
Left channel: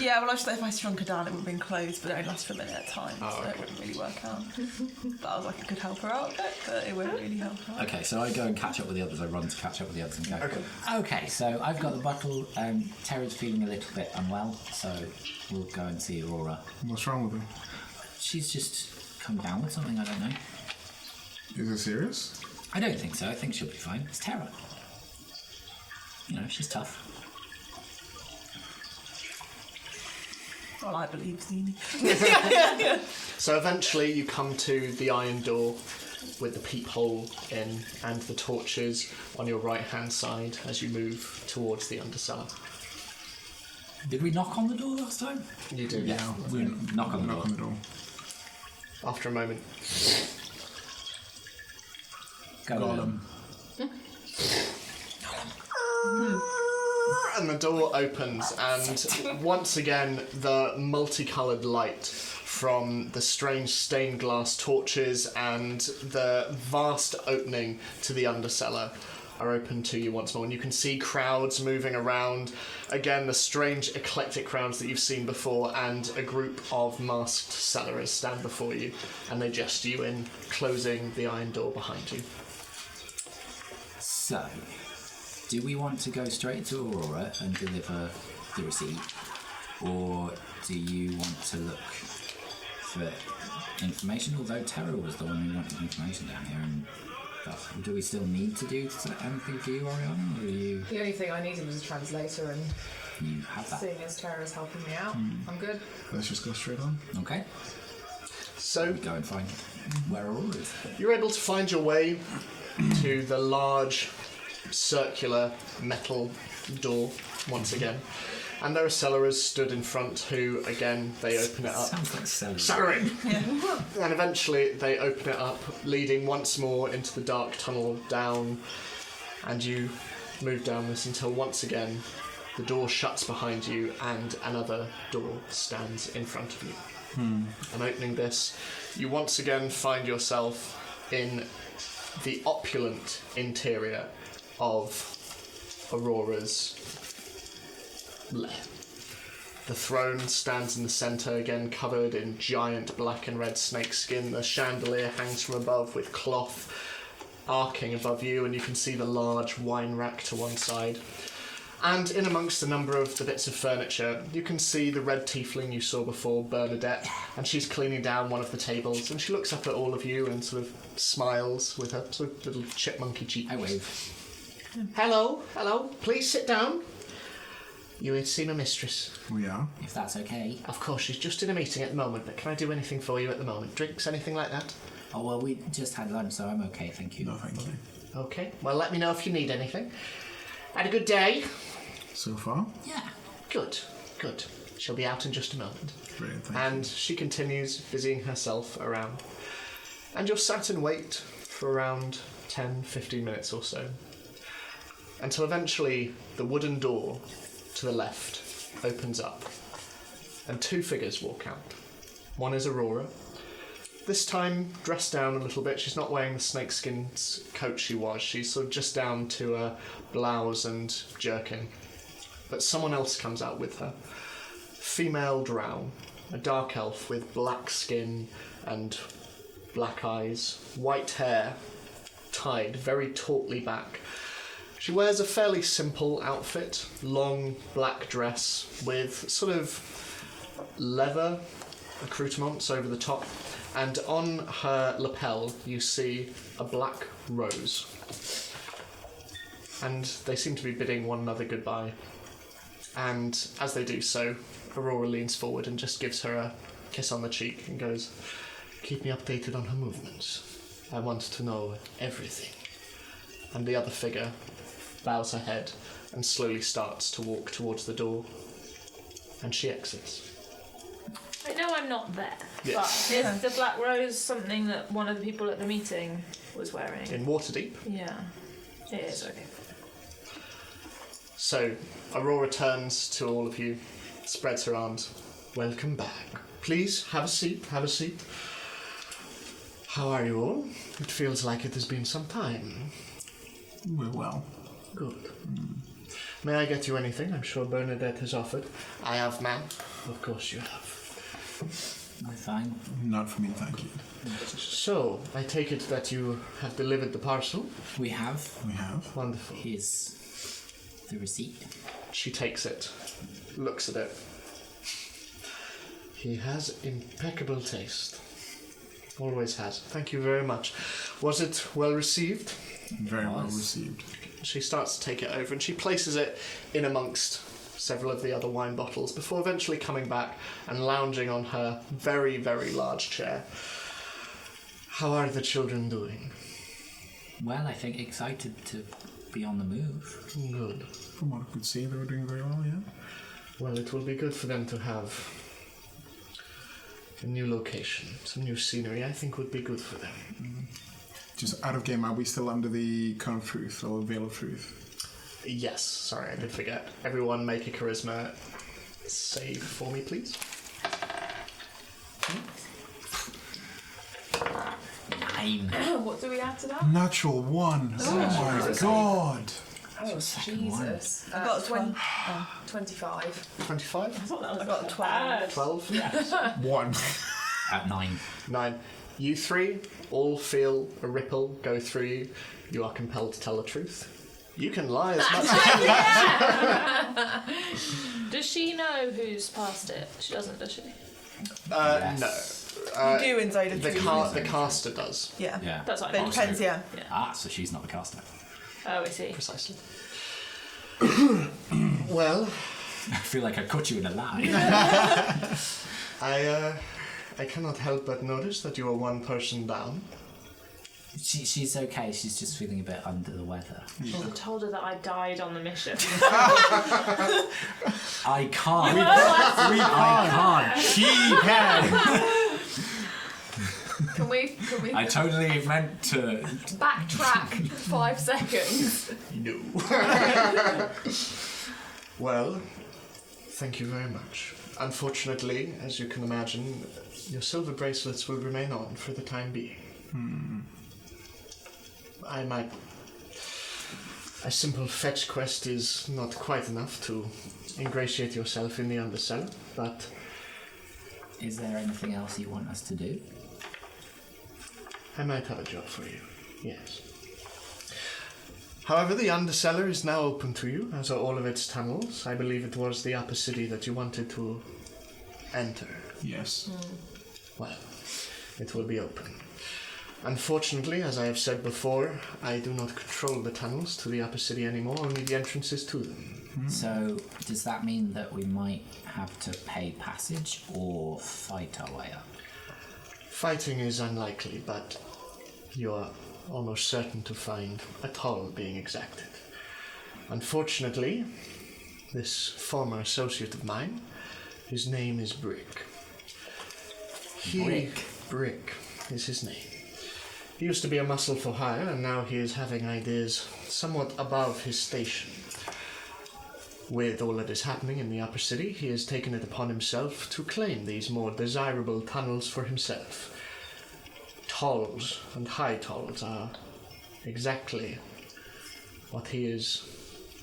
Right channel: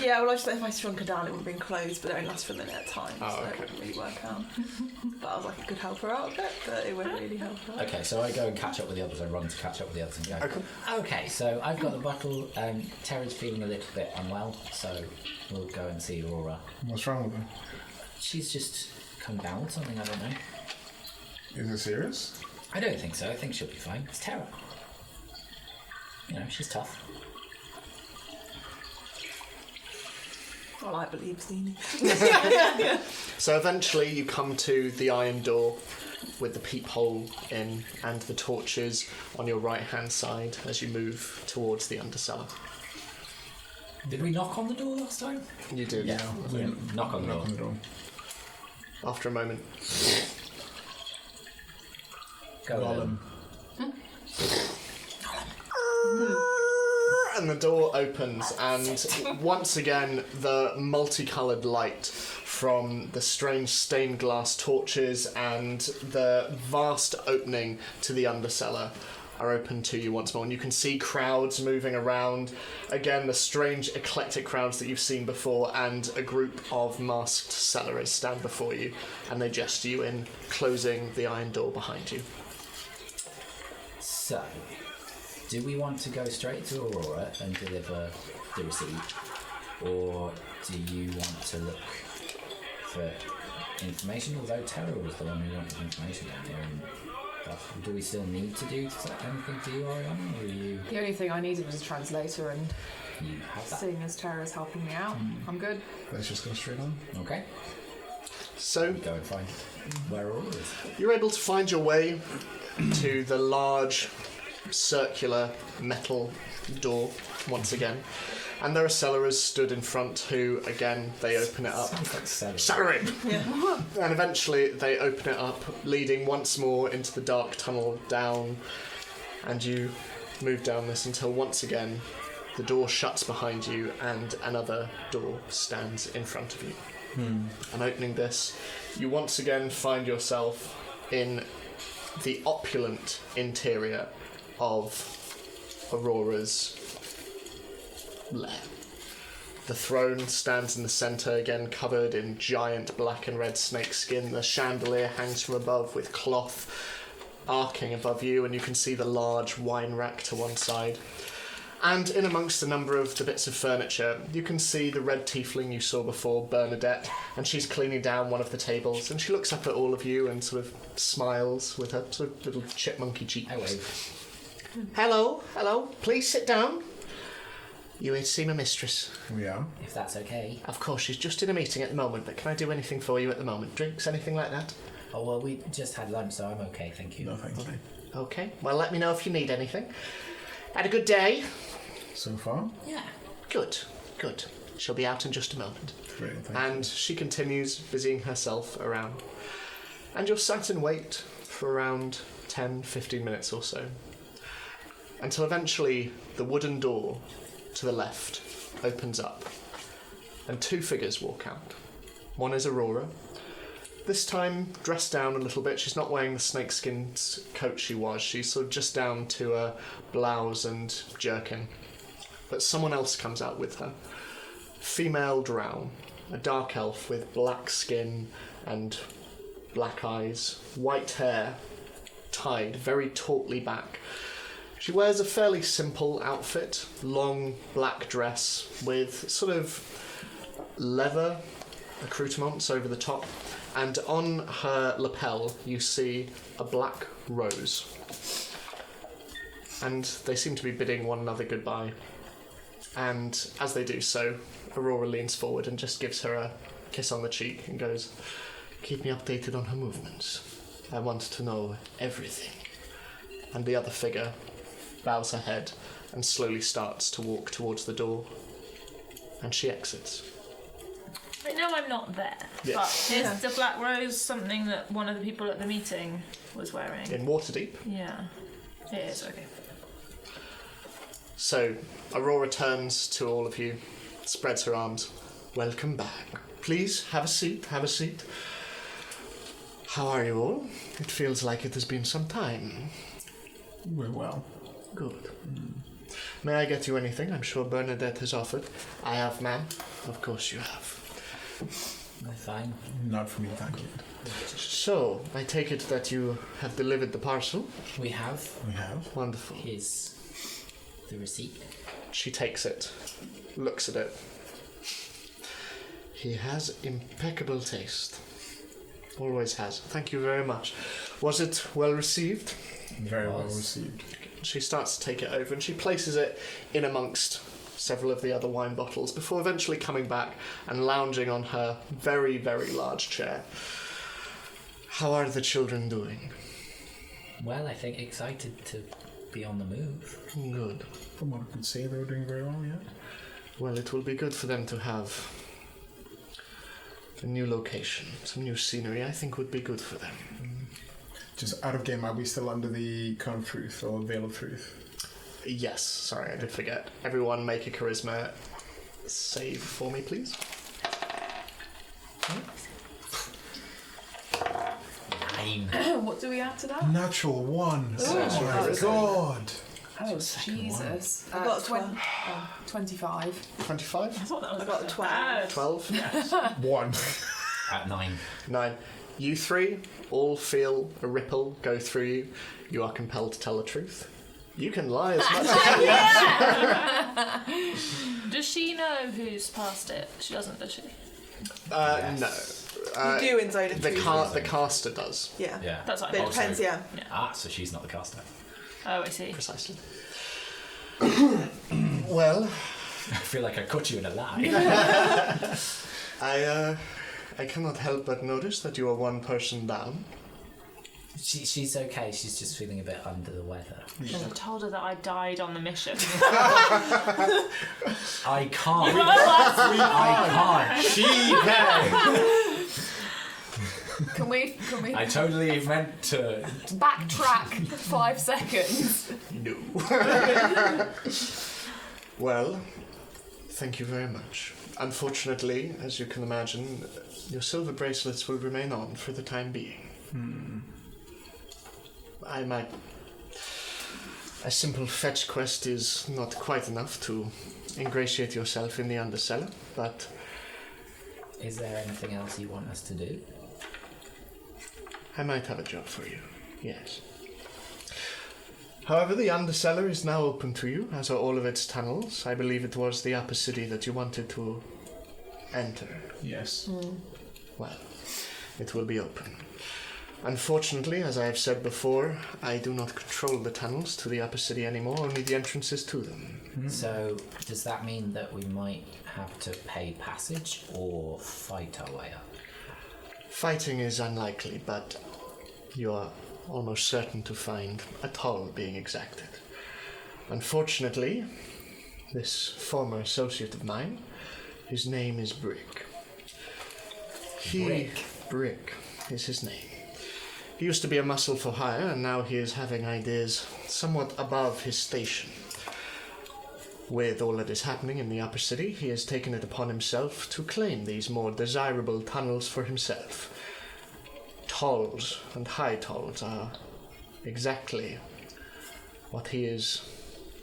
Yeah, well, I just thought if I shrunk her down, it would have been closed, but it only lasts for a minute at a time, Oh, so okay. it wouldn't really work out. That was like a good help her out a bit, but it wouldn't really help her out. Okay, so I go and catch up with the others. I run to catch up with the others and go. Okay, so I've got the bottle. Tara's feeling a little bit unwell, so we'll go and see Aurora. What's wrong with him? She's just come down with something. I don't know. Is it serious? I don't think so. I think she'll be fine. It's Tara. You know, she's tough. Well, I believe Steenie. So eventually you come to the iron door with the peephole in and the torches on your right hand side as you move towards the undercellar. Did we knock on the door last time? You do. Yeah. Knock on the door. Knock on the door. After a moment. Go Gollum. And the door opens, and once again, the multicoloured light from the strange stained glass torches and the vast opening to the undercellar are open to you once more. And you can see crowds moving around. Again, the strange eclectic crowds that you've seen before, and a group of masked sellers stand before you, and they gesture you in, closing the iron door behind you. So, do we want to go straight to Aurora and deliver the receipt, or do you want to look for information? Although Tara was the one who wanted information down here, and stuff. Do we still need to do anything for you, Oriana, or are you? The only thing I needed was a translator, and You have that. seeing as Tara's helping me out, I'm good. Let's just go straight on. Okay. So We go and find where Aurora is. you're able to find your way to the large circular metal door once again. And there are cellars stood in front who, again, they open it up. Sounds like celery. Celery! And eventually they open it up, leading once more into the dark tunnel down. And you move down this until once again the door shuts behind you and another door stands in front of you. And opening this, you once again find yourself in the opulent interior of Aurora's lair. The throne stands in the centre, again covered in giant black and red snake skin. The chandelier hangs from above with cloth arcing above you, and you can see the large wine rack to one side. And in amongst a number of the bits of furniture, you can see the red tiefling you saw before, Bernadette, and she's cleaning down one of the tables, and she looks up at all of you and sort of smiles with her sort of little chipmunky cheeks. I wave. Hello, please sit down. You here to see my mistress? We are. If that's okay. Of course, she's just in a meeting at the moment, but can I do anything for you at the moment? Drinks, anything like that? Oh, well, we just had lunch, so I'm okay, thank you. No, thank you. Okay, well, let me know if you need anything. Had a good day? So far, Yeah. Good. She'll be out in just a moment. brilliant. Thank And she continues busying herself around. And you're sat and wait for around 10-15 minutes or so. Until eventually the wooden door to the left opens up. And two figures walk out. One is Aurora. This time dressed down a little bit. She's not wearing the snakeskin coat she was. She's sort of just down to a blouse and jerkin. But someone else comes out with her. Female drow, a dark elf with black skin and black eyes, white hair tied very tautly back. She wears a fairly simple outfit, long black dress with sort of leather accoutrements over the top, and on her lapel you see a black rose. And they seem to be bidding one another goodbye. And as they do so, Aurora leans forward and just gives her a kiss on the cheek and goes, "Keep me updated on her movements. I want to know everything." And the other figure bows her head and slowly starts to walk towards the door. And she exits. I know I'm not there, Yes. but is the black rose something that one of the people at the meeting was wearing? In Waterdeep. Yeah, it is, okay. So, Aurora turns to all of you, spreads her arms. "Welcome back. Please, have a seat, How are you all? It feels like it has been some time." We're well. Good. May I get you anything? I'm sure Bernadette has offered. I have, ma'am. Of course you have. I'm fine. Not for me, thank you. So, I take it that you have delivered the parcel? We have. We have. Wonderful. Here's the receipt. She takes it, looks at it. He has impeccable taste. Always has. Thank you very much. Was it well received? Very well Was. received. She starts to take it over and she places it in amongst several of the other wine bottles before eventually coming back and lounging on her very, very large chair. How are the children doing? Well, I think excited to be on the move. Good. From what I could see, they were doing very well, yeah? Well, it will be good for them to have a new location, some new scenery. I think would be good for them. Just out of game, are we still under the cone of truth or veil of truth? Yes, sorry, I did forget. Everyone make a charisma save for me, please. 9. What do we add to that? Natural 1. Oh my god. Oh, second one. Jesus. I got 25. 25? I thought that was I got 12. 12? 1. At 9. 9. You three all feel a ripple go through you. You are compelled to tell the truth. You can lie as much as you like. Does she know who's passed it? She doesn't, does she? Yes. No. You and Zoda The caster does. Yeah. Yeah. That's what I But it thought. depends, yeah. Ah, so she's not the caster. Oh, I see. Precisely. Well, I feel like I caught you in a lie. I cannot help but notice that you are one person down. She's okay. She's just feeling a bit under the weather. I told her that I died on the mission. I can't. I can't. She can. Can we I totally meant to. backtrack 5 seconds? No. Well, thank you very much. Unfortunately, as you can imagine, your silver bracelets will remain on for the time being. A simple fetch quest is not quite enough to ingratiate yourself in the Undercellar, but... Is there anything else you want us to do? I might have a job for you, yes. However, the Undercellar is now open to you, as are all of its tunnels. I believe it was the upper city that you wanted to enter. Yes. Well, it will be open. Unfortunately, as I have said before, I do not control the tunnels to the upper city anymore, only the entrances to them. So, does that mean that we might have to pay passage or fight our way up? Fighting is unlikely, but you're almost certain to find a toll being exacted. Unfortunately, this former associate of mine, his name is Brick. Brick is his name. He used to be a muscle for hire, and now he is having ideas somewhat above his station. With all that is happening in the upper city, he has taken it upon himself to claim these more desirable tunnels for himself. Tolls and high tolls are exactly what he is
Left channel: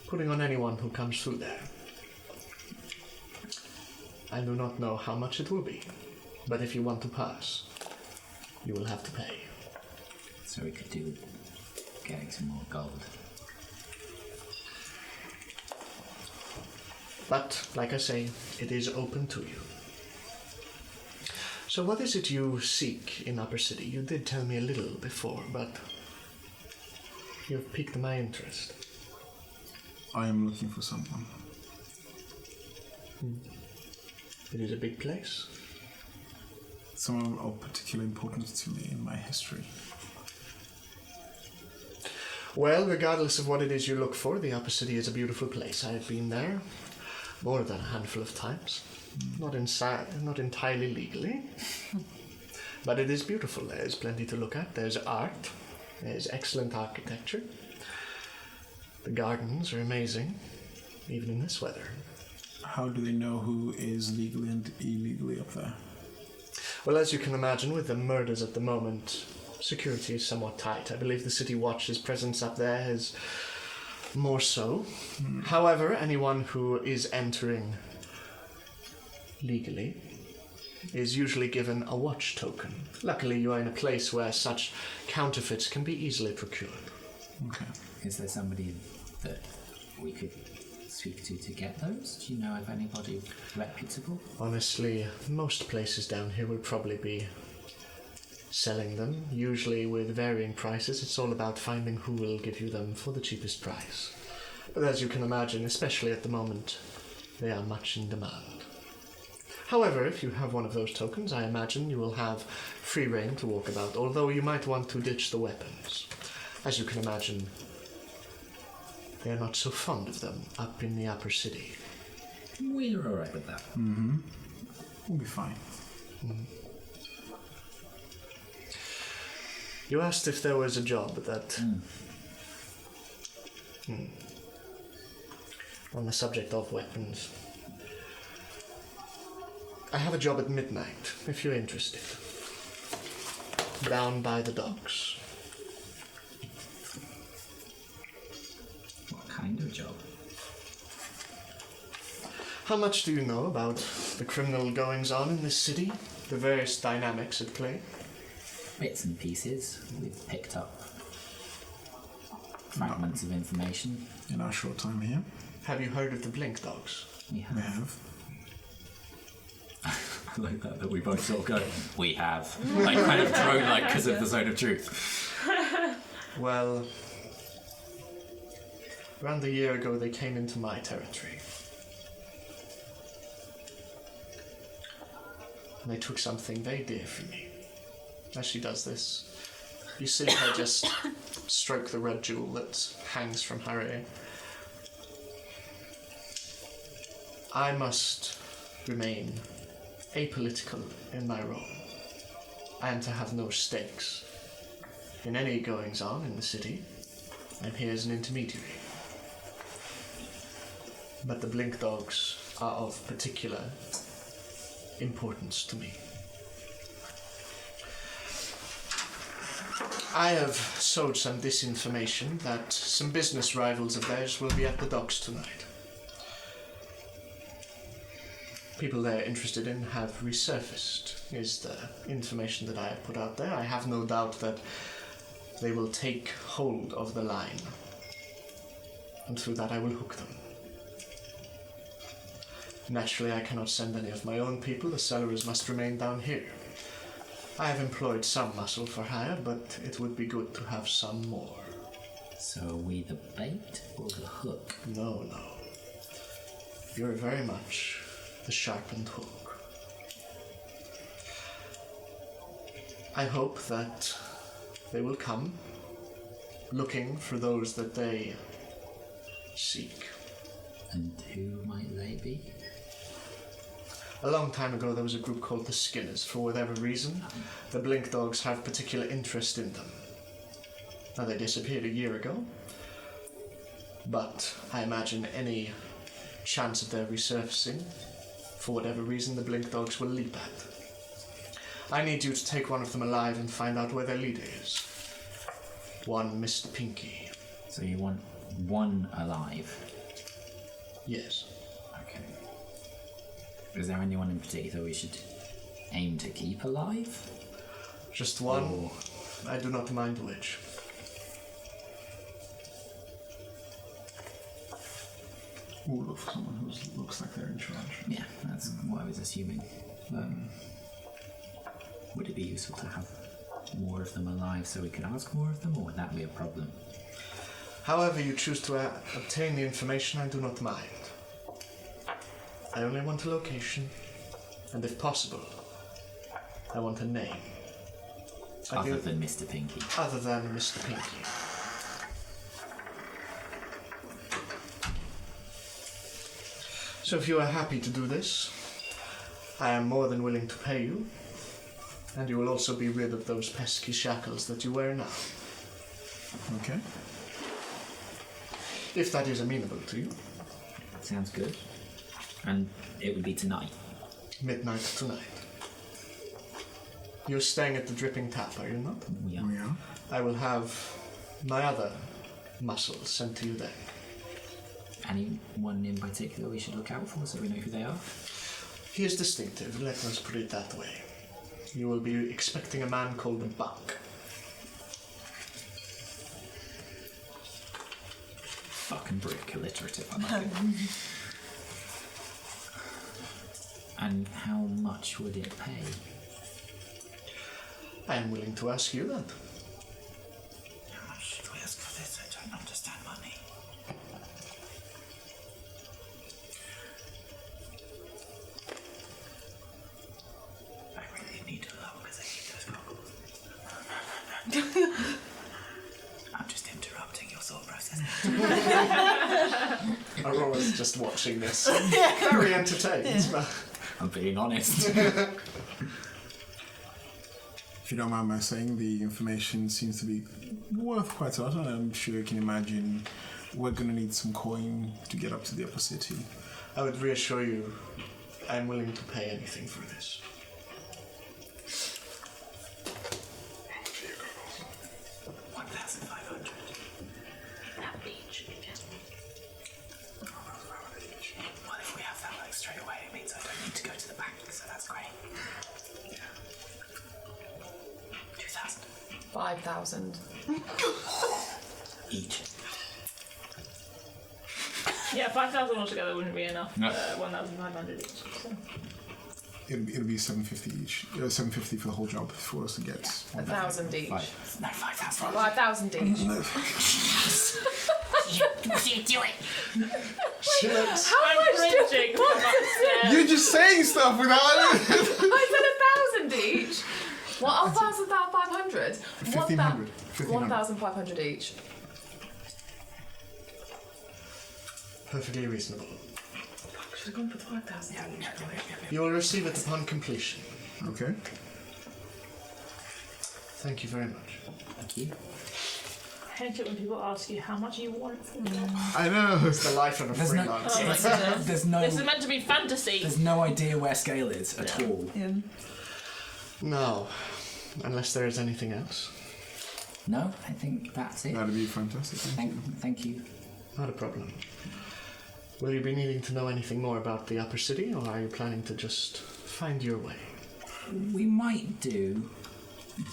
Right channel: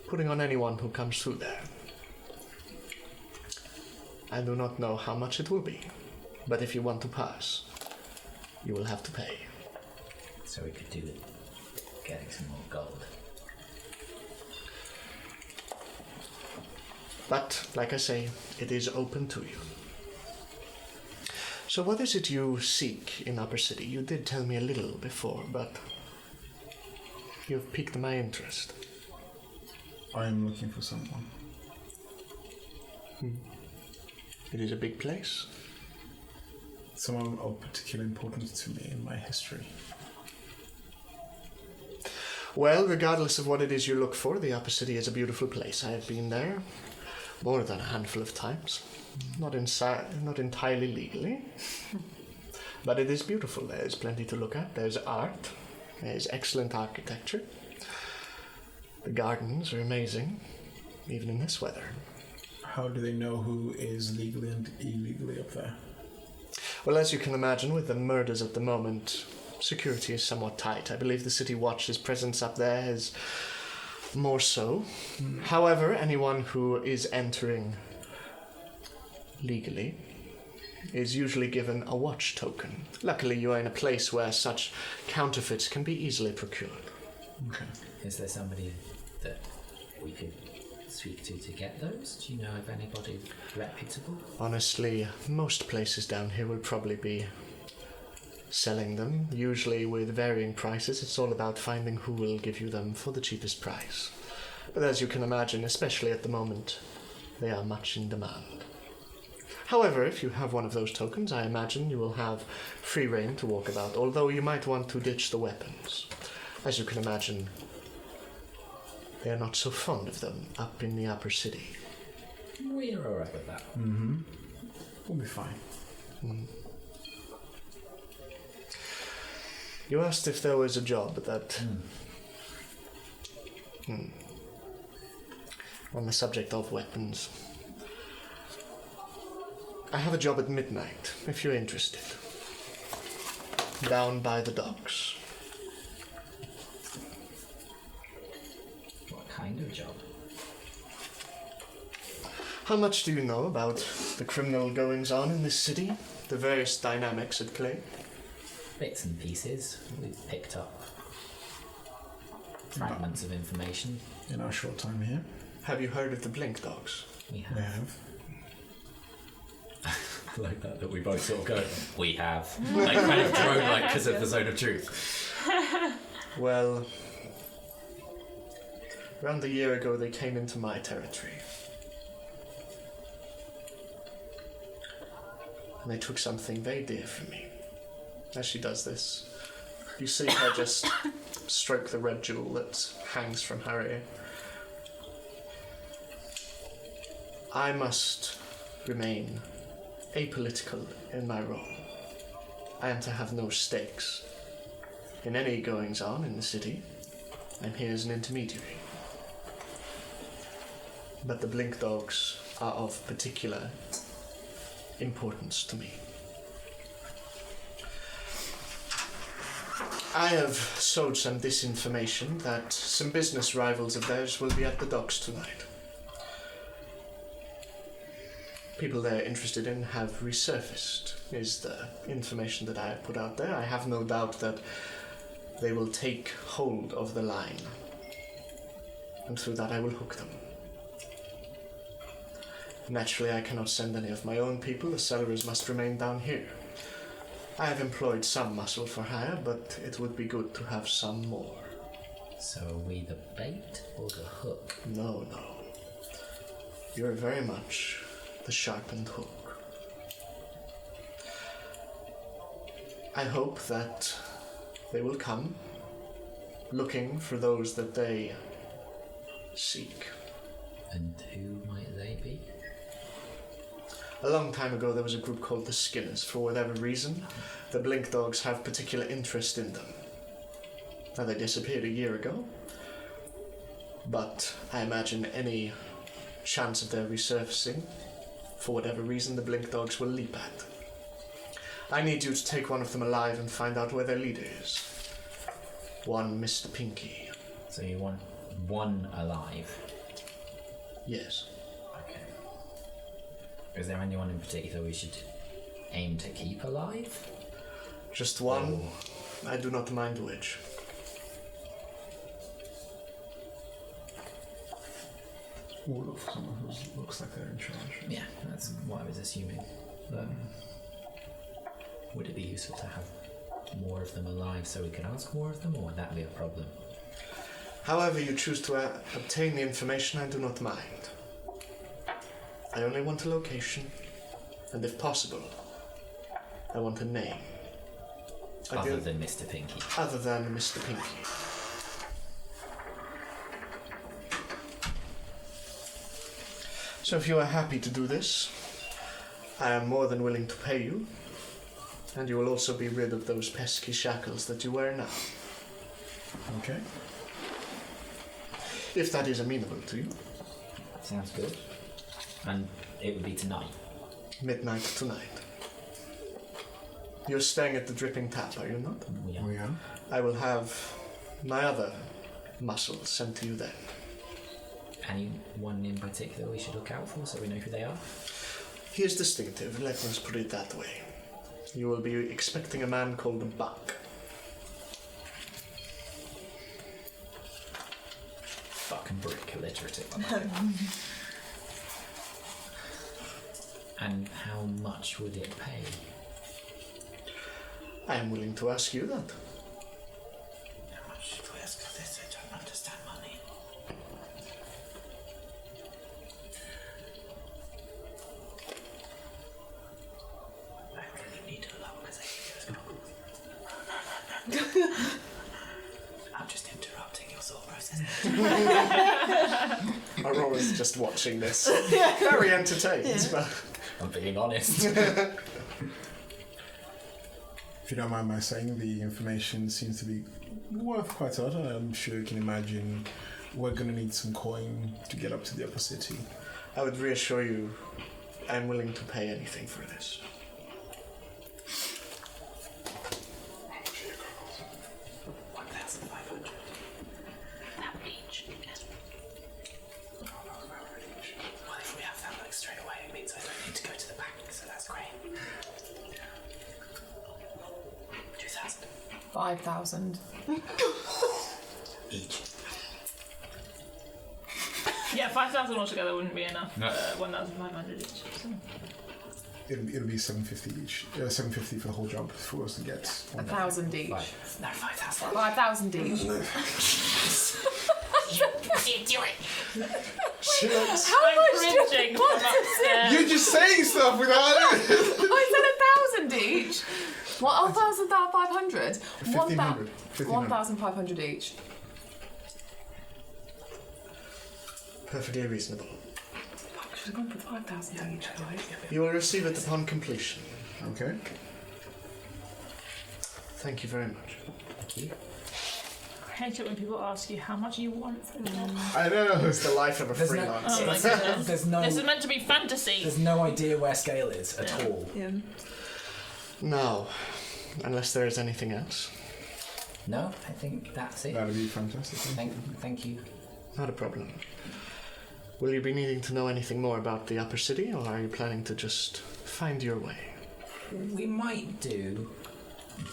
putting on anyone who comes through there. I do not know how much it will be, but if you want to pass, you will have to pay. So we could do with getting some more gold. But, like I say, it is open to you. So what is it you seek in Upper City? You did tell me a little before, but you've piqued my interest. I am looking for someone. It is a big place. Someone of particular importance to me in my history. Well, regardless of what it is you look for, the Upper City is a beautiful place. I have been there more than a handful of times. Not entirely legally. But it is beautiful. There's plenty to look at. There's art. There's excellent architecture. The gardens are amazing, even in this weather. How do they know who is legally and illegally up there? Well, as you can imagine, with the murders at the moment, security is somewhat tight. I believe the City Watch's presence up there is more so. However, anyone who is entering legally is usually given a watch token. Luckily, you are in a place where such counterfeits can be easily procured. Okay. Is there somebody that we could speak to get those? Do you know of anybody reputable? Honestly, most places down here will probably be selling them, usually with varying prices. It's all about finding who will give you them for the cheapest price. But as you can imagine, especially at the moment, they are much in demand. However, if you have one of those tokens, I imagine you will have free rein to walk about, although you might want to ditch the weapons. As you can imagine, they are not so fond of them up in the upper city. We're alright with that. We'll be fine. You asked if there was a job that... On the subject of weapons. I have a job at midnight, if you're interested. Down by the docks. What kind of job? How much do you know about the criminal goings-on in this city? The various dynamics at play? Bits and pieces. We've picked up fragments of information. In our short time here, Have you heard of the Blink Dogs? We have. we have. I like that we both sort of go, we have. Like kind of drone like because of the zone of truth. Well, around a year ago they came into my territory. And they took something very dear from me. As she does this, You see her just stroke the red jewel that hangs from her ear. I must remain apolitical in my role. I am to have no stakes in any goings-on in the city. I'm here as an intermediary. But the Blink Dogs are of particular importance to me. I have sowed some disinformation that some business rivals of theirs will be at the docks tonight. People they're interested in have resurfaced, is the information that I have put out there. I have no doubt that they will take hold of the line, and through that I will hook them. Naturally, I cannot send any of my own people. The sellers must remain down here. I have employed some muscle for hire, but it would be good to have some more. So are we the bait or the hook? No. You're very much the sharpened hook. I hope that they will come looking for those that they seek. And who might they be? A long time ago there was a group called the Skinners. For whatever reason, the Blink Dogs have particular interest in them. Now they disappeared a year ago, but I imagine any chance of their resurfacing, for whatever reason, the Blink Dogs will leap at. I need you to take one of them alive and find out where their leader is. One Mr. Pinky. So you want one alive? Yes. Okay. Is there anyone in particular we should aim to keep alive? Just one. Or I do not mind which. All of someone who looks like they're in charge. yeah, that's what I was assuming. Would it be useful to have more of them alive so we could ask more of them, or would that be a problem? However you choose to obtain the information, I do not mind. I only want a location, and if possible, I want a name. Other than Mr. Pinky. Other than Mr. Pinky. So if you are happy to do this, I am more than willing to pay you, and you will also be rid of those pesky shackles that you wear now. Okay. If that is amenable to you. Sounds good. And it would be tonight. Midnight tonight. You're staying at the Dripping Tap, are you not? We are. We are. I will have my other muscles sent to you then. Anyone in particular we should look out for so we know who they are? He is distinctive, let us put it that way. You will be expecting a man called Buck. Fucking brick, alliterative. I like it. And how much would it pay? I am willing to ask you that. How much should we ask for this? I don't understand money. I really need to look because I'm just interrupting your thought process. Aurora's just watching this. Very entertained. But I'm being honest. If you don't mind my saying, the information seems to be worth quite a lot, and I'm sure you can imagine we're going to need some coin to get up to the upper city. I would reassure you, I am willing to pay anything for this. 1,500. That each, I guess. Well, if we have that like straight away, it means I don't need to go to the bank, so that's great. 2,000 5,000. each. Yeah, 5,000 altogether wouldn't be enough. No. 1,500 each. So. It'll be 750 each. 750 for the whole job for us to get. 1,000 each. 5,000. 5,000 each. Shit. I'm cringing from upstairs. You're just saying stuff without. I said 1,000 each. What? 1,500? 1,500. 1,500 each. Perfectly reasonable. Should have gone for 5,000 each. You will receive it upon completion. Okay. Thank you very much. Thank you. I hate it when people ask you how much you want for it. I know. It's the life of a There's no- freelancer. Oh my goodness. There's no, This is meant to be fantasy. there's no idea where scale is at all. Yeah. No, unless there is anything else. No, I think that's it. That'd be fantastic. Thank you. Not a problem. Will you be needing to know anything more about the upper city, or are you planning to just find your way? We might do,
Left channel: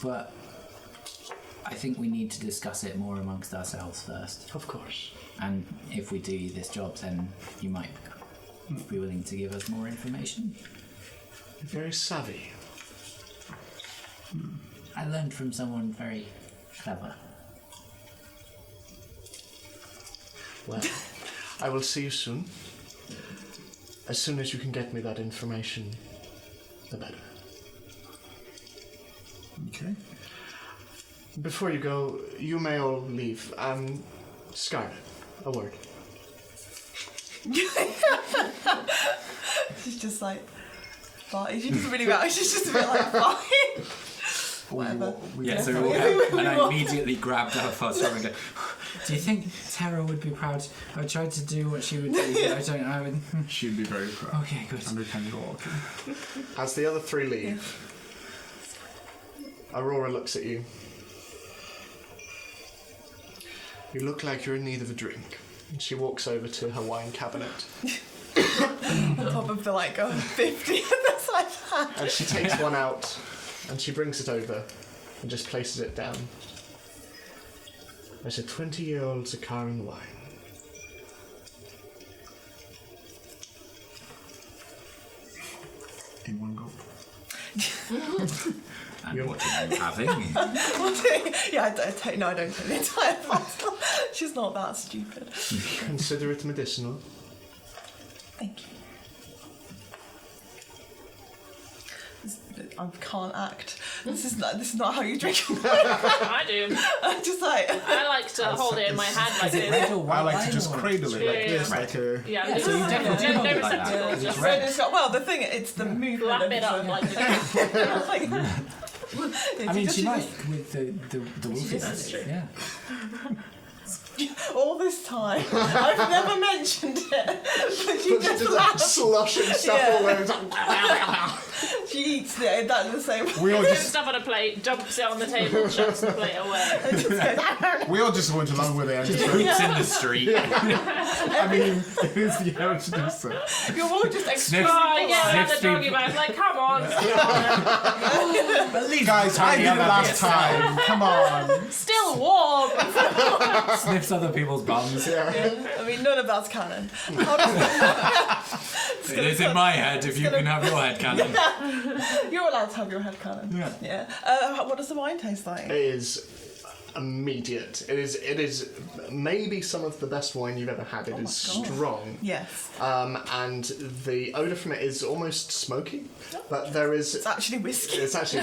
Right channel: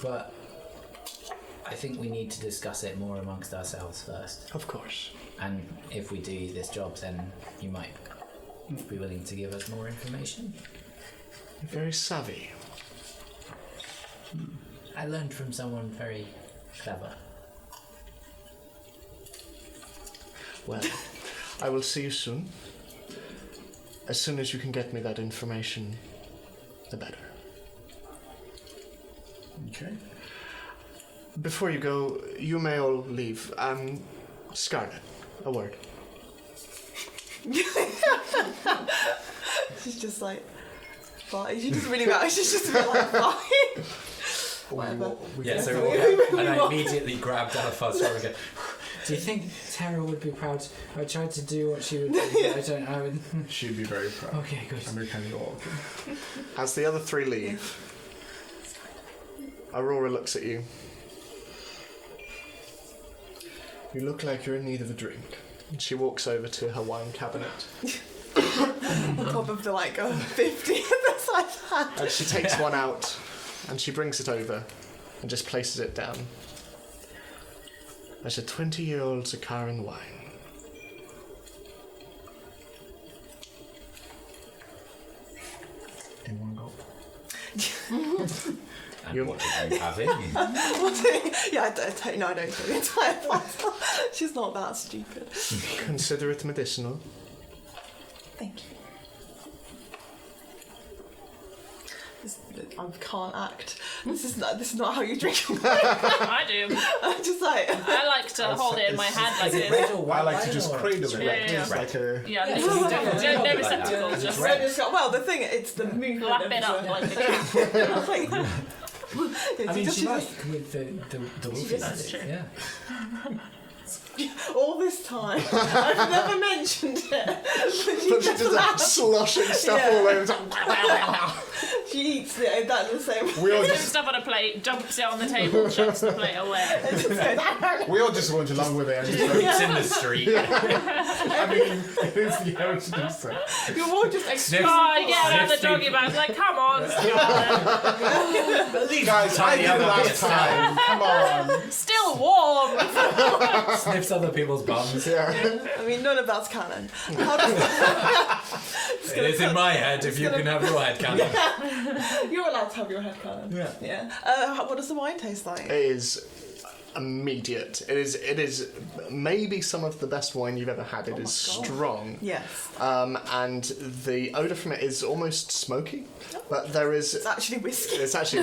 but I think we need to discuss it more amongst ourselves first. Of course. And if we do this job, then you might be willing to give us more information. You're very savvy. I learned from someone very clever. Well, I will see you soon. As soon as you can get me that information, the better. Okay. Before you go, you may all leave. Scarlet, a word. She's just like, fine. She doesn't really matter. She's just a bit like, fine. Whatever. Yeah, so and I immediately grabbed her fast and go, Do you think Tara would be proud? I tried to do what she would do. I don't know. She'd be very proud. Okay, good. I'm kind of walking. As the other three leave, Aurora looks at you. You look like you're in need of a drink. And she walks over to her wine cabinet. On top of the like 50 that's like that. And she takes one out and she brings it over and just places it down. There's a 20-year-old Zakaran wine. In one gulp. and what are you having? Yeah, I don't know the entire bottle. She's not that stupid. Consider it medicinal. Thank you. I can't act. This is not how you drink. I do. I'm just like. I like to hold it in my hand like this. I like to just cradle it like Yeah, this, yeah. like a... Yeah, this is different. No receptacle. It's Just red. Well, the thing, it's the movement. wrap of it up the- like this. I mean, she might with the wolfie. That's true. Yeah. all this time, I've never mentioned it. But she But she just does like laughs. sloshing stuff Yeah. all over. She eats it. That's the same. We all Puts just stuff on a plate, dumps it on the table, chucks the plate away. we all just went along with it. And just go, It's in the street. I mean, it's the heritage of say. You're all just Oh, extremely I get around the Sniff, doggy bag, like, come on. Guys, I did it last time. Come on. Still warm. Sniffs other people's bums. I mean, none of that's canon. It is in my head if you can have your head cannon. You're allowed to have your head canon. Yeah. Yeah. What does the wine taste like? It is immediate. It is maybe some of the best wine you've ever had. It is strong. Yes. And the odour from it is almost smoky. But there is... It's actually whiskey. It's actually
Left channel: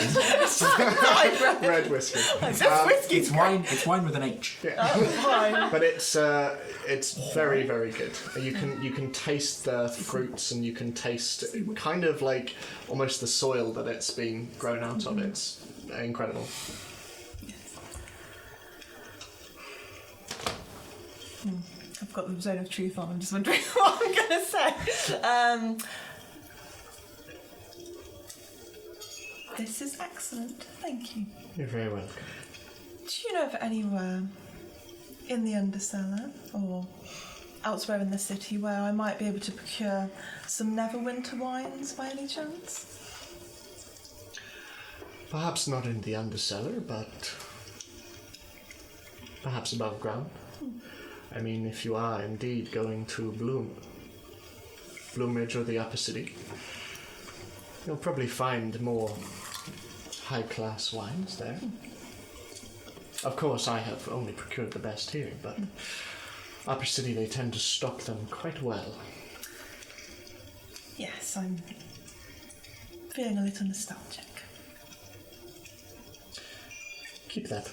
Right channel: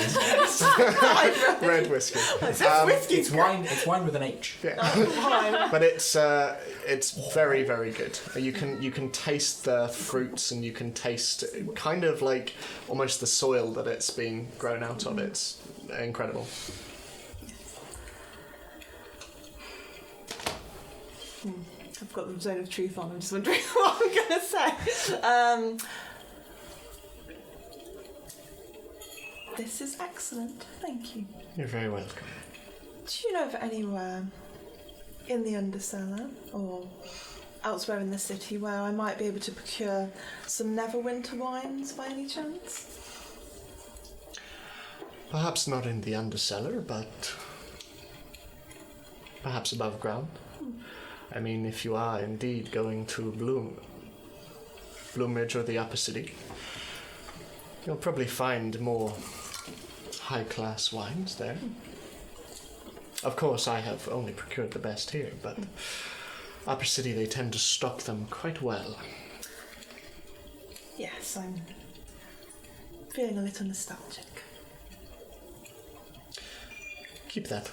red whiskey. It's whiskey. It's wine with an H. Fine. But it's very, very good. You can taste the fruits and you can taste kind of like almost the soil that it's been grown out of. It's incredible. I've got the zone of truth on. I'm just wondering what I'm going to say. This is excellent. Thank you. You're very welcome. Do you know of anywhere in the Undercellar or elsewhere in the city where I might be able to procure some Neverwinter wines by any chance? Perhaps not in the Undercellar, but perhaps above ground. I mean, if you are indeed going to Bloomridge or the Upper City, you'll probably find more high-class wines there. Of course, I have only procured the best here, but Upper City, they tend to stock them quite well. Yes, I'm feeling a little nostalgic. Keep that.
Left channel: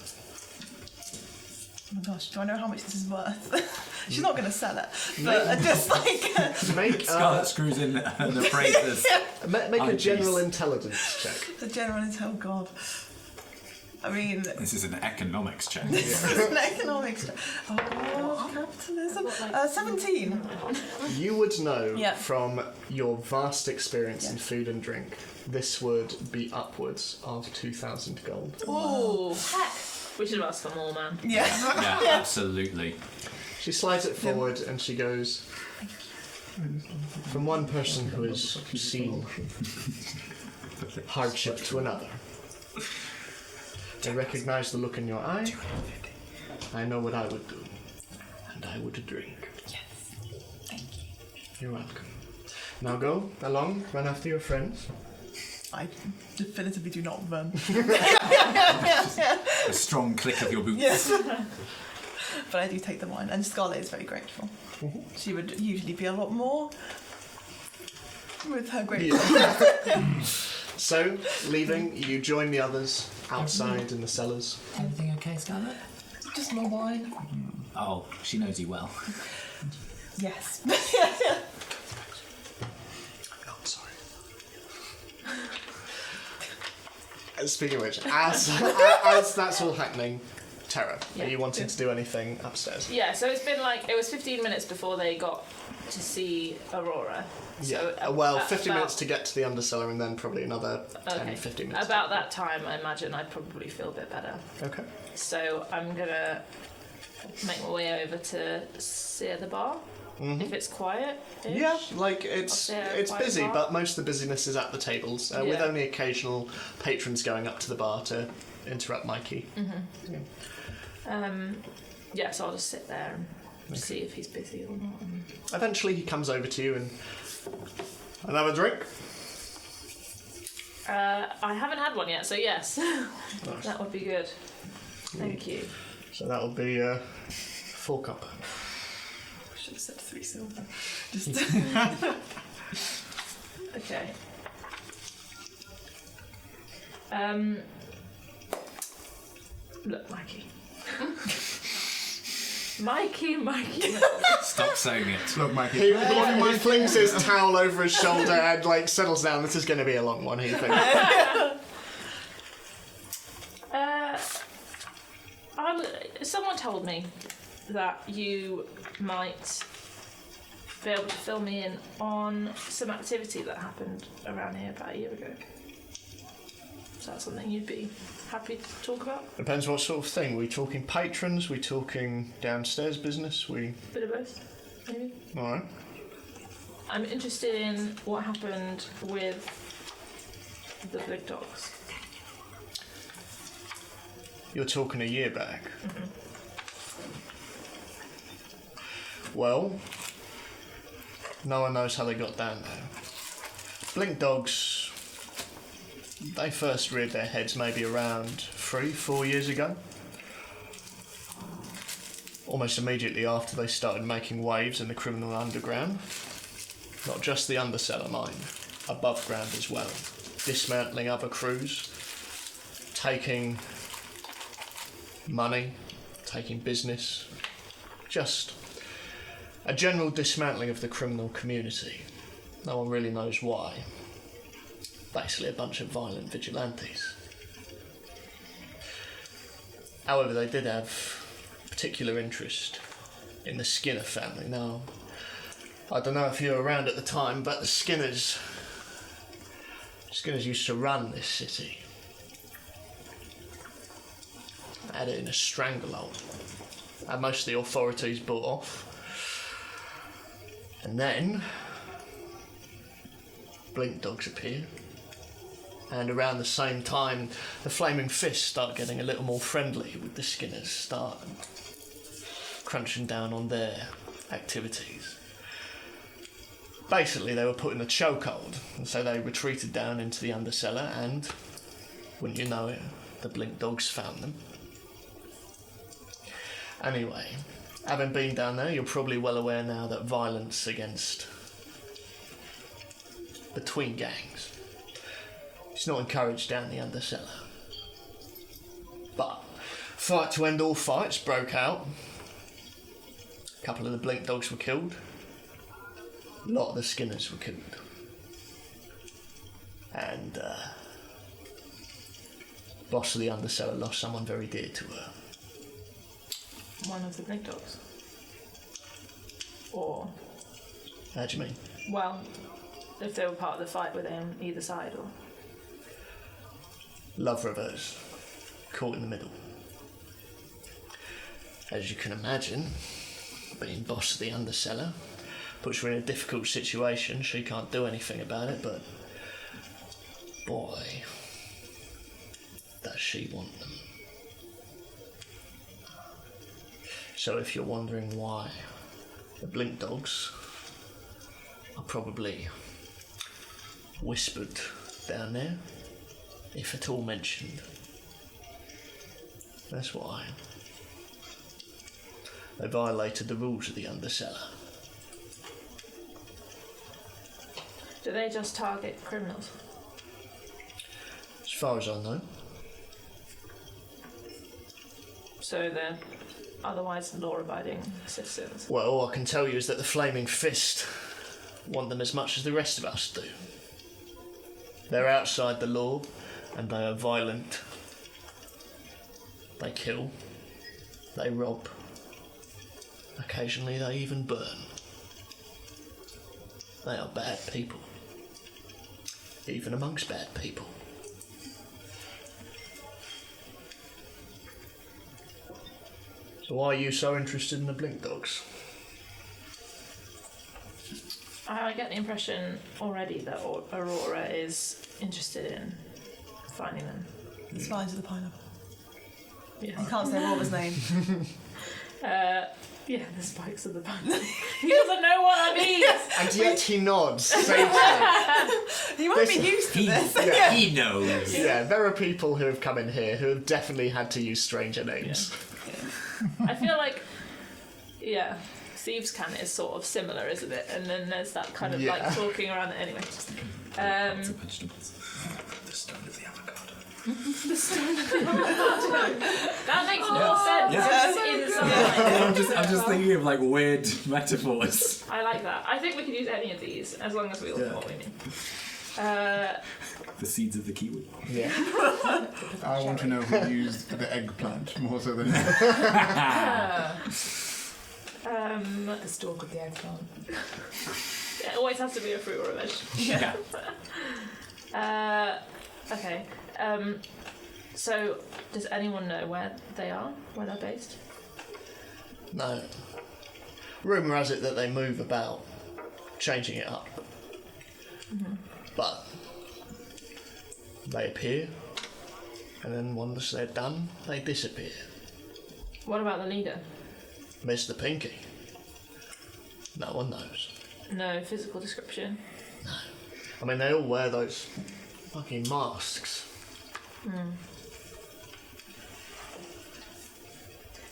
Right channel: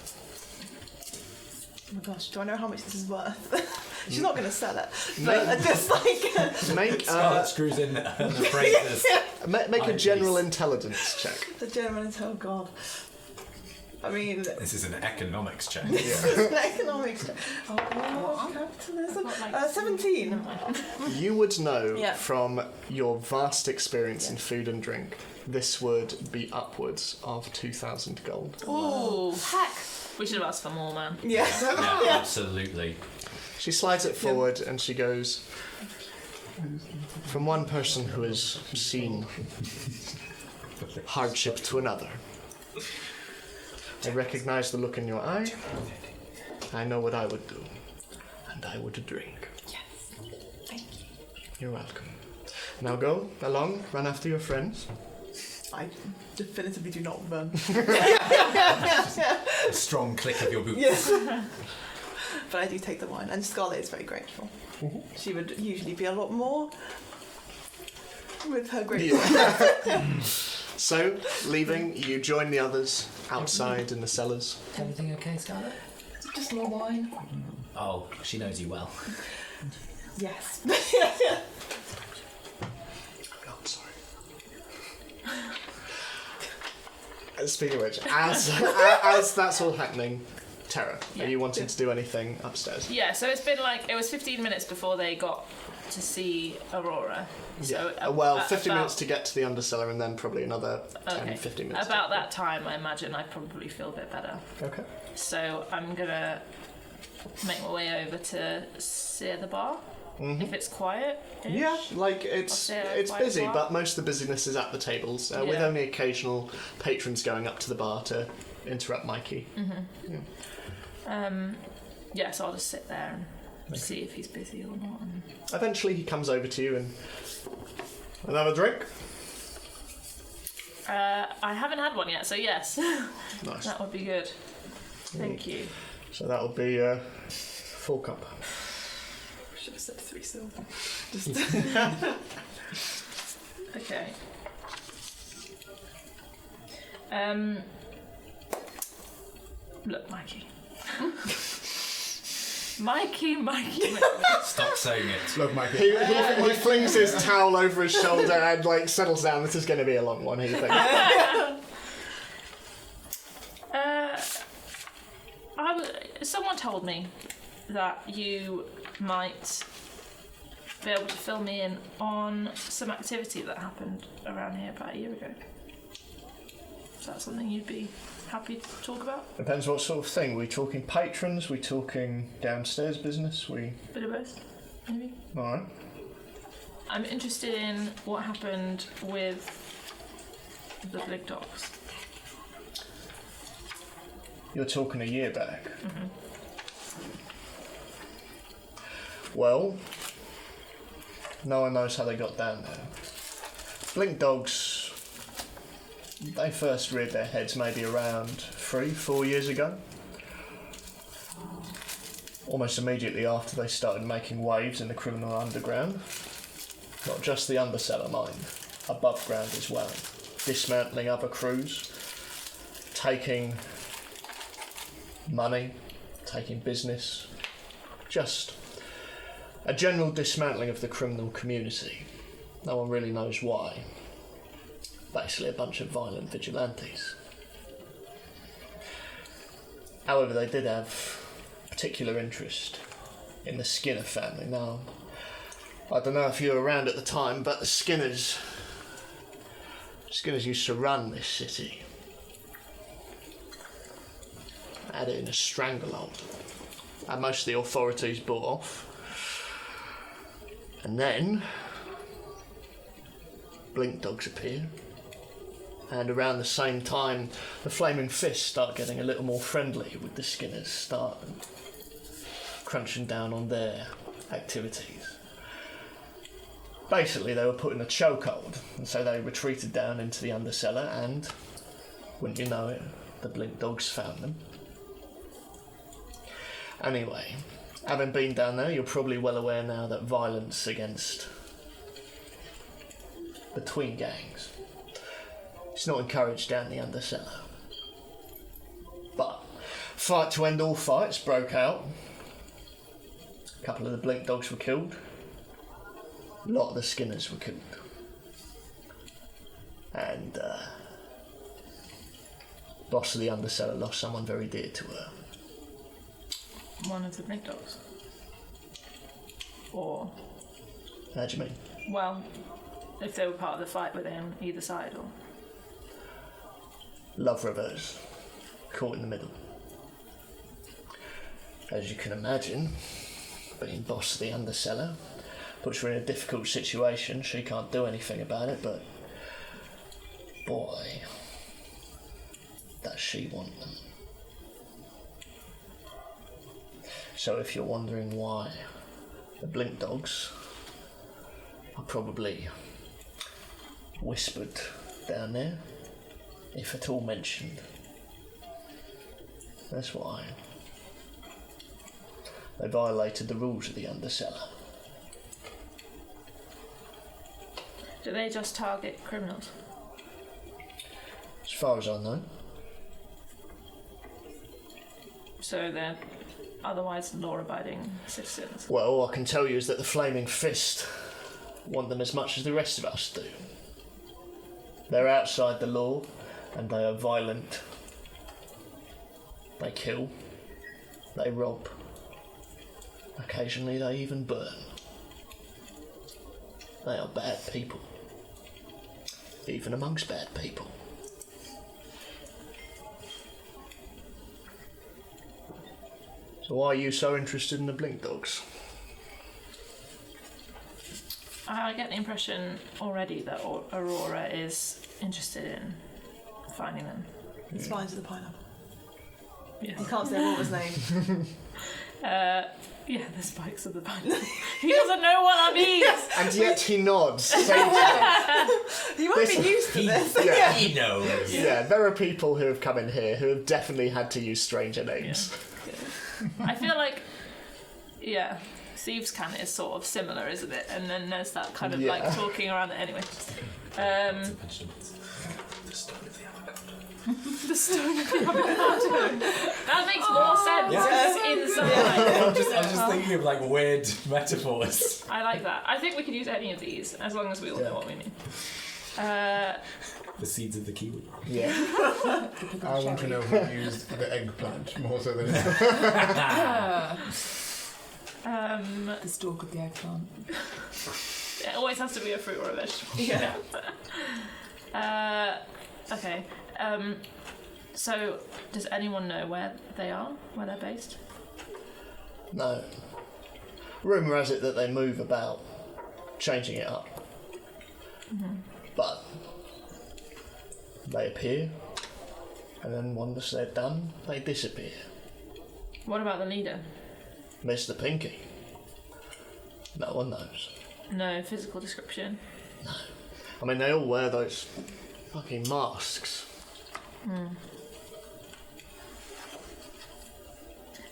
Oh my gosh, do I know how much this is worth? She's not going to sell it, but just like... Make, Scarlet screws in an appraiser's. make a Eyepiece. general intelligence check. The general oh god. I mean... This is an economics check. It's an economics check. Oh god, capitalism. 17. You would know Yeah. from your vast experience in food and drink, this would be upwards of 2,000 gold. Ooh, heck. We should have asked for more, man. Yeah. Yeah, absolutely. She slides it forward and she goes, from one person who has seen hardship to another. I recognise the look in your eye. I know what I would do. And I would drink. Yes. Thank you. You're welcome. Now go along, run after your friends. I definitively do not run. A strong click of your boots. Yes. But I do take the wine, and Scarlett is very grateful. She would usually be a lot more with her gratefulness. So, leaving, you join the others outside in the cellars. Everything okay, Scarlet? Just more wine. Oh, she knows you well. Yes. Oh, sorry. Speaking of which, as that's all happening, Tara, are you wanting to do anything upstairs? Yeah, so it's been like, it was 15 minutes before they got to see Aurora. So Yeah, well, 50 about- minutes to get to the undercellar and then probably another 10, Okay. 15 minutes. About that time, I imagine I'd probably feel a bit better. Okay. So I'm gonna make my way over to see the bar. If it's quiet. Yeah, like it's stay at a it's quiet busy, bar. but most of the busyness is at the tables, with Yeah. only occasional patrons going up to the bar to interrupt Mikey. Yeah, so I'll just sit there and see if he's busy or not. Eventually, he comes over to you and another drink. I haven't had one yet, so yes, Nice. that would be good. Thank you. So that'll be 4 cup. Should have said 3 silver. Just Okay. Look, Mikey. Mikey. Stop saying it. Look, Mikey. He flings his towel over his shoulder and like settles down. This is going to be a long one. He thinks. Someone told me that you might be able to fill me in on some activity that happened around here about a year ago. Is that something you'd be happy to talk about? Depends what sort of thing. We talking patrons? We talking downstairs business? We Bit of both, maybe? all right. I'm interested in what happened with the big dogs. You're talking a year back. Well, no one knows how they got down there. Blink dogs, they first reared their heads maybe around 3-4 years ago. Almost immediately after they started making waves in the criminal underground. Not just the undercellar, mind, above ground as well. Dismantling other crews, taking money, taking business, just a general dismantling of the criminal community. No one really knows why. Basically a bunch of violent vigilantes. However, they did have particular interest in the Skinner family. Now, I don't know if you were around at the time, but the Skinners used to run this city. Had it in a stranglehold. And most of the authorities bought off. And then Blink dogs appear. And around the same time, the Flaming Fists start getting a little more friendly with the Skinners, start crunching down on their activities. Basically, they were put in a chokehold, and so they retreated down into the undercellar, and, wouldn't you know it, the Blink dogs found them. Anyway, having been down there, you're probably well aware now that violence between gangs, it's not encouraged down the undercellar. But Fight to end all fights broke out. A couple of the blink dogs were killed. A lot of the skinners were killed. And boss of the underseller lost someone very dear to her. One of the blink dogs. Or, How do you mean? well, if they were part of the fight, were they on either side, or? Love reverse. Caught in the middle. As you can imagine, being boss of the underseller puts her in a difficult situation. She can't do anything about it, but boy, does she want them. So if you're wondering why the blink dogs are probably whispered down there, if at all mentioned, that's why. They violated the rules of the underseller. Do they just target criminals? As far as I know. So they're otherwise law-abiding citizens? Well, all I can tell you is that the Flaming Fist want them as much as the rest of us do. They're outside the law, and they are violent. They kill. They rob. Occasionally they even burn. They are bad people. Even amongst bad people. So why are you so interested in the blink dogs? I get the impression already that Aurora is interested in finding them. Spines of the pineapple. Yeah. I can't say Auror's name. Yeah, the spikes of the pineapple. He doesn't know what that means! And yet he nods. Saintly. You might be used to this. Yeah. He knows. Yeah, there are people who have come in here who have definitely had to use stranger names. I feel like, yeah, Thieves' Cant is sort of similar, isn't it? And then there's that kind of Yeah. like talking around it anyway. Vegetables. The stone of the avocado. That makes more sense. I'm just thinking of like weird metaphors. I like that. I think we could use any of these as long as we all know what we mean. The seeds of the kiwi. Yeah. I want to know who used the eggplant more so than The stalk of the eggplant. It always has to be a fruit or a veg. Yeah. Okay. So, does anyone know where they are? Where they're based? No. Rumour has it that they move about, changing it up. Mm-hmm. But they appear, and then once they're done, they disappear. What about the leader? Mr. Pinky. No one knows. No physical description. I mean, they all wear those fucking masks.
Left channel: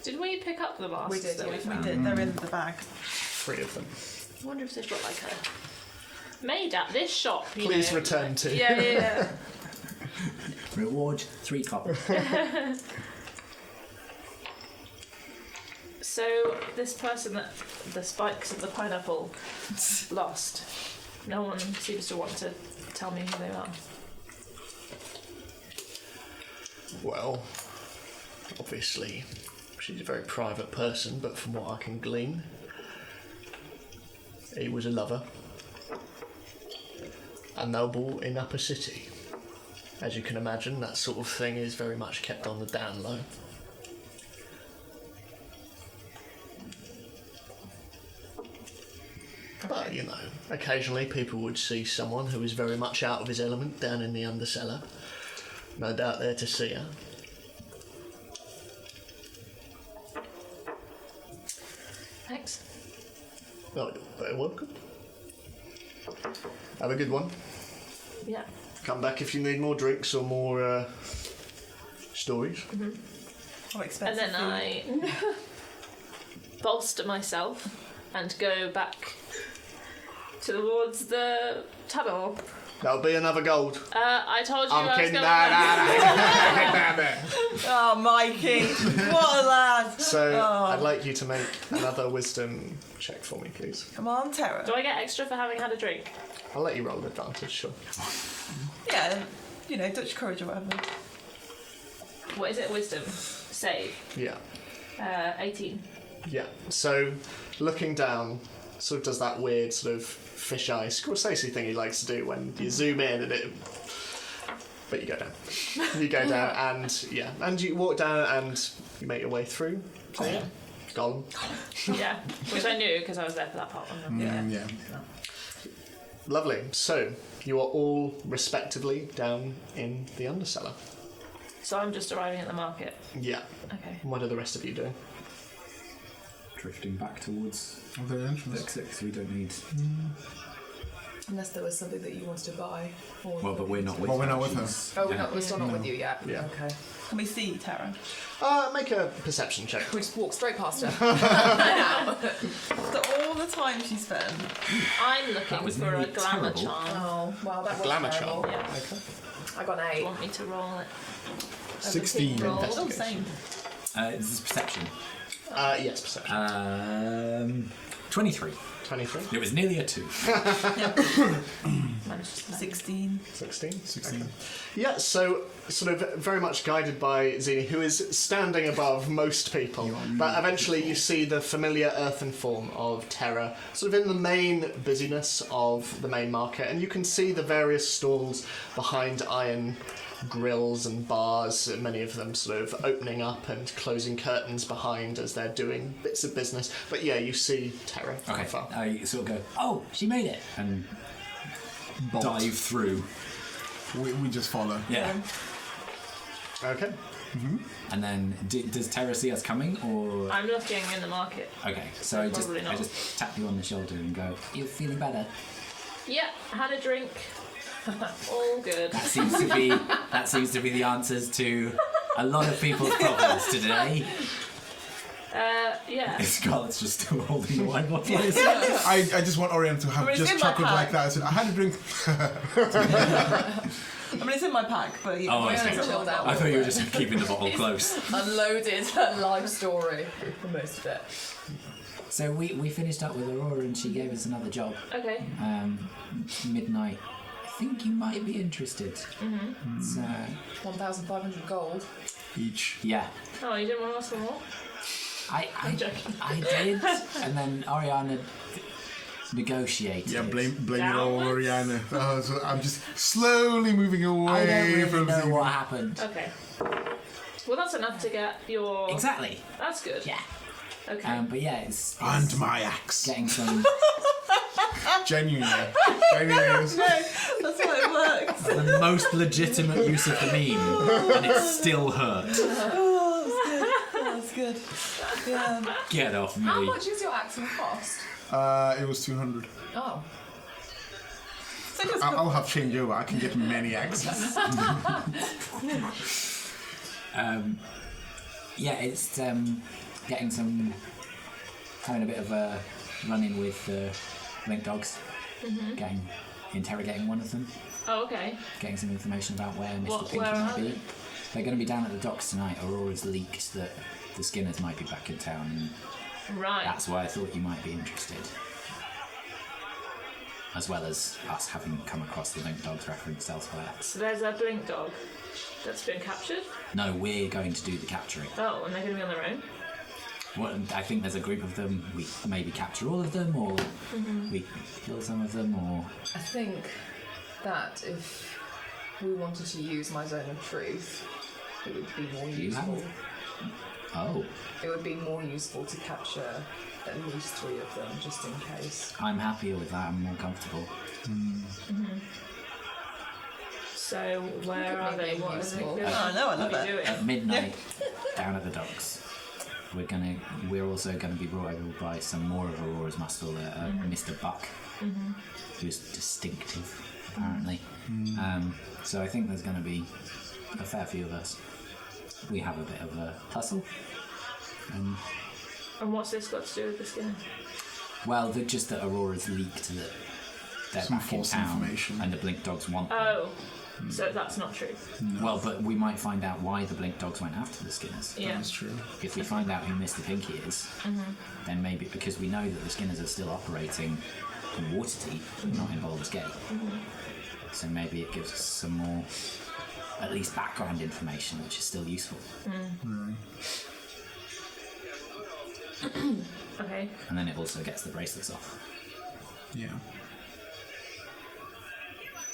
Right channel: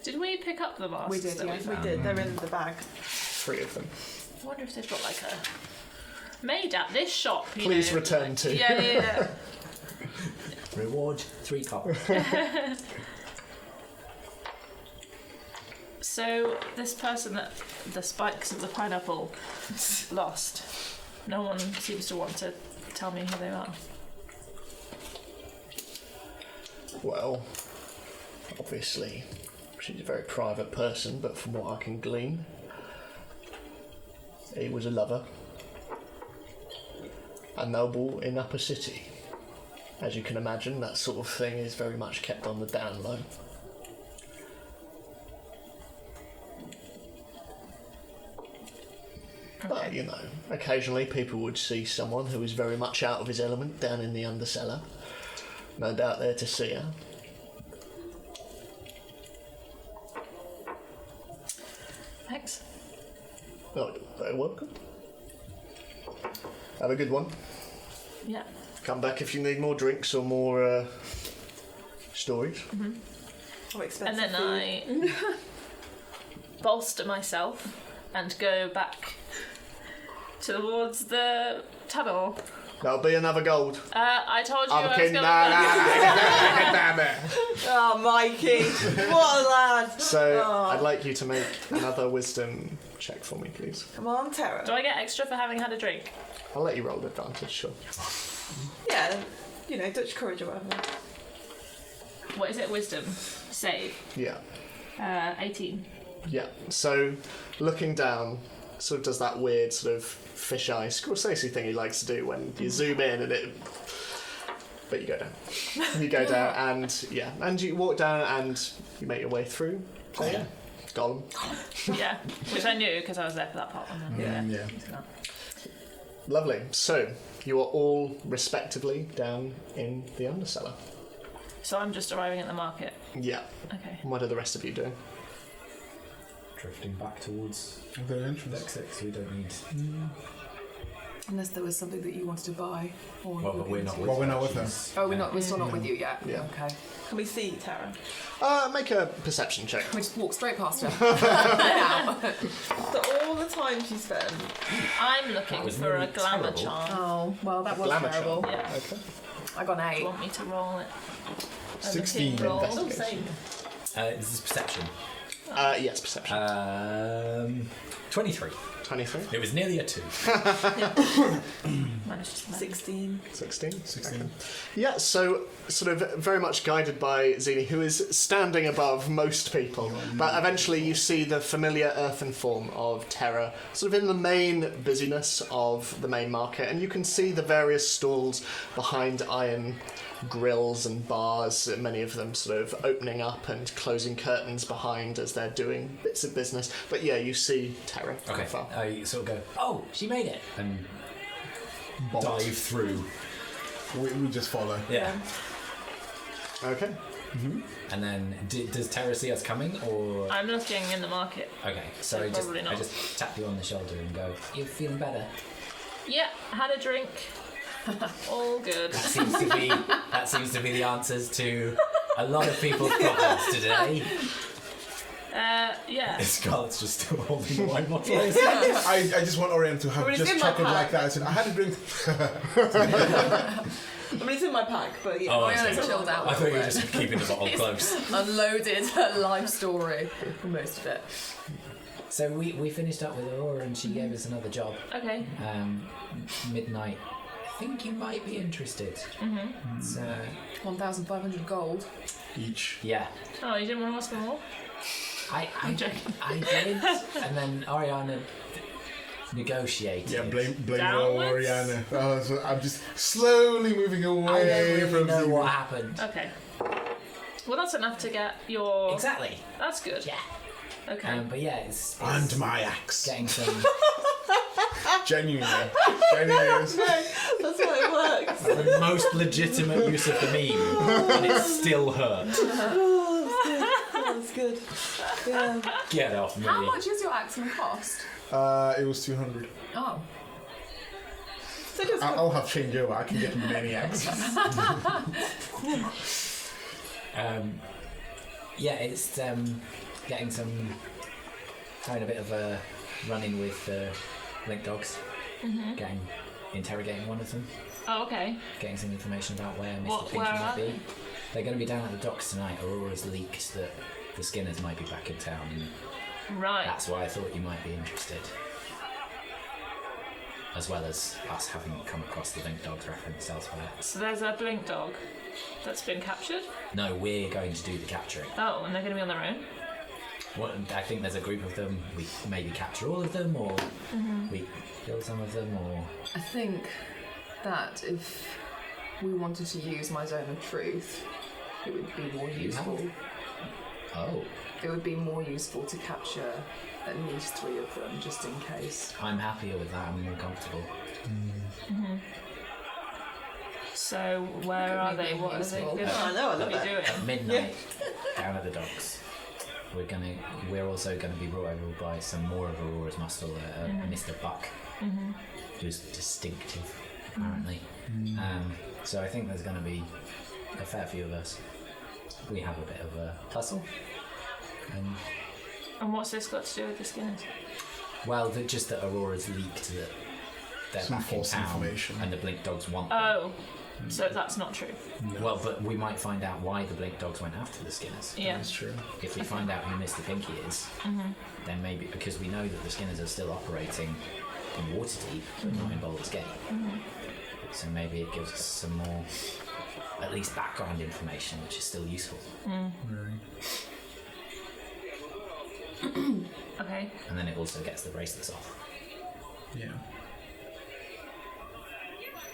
Did we pick up the masks? We did, that yeah, we we found? did. They're in the bag. 3 of them. I wonder if they've got like a made at this shop. You Please know, return like- to. Yeah. Reward 3 copper. So this person that the spikes of the pineapple lost. No one seems to want to tell me who they are. Well, obviously, she's a very private person, but from what I can glean, he was a lover. A noble in Upper City. As you can imagine, that sort of thing is very much kept on the down low. But, you know, occasionally people would see someone who is very much out of his element down in the undercellar. No doubt there to see her. Thanks. Oh, very welcome. Have a good one. Yeah. Come back if you need more drinks or more stories. Oh, expensive. And then I bolster myself and go back towards the tunnel That'll be another gold. I told you I'm I was kidding. going Oh, Mikey. What a lad. So Oh. I'd like you to make another wisdom check for me, please. Come on, Tara. Do I get extra for having had a drink? I'll let you roll with advantage, sure. Yeah, you know, Dutch courage or whatever. What is it? Wisdom. Save. Yeah. 18. Yeah. So looking down, sort of does that weird sort of fisheye Scorsese thing he likes to do when you zoom in and it. But you go down. You go down and yeah, and you walk down and you make your way through. So yeah, Gollum. Yeah. Which I knew because I was there for that part. Yeah. Lovely. So you are all respectively down in the undercellar. So I'm just arriving at the market. Yeah. Okay. What are the rest of you doing? Drifting back towards The entrance. exit, because we don't need. Unless there was something that you wanted to buy. Or Well, but we're not with Well, we're her. not with her. She's- Oh, we're still not with you yet. Yeah. Okay. Can we see Tara? Make a perception check. We just walk straight past her. After all the time she spent. I'm That looking was for a nearly glamour terrible. charm. Oh, well, that was Glamour terrible. charm. Yeah. Okay. I got an Do 8. you want me to roll it? As a 16. roll? Oh, Investigation. same. This is perception. Yes, perception. 23. 23. It was nearly a 2. Managed to 16. 16. Okay. Yeah, so sort of very much guided by Zini, who is standing above most people. But eventually you see the familiar earthen form of Terra, sort of in the main busyness of the main market, and you can see the various stalls behind iron grills and bars, many of them sort of opening up and closing curtains behind as they're doing bits of business. But yeah, you see Terra from Okay, afar. I sort of go, oh, she made it, and dive through. We just follow. Yeah. Okay. And then, does Tara see us coming, or? I'm looking in the market. Okay, so I Probably not. just tap you on the shoulder and go, you feeling better? Yeah, had a drink. All good. That seems to be the answers to a lot of people's problems today. Yeah. Scarlett's just still holding the wine bottle. I just want Orion to have Well, it's just in my chuckled pack. like that. I said, I had a drink. I mean, it's in my pack, but yeah. Oh, Oriana's okay. chilled out. I thought you were just keeping the bottle close. Unloaded her life story for most of it. So we finished up with Aurora and she gave us another job. Okay. Midnight. I think you might be interested. It's, 1,500 gold. Each. yeah. Oh, you didn't want to ask for more? I did, and then Oriana negotiated. Yeah, blame it on Downwards? Oriana. Oh, so I'm just slowly moving away I don't really from know Zini. what happened. Okay. Well, that's enough to get your. Exactly. That's good. Yeah. Okay. But yeah, it's And my axe. getting some. Genuinely. Genuinely. That's why it works. The most legitimate use of the meme, and it still hurt. Oh, that's good. Yeah. Get off me. How much is your axe going to cost? It was 200. Oh. So just I'll have change over. I can get many axes. Yeah, it's getting some. Having a bit of a run-in with link dogs. Interrogating one of them. Oh, okay. Getting some information about where Mr. Where Pinky might are be. they? They're going to be down at the docks tonight. Aurora's leaked that the Skinners might be back in town, and Right. that's why I thought you might be interested. As well as us having come across the link dogs referenced elsewhere. So there's a blink dog that's been captured. No, we're going to do the capturing. Oh, and they're going to be on their own. Well, I think there's a group of them. We maybe capture all of them, or we kill some of them, or I think that if we wanted to use my zone of truth, it would be more You useful. have? Oh, It would be more useful to capture at least 3 of them, just in case. I'm happier with that. I'm more comfortable. So where are they? What are they Useful. going I know, I love to be it. doing? At midnight, down at the docks, we're also gonna be brought over by some more of Aurora's muscle, Mr. Buck, who's distinctive apparently. So I think there's gonna be a fair few of us. We have a bit of a hustle, and And what's this got to do with the Skinners? well, just that Aurora's leaked that they're Some back in false town information. and the Blink Dogs want them. Oh, so that's not true. Well, but we might find out why the Blink Dogs went after the Skinners. Yeah. That's true. If we find out who Mr. Pinky is, then maybe, because we know that the Skinners are still operating in Waterdeep, but not in Baldur's Gate. So maybe it gives us some more, at least background information, which is still useful. Okay. And then it also gets the bracelets off. Yeah.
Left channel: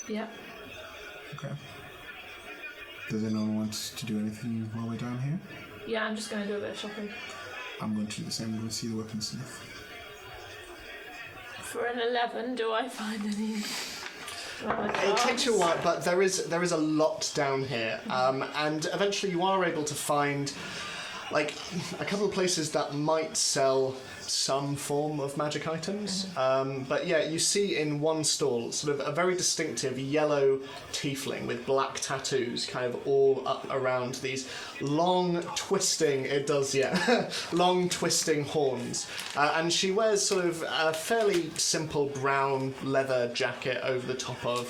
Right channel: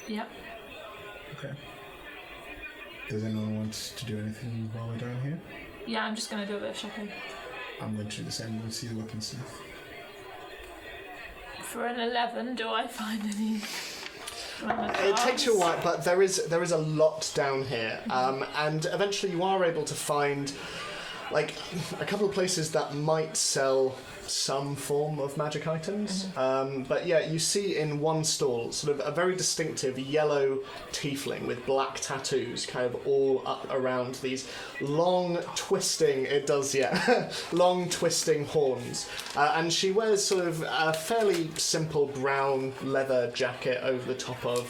Yep. Okay. Does anyone want to do anything while we're down here? Yeah, I'm just going to do a bit of shopping. I'm going to do the same. I'm going to see the weaponsmith. For an 11, do I find any? It takes you a while, but there is a lot down here, and eventually you are able to find like a couple of places that might sell some form of magic items. But yeah, you see in one stall sort of a very distinctive yellow tiefling with black tattoos kind of all up around these long twisting, long twisting horns. And she wears sort of a fairly simple brown leather jacket over the top of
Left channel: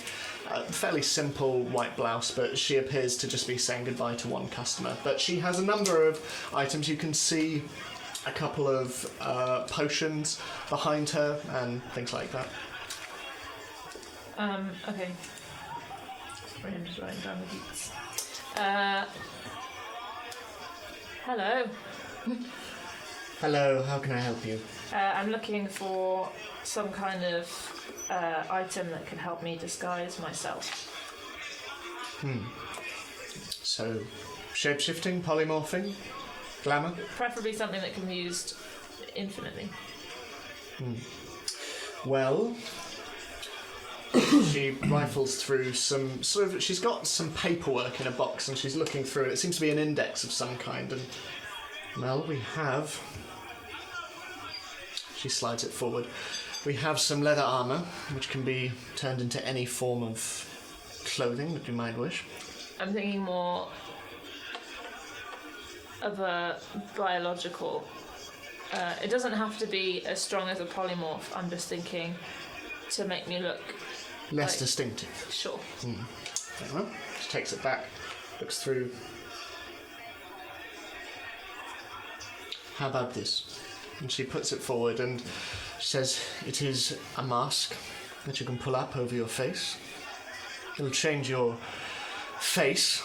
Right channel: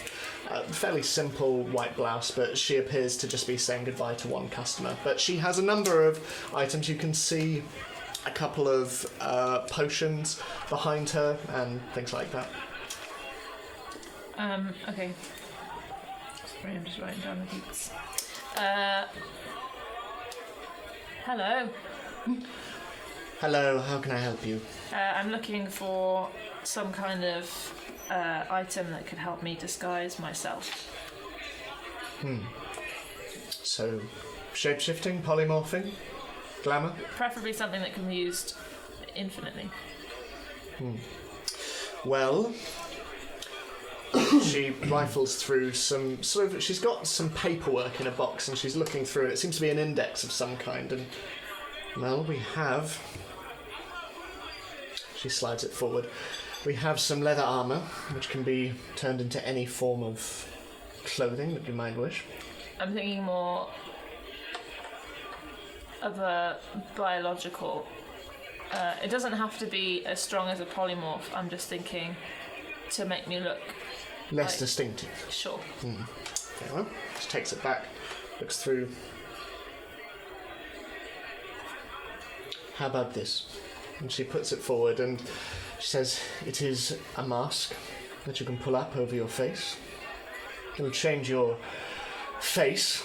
a fairly simple white blouse, but she appears to just be saying goodbye to one customer. But she has a number of items. You can see a couple of potions behind her and things like that. Okay. Sorry, I'm just writing down the beats. Hello. Hello, how can I help you? I'm looking for some kind of item that could help me disguise myself. So, shape-shifting, polymorphing, glamour? Preferably something that can be used infinitely. Well, she rifles through some sort of. She's got some paperwork in a box and she's looking through it. It seems to be an index of some kind. And, well, we have. She slides it forward. We have some leather armour, which can be turned into any form of clothing that you might wish. I'm thinking more of a biological. It doesn't have to be as strong as a polymorph. I'm just thinking to make me look Less like- distinctive. sure. Very well. She takes it back, looks through. How about this? And she puts it forward and she says, it is a mask that you can pull up over your face. It'll change your face,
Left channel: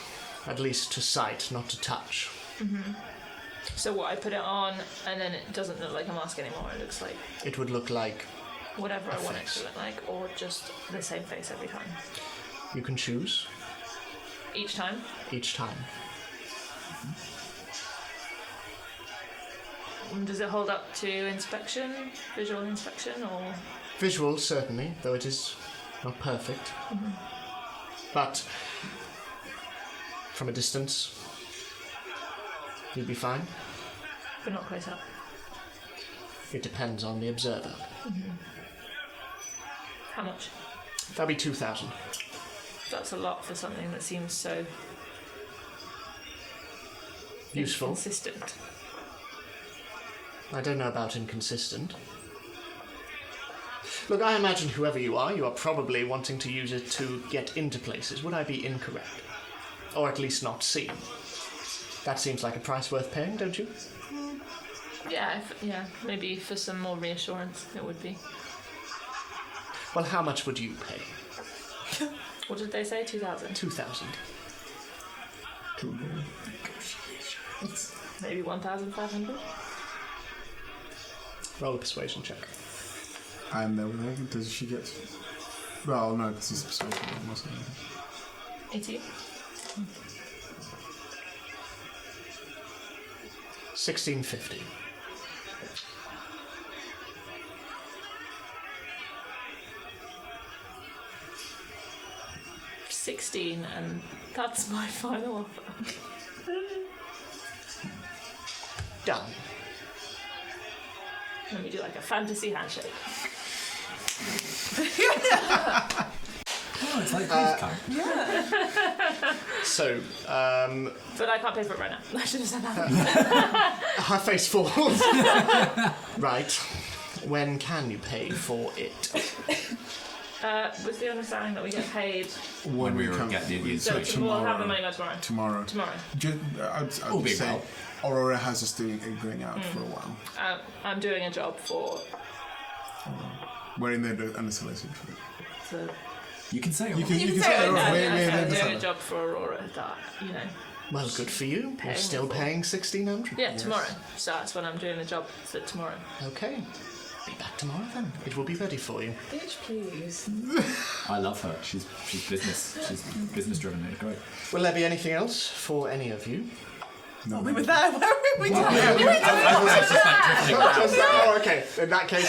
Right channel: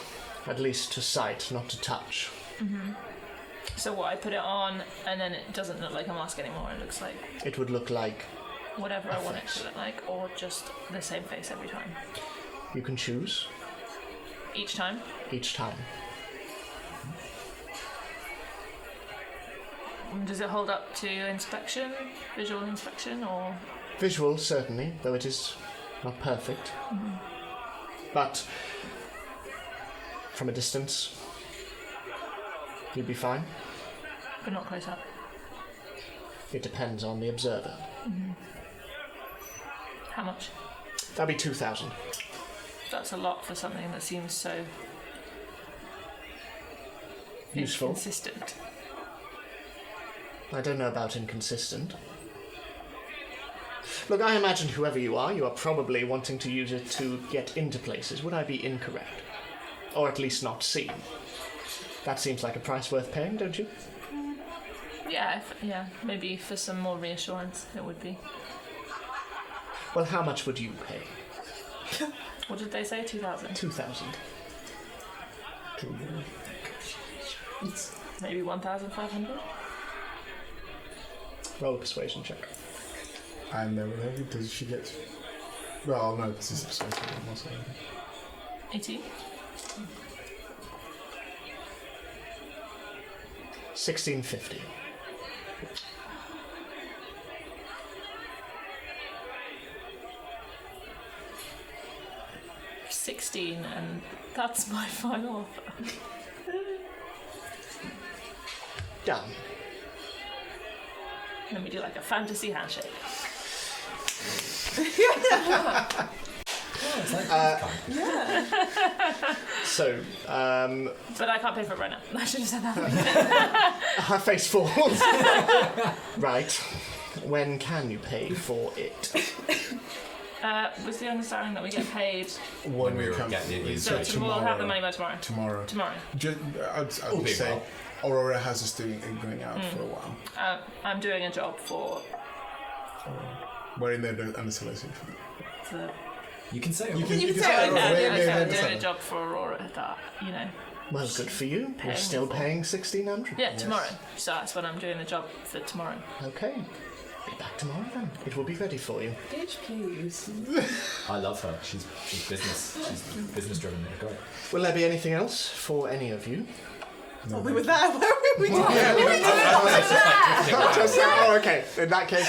at least to sight, not to touch. So what, I put it on and then it doesn't look like a mask anymore. It looks like It would look like whatever I want it face. to look like, or just the same face every time. you can choose Each time. each time. Does it hold up to inspection, visual inspection, or? Visual, certainly, though it is not perfect. But from a distance, you'd be fine. But not close up. It depends on the observer. How much? That'd be 2,000. That's a lot for something that seems so Useful. consistent. I don't know about inconsistent. Look, I imagine whoever you are probably wanting to use it to get into places. Would I be incorrect? Or at least not seen? That seems like a price worth paying, don't you? Yeah, maybe for some more reassurance it would be. Well, how much would you pay? What did they say? 2,000? 2,000. Maybe 1,500? Roll a persuasion check. I'm there with her. Does she get? Well, no, because this is 18? 1650. $16, and that's my final offer. Done. Let me do like a fantasy handshake. Oh, it's like these kind. So, But I can't pay for it right now. I should have said that. her face falls. Right. When can you pay for it? With the understanding that we get paid, When we were come, getting the so information. we'll have the money by tomorrow. Tomorrow. Tomorrow. I would big say well. Aurora has this thing going out for a while. I'm doing a job for We're in there under solicitation. the. You can say You it. can say say it, Aurora. no, We're I'm in doing there. a job for Aurora that, Well, good for you. You're still paying 1,600. Yeah, tomorrow. So that's when I'm doing the job for tomorrow. Okay. Be back tomorrow then. It will be ready for you. Bitch, please. I love her. She's business. She's business driven. It's great. Will there be anything else for any of you? We were there. Where were we? Oh, okay. In that case,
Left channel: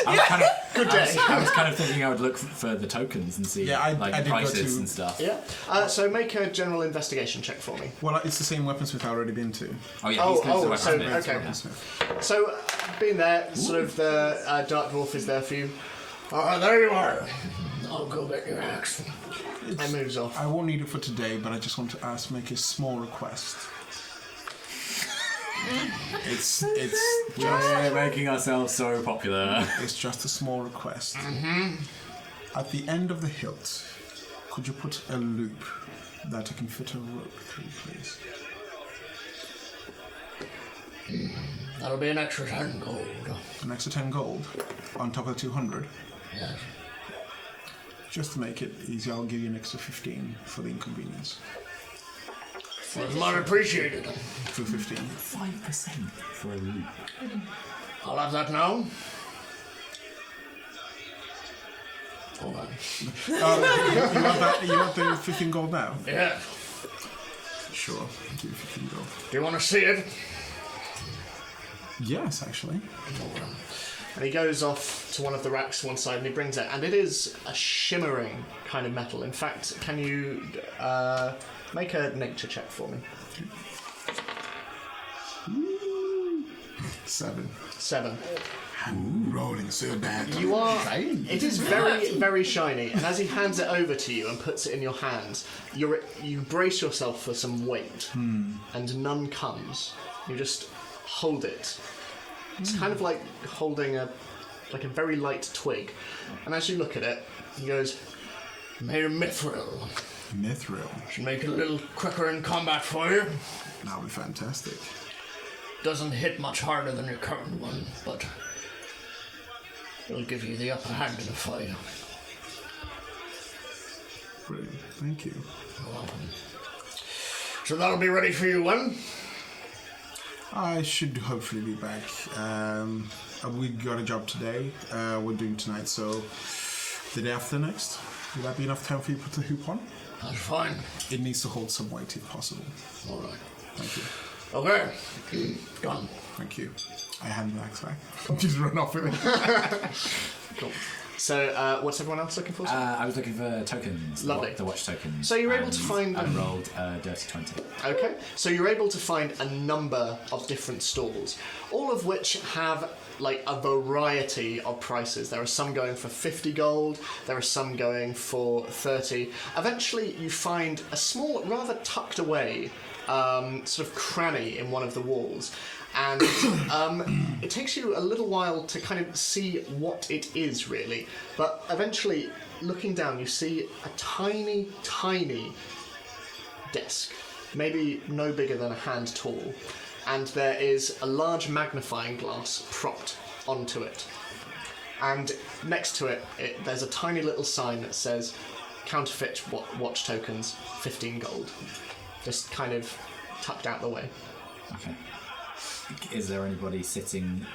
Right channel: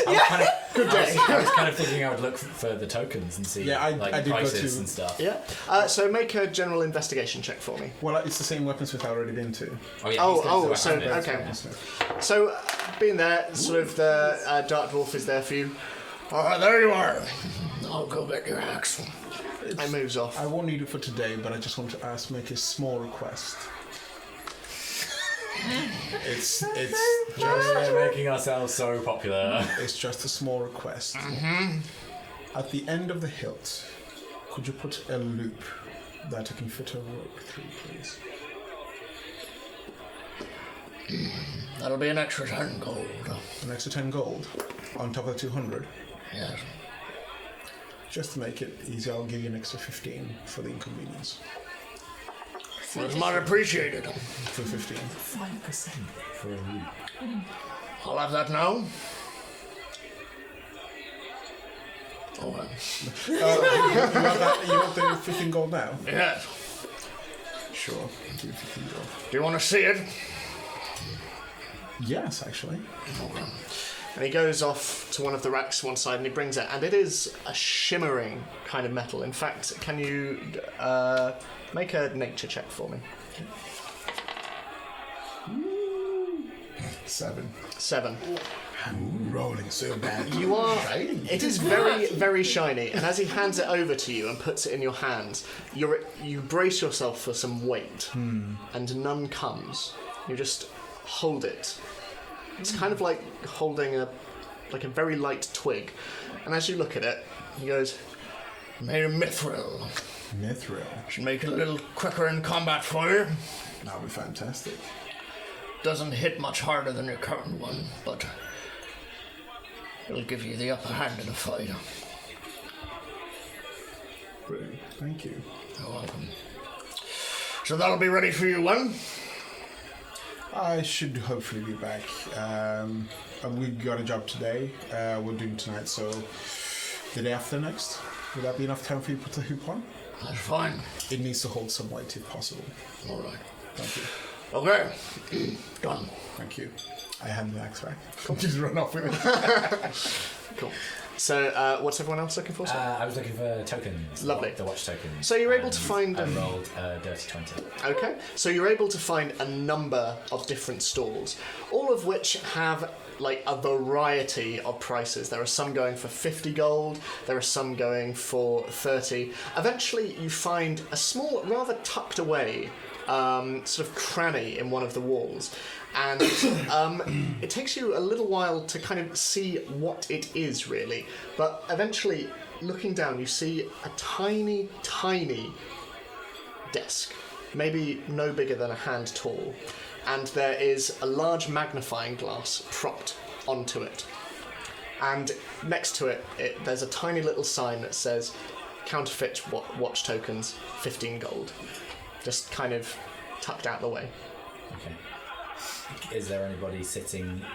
good day. I was kind of thinking I would look for the tokens and see I like did go prices to- and stuff. Yeah. So make a general investigation check for me. Well, it's the same weaponsmith I've already been to. Oh yeah. he's going to the so weapons bit. okay. So, being there, sort of the dark dwarf is there for you. Oh, there you are. I'll go get your axe. It moves off. I won't need it for today, but I just want to make a small request. It's We're making ourselves so popular. It's just a small request. At the end of the hilt, could you put a loop that I can fit a rope through, please? That'll be an extra 10 gold. An extra 10 gold on top of the 200. Yes. Just to make it easy, I'll give you an extra 15 for the inconvenience. Well, it's much appreciated. For 15. 5% for a loop. I'll have that now. Oh, You want the 15 gold now? yes. Sure. I'll give you 15 gold. Do you want to see it? Yes, actually. And he goes off to one of the racks to one side and he brings it, and it is a shimmering kind of metal. In fact, can you make a nature check for me? 7. 7. Rolling so bad. You are. It is very, very shiny, and as he hands it over to you and puts it in your hands, you brace yourself for some weight, and none comes. You just hold it. It's kind of like holding a very light twig, and as you look at it, he goes, Made of mithril. Mithril. Should make it a little quicker in combat for you. That would be fantastic. Doesn't hit much harder than your current one, but it'll give you the upper hand in a fight. Brilliant. Thank you. You're welcome. So that'll be ready for you when? I should hopefully be back. We got a job today. We're doing tonight, so the day after next. Will that be enough time for you to put the hoop on? That's fine. It needs to hold some weight if possible. All right. Thank you. Okay. Done. Thank you. I hand the axe back. Just run off with it. cool. So, what's everyone else looking for? I was looking for tokens. Lovely. The watch tokens. So you're able and to find I them. rolled a dirty 20. Okay, so you're able to find a number of different stalls, all of which have like a variety of prices. There are some going for 50 gold, there are some going for 30. Eventually you find a small, rather tucked away sort of cranny in one of the walls, and it takes you a little while to kind of see what it is really, but eventually looking down you see a tiny desk, maybe no bigger than a hand tall, and there is a large magnifying glass propped onto it. And next to it, there's a tiny little sign that says counterfeit watch tokens, 15 gold. Just kind of tucked out the way. Okay. Is there anybody sitting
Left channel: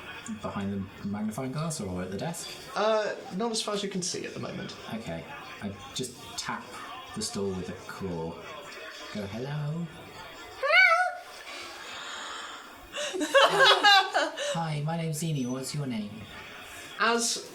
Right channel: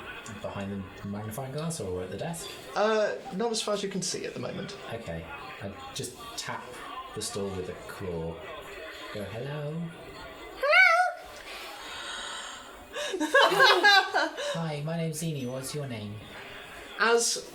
behind the magnifying glass or at the desk? Not as far as you can see at the moment. Okay. I just tap the stall with a claw. Go, hello. Hi, my name's Zini. What's your name? As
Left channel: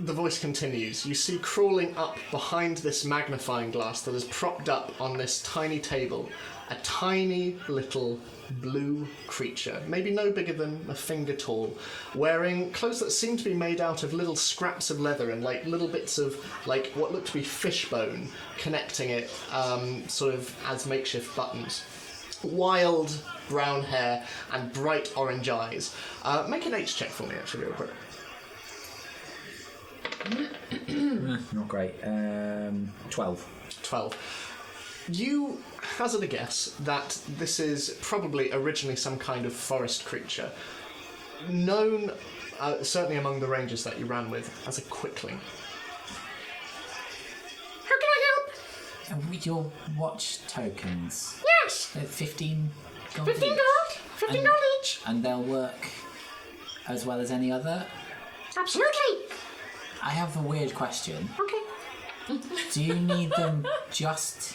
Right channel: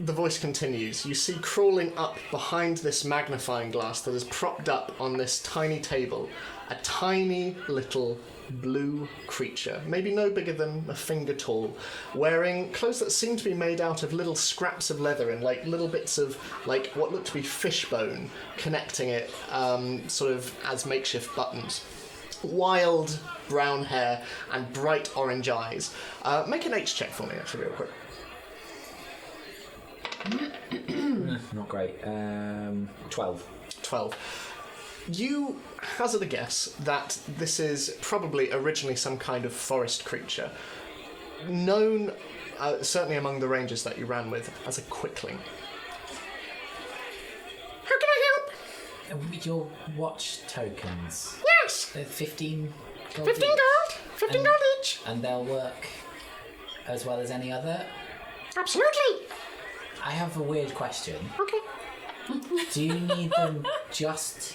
the voice continues, you see crawling up behind this magnifying glass that is propped up on this tiny table, a tiny little blue creature, maybe no bigger than a finger tall, wearing clothes that seem to be made out of little scraps of leather and like little bits of like what look to be fish bone connecting it sort of as makeshift buttons. Wild brown hair and bright orange eyes. Make an H check for me actually real quick. Not great. 12. 12. You hazard a guess that this is probably originally some kind of forest creature, known, certainly among the rangers that you ran with, as a quickling. How can I help? With your watch tokens. Yes! They're 15 gold 15 each. gold! 15 gold each! And they'll work as well as any other. Absolutely! I have a weird question. Okay. Do you need them just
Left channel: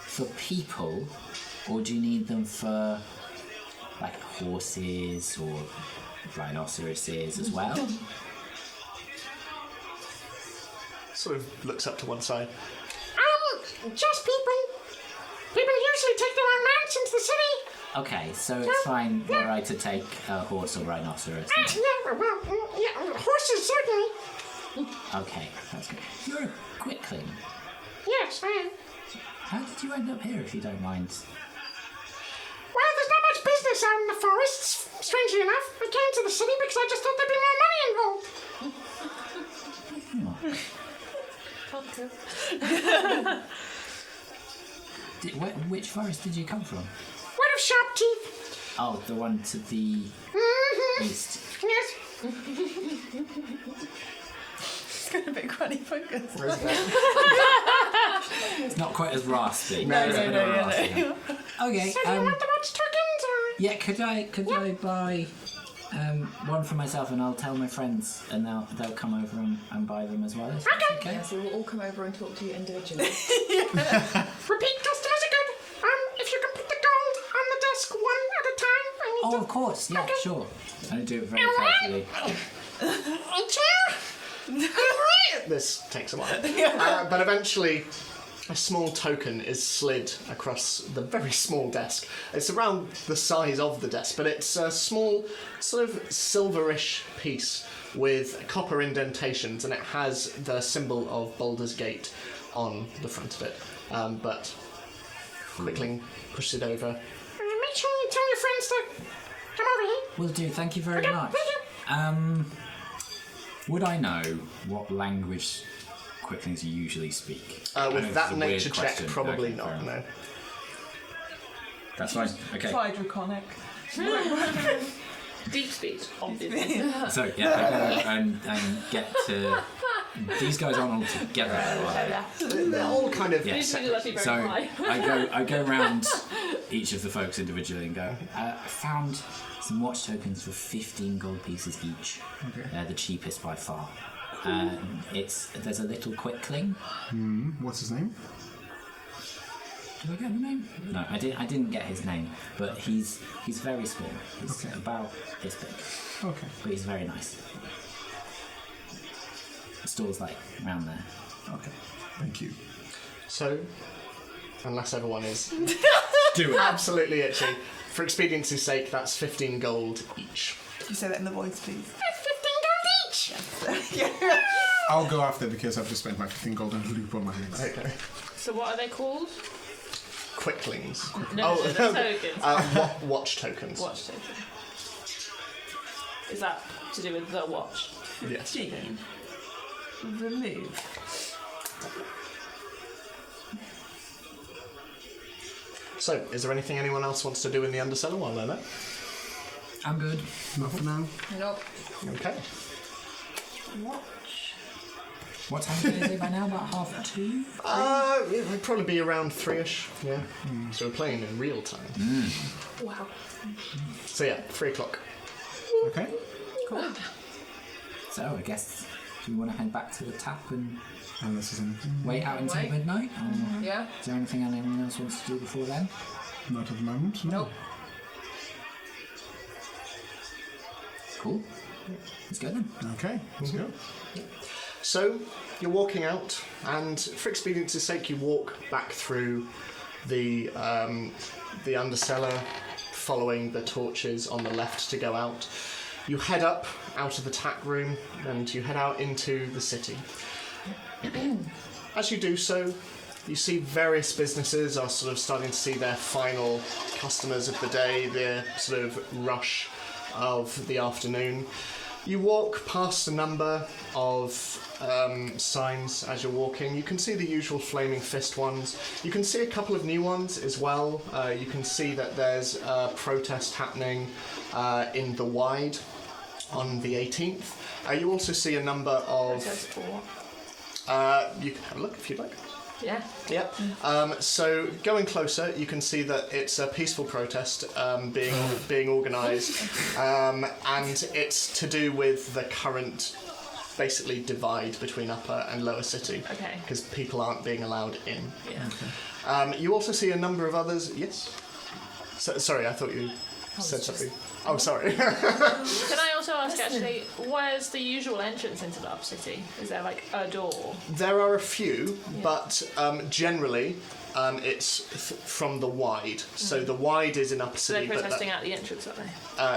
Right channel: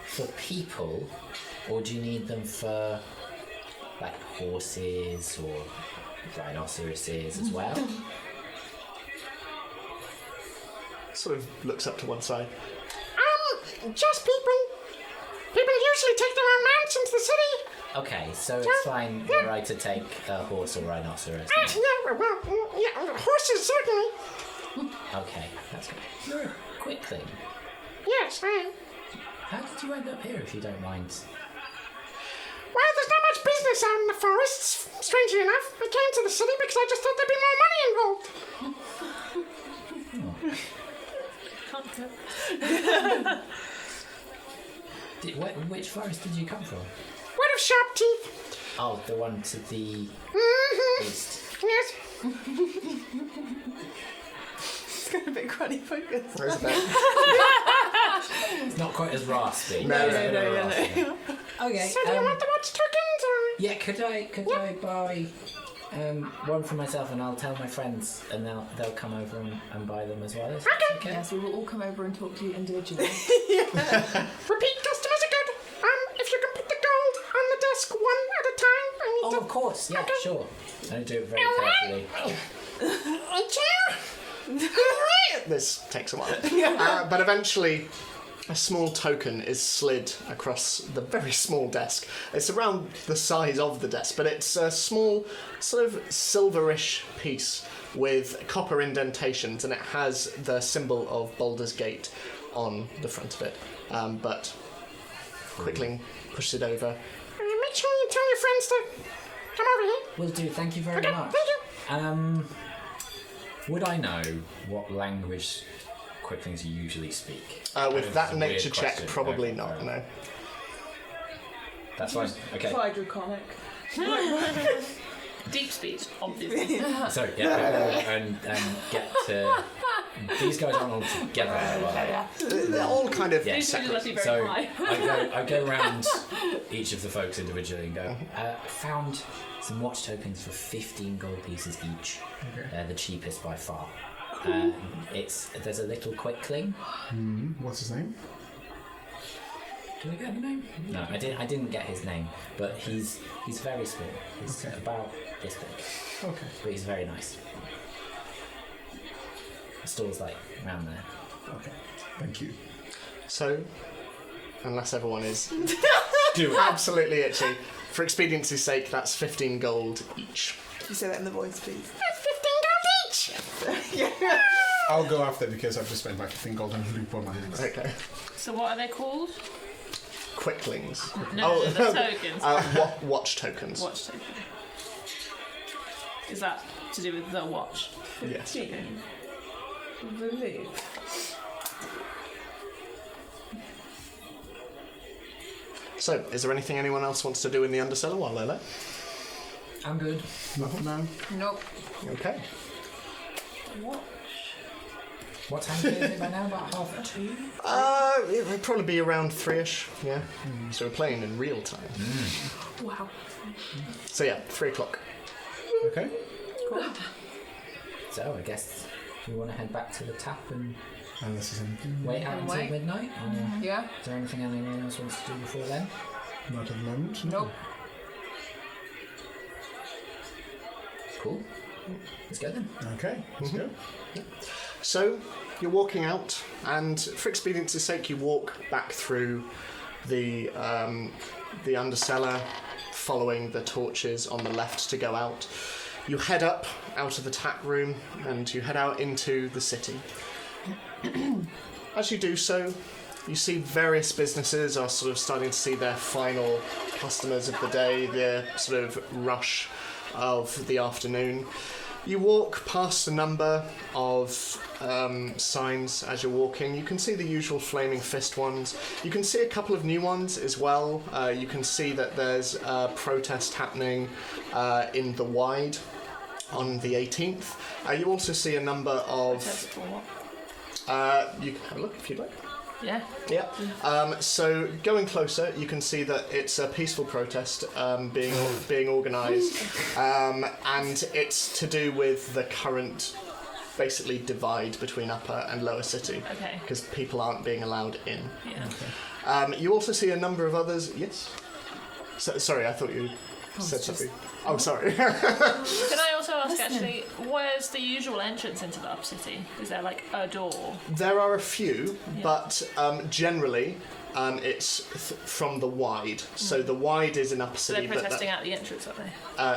for people, or do you need them for like horses or rhinoceroses as well? Sort of looks up to one side. Just people. People usually take their own mounts into the city. Okay, so it's fine were I to take a horse or rhinoceros. Horses certainly. Okay, that's good. You're a quickling. Yes, I am. How did you end up here, if you don't mind? Well, there's not much business out in the forests, strangely enough. I came to the city because I just thought there'd be more money involved. Which forest did you come from? What of Sharp Teeth? Oh, the one to the east. Yes. It's got a bit cruddy focus. It's not quite as raspy. No, It's a bit of a raspy one. Okay. So do you want the watch tokens or? Yeah, could I buy one for myself, and I'll tell my friends, and they'll come over and buy them as well. Is that okay? Yes, we will all come over and talk to you individually. Repeat customers are good. If you can put the gold on the desk one at a time. I need Oh, of course. Yeah, sure. I do it very carefully. This takes a while. But eventually, a small token is slid across the very small desk. It's around the size of the desk, but it's a small, sort of silverish piece with copper indentations, and it has the symbol of Baldur's Gate on the front of it. But Quickling pushes it over. Make sure you tell your friends to come over here. Will do. Thank you very much. Thank you. Would I know what language quicklings usually speak? With that It's a weird nature check, question. probably Okay, not, fair no. enough. That's fine. Okay. Try draconic. Deep speed, obviously. So yeah, and get to. These guys aren't all together, right? They're all kind of Yeah. Usually must be very So high. I go around each of the folks individually and go. I found some watch tokens for 15 gold pieces each. Okay. They're the cheapest by far. There's a little quickling. What's his name? Did I get the name? No, I didn't get his name, but he's very small. He's Okay. about this big, Okay. but he's very nice. The store's like around there. Okay. Thank you. So, unless everyone is Do it. absolutely itchy, for expediency's sake, that's 15 gold each. Say that in the voice, please. That's 15 gold each! I'll go after because I've just spent my 15 gold on a loop on my hands. Okay. So what are they called? Quicklings. No, the tokens. Watch tokens. Watch token. Is that to do with the watch? Yes. Remove. So, is there anything anyone else wants to do in the undercellar while they're there? I'm good. Not for now. Nope. Okay. What time is it by now? About 2:30? It would probably be around 3ish, yeah. So we're playing in real time. Wow. So yeah, 3 o'clock. Okay. So I guess do we want to head back to the tap and Unless there's anything. wait out until Wait. midnight? Or Yeah? is there anything anyone else wants to do before then? Not at the moment. No. Nope. Cool. Let's go then. Okay. Let's go. So, you're walking out, and for expediency's sake, you walk back through the undercellar, following the torches on the left to go out. You head up out of the tap room, and you head out into the city. As you do so, you see various businesses are sort of starting to see their final customers of the day, their sort of rush of the afternoon. You walk past a number of signs as you're walking. You can see the usual flaming fist ones. You can see a couple of new ones as well. You can see that there's a protest happening in the Wide on the 18th. You also see a number of... you can have a look if you'd like. Yeah. Yeah. So going closer, you can see that it's a peaceful protest being organised, and it's to do with the current, basically, divide between Upper and Lower City. Okay. Because people aren't being allowed in. Yeah. You also see a number of others. Yes. Sorry, I thought you said something. Oh, sorry. Can I also ask, actually, where's the usual entrance into the Upper City? Is there, like, a door? There are a few, but generally it's from the Wide. So the Wide is in Upper So City. they're protesting out the entrance, are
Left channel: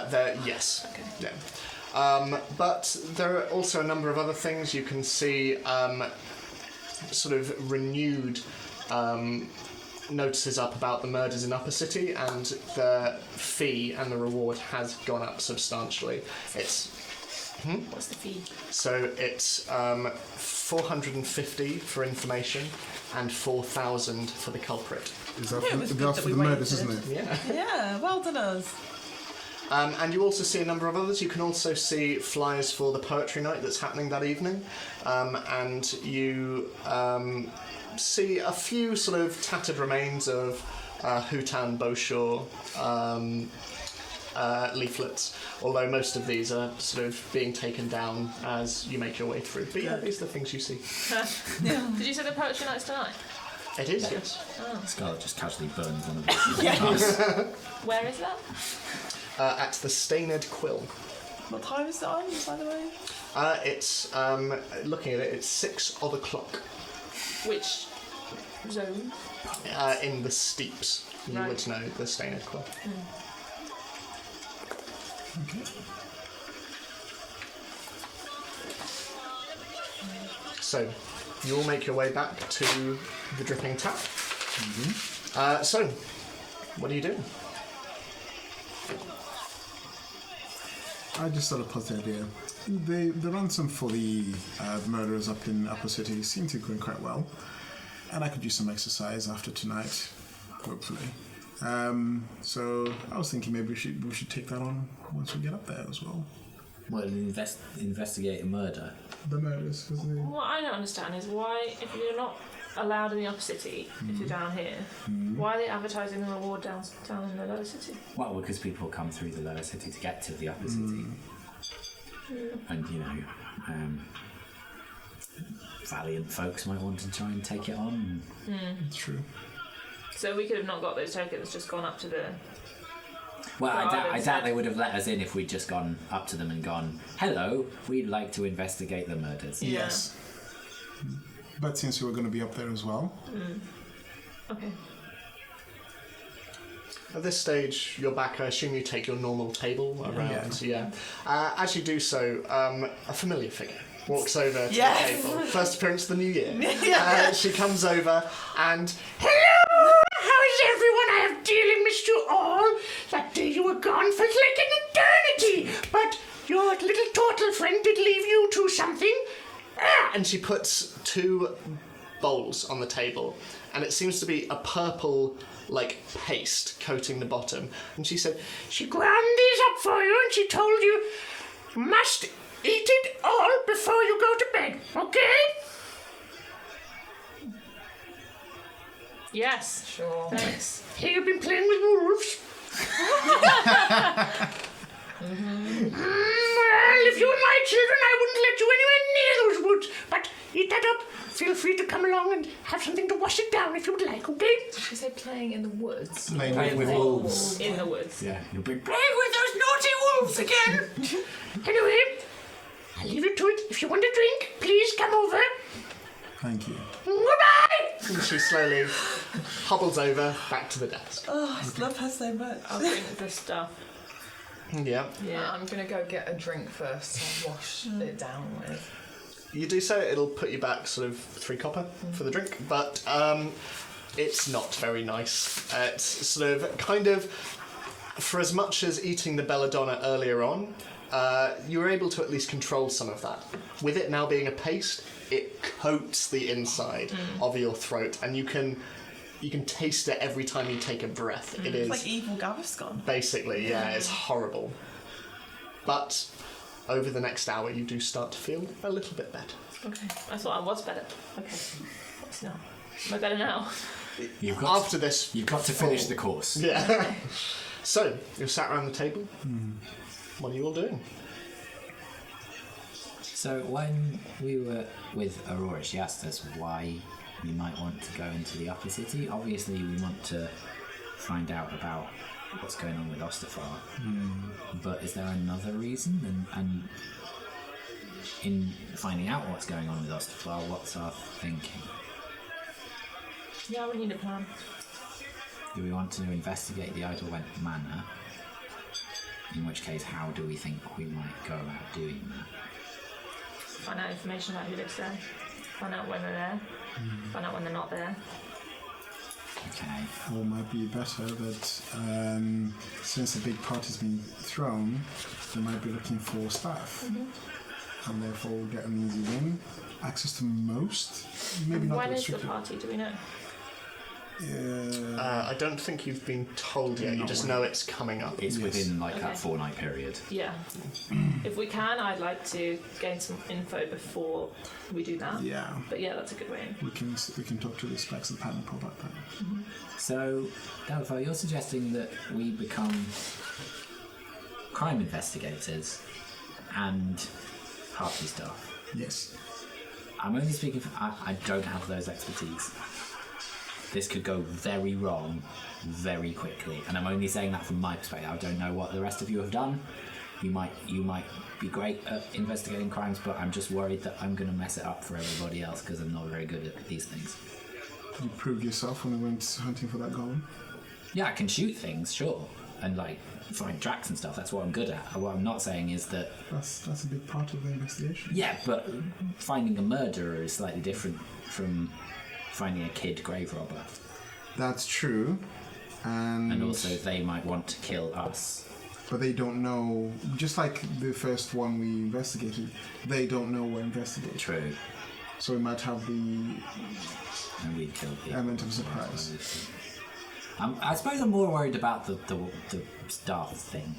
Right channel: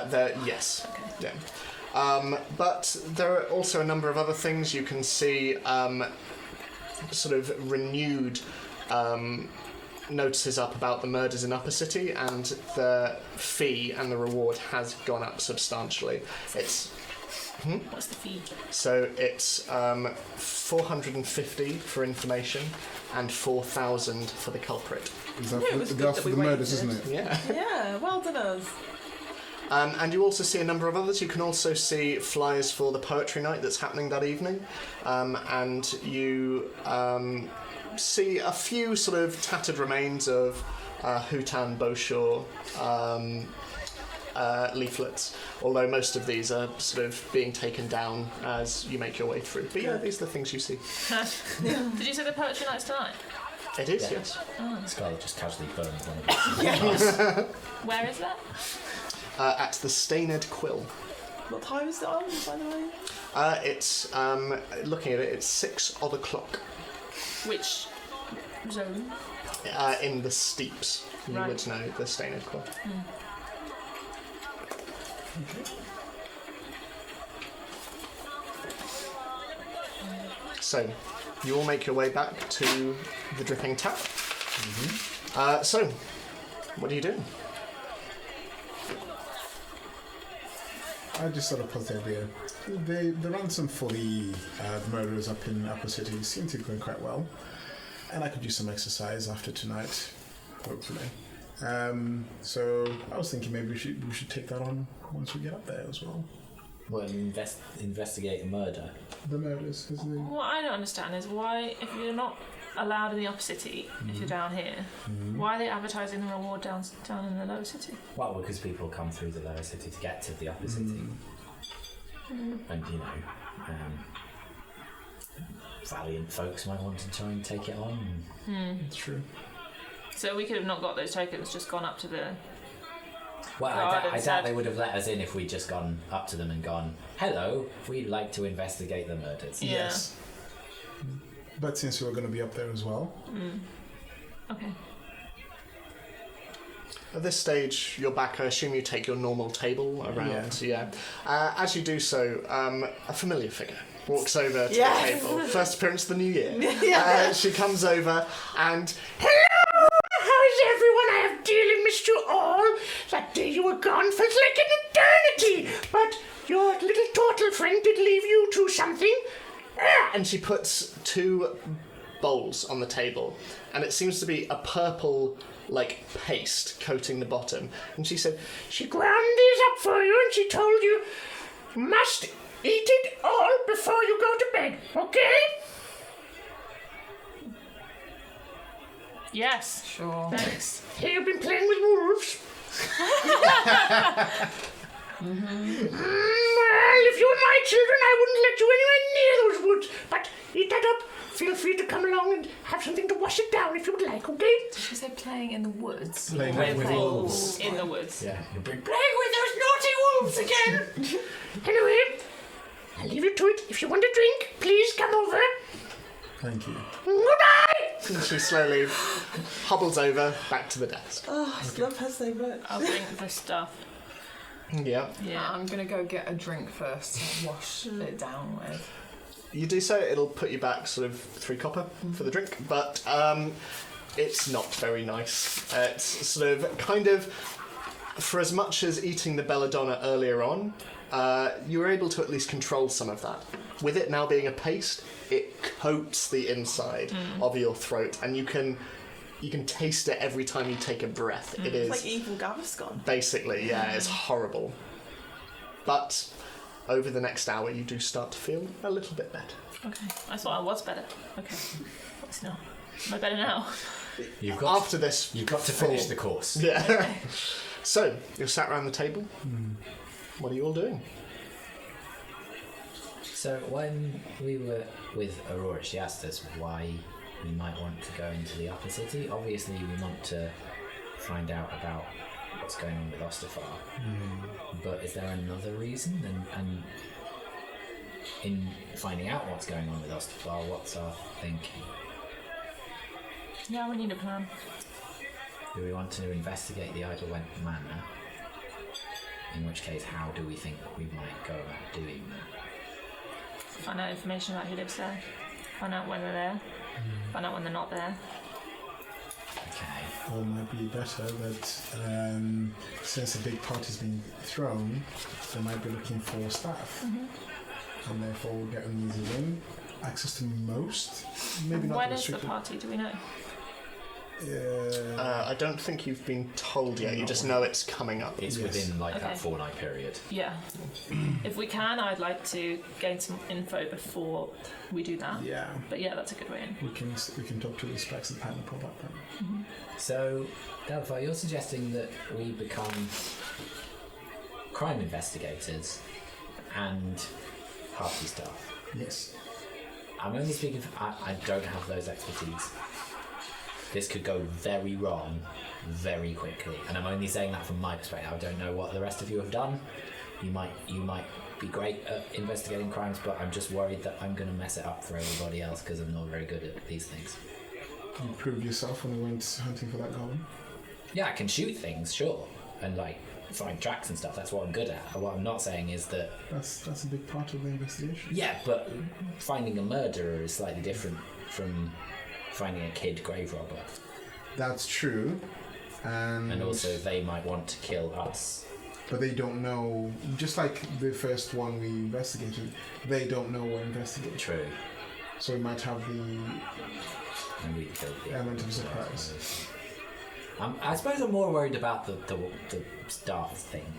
they? Yes. Okay. Yeah. But there are also a number of other things. You can see sort of renewed notices up about the murders in Upper City, and the fee and the reward has gone up substantially. It's What's the fee? so it's 450 for information and 4,000 for the culprit. That's for the murders, isn't it? Yeah. Yeah, well done us. And you also see a number of others. You can also see flyers for the poetry night that's happening that evening, and you see a few sort of tattered remains of Hutan Beaushore leaflets, although most of these are sort of being taken down as you make your way through. But yeah, these are the things you see. Did you say the poetry night's tonight? It is, yes. Scarlet just casually burned one of these. Where is that? At the Stained Quill. What time is it on, by the way? It's, looking at it, it's 6 o'clock. Which zone? In the steeps. You Right. would know the Stained Quill. So, you all make your way back to the Dripping Tap. So, what do you do? I just sort of put it there. The ransom for the murderers up in Upper City seemed to be going quite well, and I could use some exercise after tonight, hopefully. So I was thinking maybe we should take that on once we get up there as well. Well, investigate a murder. The murders, because they... What I don't understand is why, if you're not allowed in the Upper City, if you're down here, why are they advertising the reward down in the Lower City? Well, because people come through the Lower City to get to the Upper City. And, you know, valiant folks might want to try and take it on. It's true. So we could have not got those tokens, just gone up to the... Well, Well, I I'd doubt said- they would have let us in if we'd just gone up to them and gone, hello, we'd like to investigate the murders. Yeah. Yes. But since we were going to be up there as well, Okay. At this stage, you're back. I assume you take your normal table around. Yeah. As you do so, a familiar figure walks over to Yes. the table. First appearance of the new year. She comes over and, hello! How is everyone? I have dearly missed you all. That day you were gone feels like an eternity. But your little turtle friend did leave you to something. And she puts 2 bowls on the table, and it seems to be a purple, like, paste coating the bottom. And she said, she ground these up for you, and she told you must eat it all before you go to bed, okay? Yes. Sure. Thanks. Hey, you've been playing with wolves? Well, if you were my children, I wouldn't let you anywhere near those woods. But eat that up. Feel free to come along and have something to wash it down if you would like, okay? Did she say playing in the woods? playing with wolves. In the woods. Yeah, you'll be Playing with those naughty wolves again. Anyway, I'll leave you to it. If you want a drink, please come over. Thank you. Goodbye. And she slowly hobbles over back to the desk. Oh, I love her so much. I'll drink the stuff. Yeah. Yeah. I'm gonna go get a drink first to wash it down with. You do so, it'll put you back sort of 3 copper for the drink, but it's not very nice. It's sort of kind of, for as much as eating the belladonna earlier on, you were able to at least control some of that. With it now being a paste, it coats the inside of your throat, and you can taste it every time you take a breath. It is It's like evil Gaviscon. basically, yeah, it's horrible. But over the next hour, you do start to feel a little bit better. Okay. I thought I was better. Okay. What's not? Am I better now? After this, You've got to finish the course. yeah. So you're sat around the table. What are you all doing? So when we were with Aurora, she asked us why we might want to go into the upper city. Obviously, we want to find out about what's going on with Ostafar. But is there another reason? And in finding out what's going on with Ostafar, what's our thinking? Yeah, we need a plan. Do we want to investigate the Idlewent Manor? In which case, how do we think we might go about doing that? Find out information about who lives there. Find out when they're there. Find out when they're not there. Okay. Or it might be better that since a big party's been thrown, they might be looking for staff. And therefore we'll get an easy win. Access to most, maybe not When is the restricted. party? Do we know? I don't think you've been told yet. You just know it's coming up. It's Yes. within Okay. that 4-night period. Yeah. If we can, I'd like to gain some info before we do that. Yeah, But yeah, that's a good way in. we can talk to the specs and pattern about that. So, Delphi, you're suggesting that we become crime investigators and party staff. Yes. I'm only speaking for... I don't have those expertise. This could go very wrong very quickly. And I'm only saying that from my perspective. I don't know what the rest of you have done. You might be great at investigating crimes, but I'm just worried that I'm going to mess it up for everybody else because I'm not very good at these things. Did you prove yourself when we went hunting for that golem? Yeah, I can shoot things, sure. And, like, find tracks and stuff. That's what I'm good at. What I'm not saying is that... That's a big part of the investigation. Yeah, but finding a murderer is slightly different from finding a kid grave robber. That's true. And also they might want to kill us. But they don't know, just like the first one we investigated, they don't know we're investigating. True. So we might have the And we killed the element of surprise. I suppose I'm more worried about the staff thing.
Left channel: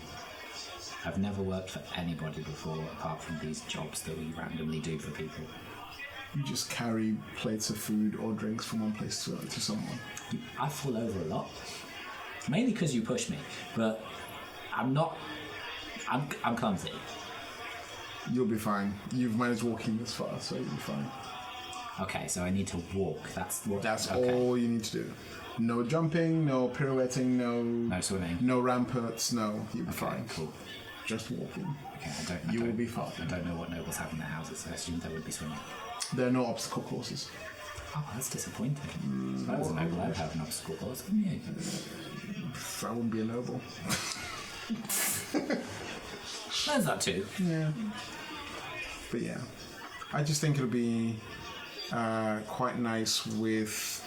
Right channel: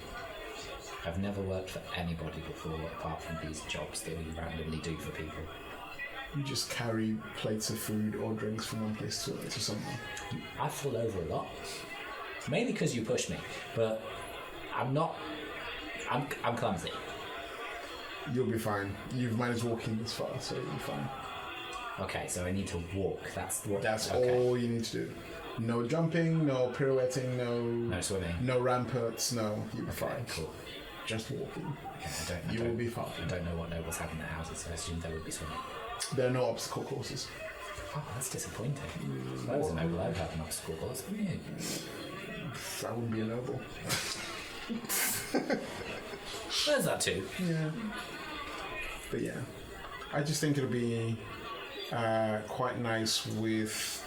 I've never worked for anybody before apart from these jobs that we randomly do for people. You just carry plates of food or drinks from one place to someone. I fall over a lot. Mainly because you push me, but I'm clumsy. You'll be fine. You've managed walking this far, so you'll be fine. Okay, so I need to walk. That's All you need to do. No jumping, no pirouetting, No swimming. no ramparts, no. You'll be Okay, fine. cool. Just walking. Okay, You will be fine. I don't know what nobles have in their houses, so I assume there would be swimming. There are no obstacle courses. Oh, that's disappointing. That was a noble I'd have an obstacle course, wouldn't you? I wouldn't be a noble. There's that too. Yeah. But yeah, I just think it'll be quite nice with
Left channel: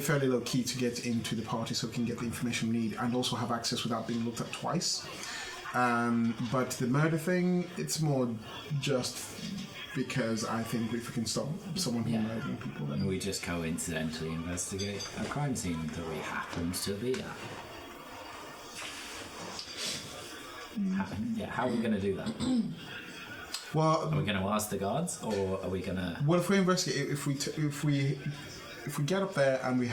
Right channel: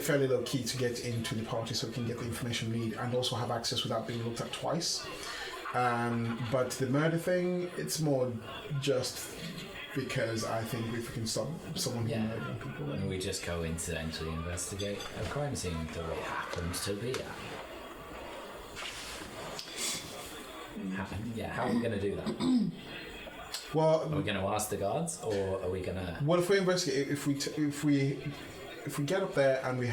fairly low key to get into the party so we can get the information we need and also have access without being looked at twice. But the murder thing, it's more just because I think if we can stop someone from murdering people, And then we just go incidentally investigate a crime scene that it happens to be at. How are we going to do that? well, Are we going to ask the guards, or are we going to... what if we investigate? If we get up there and we're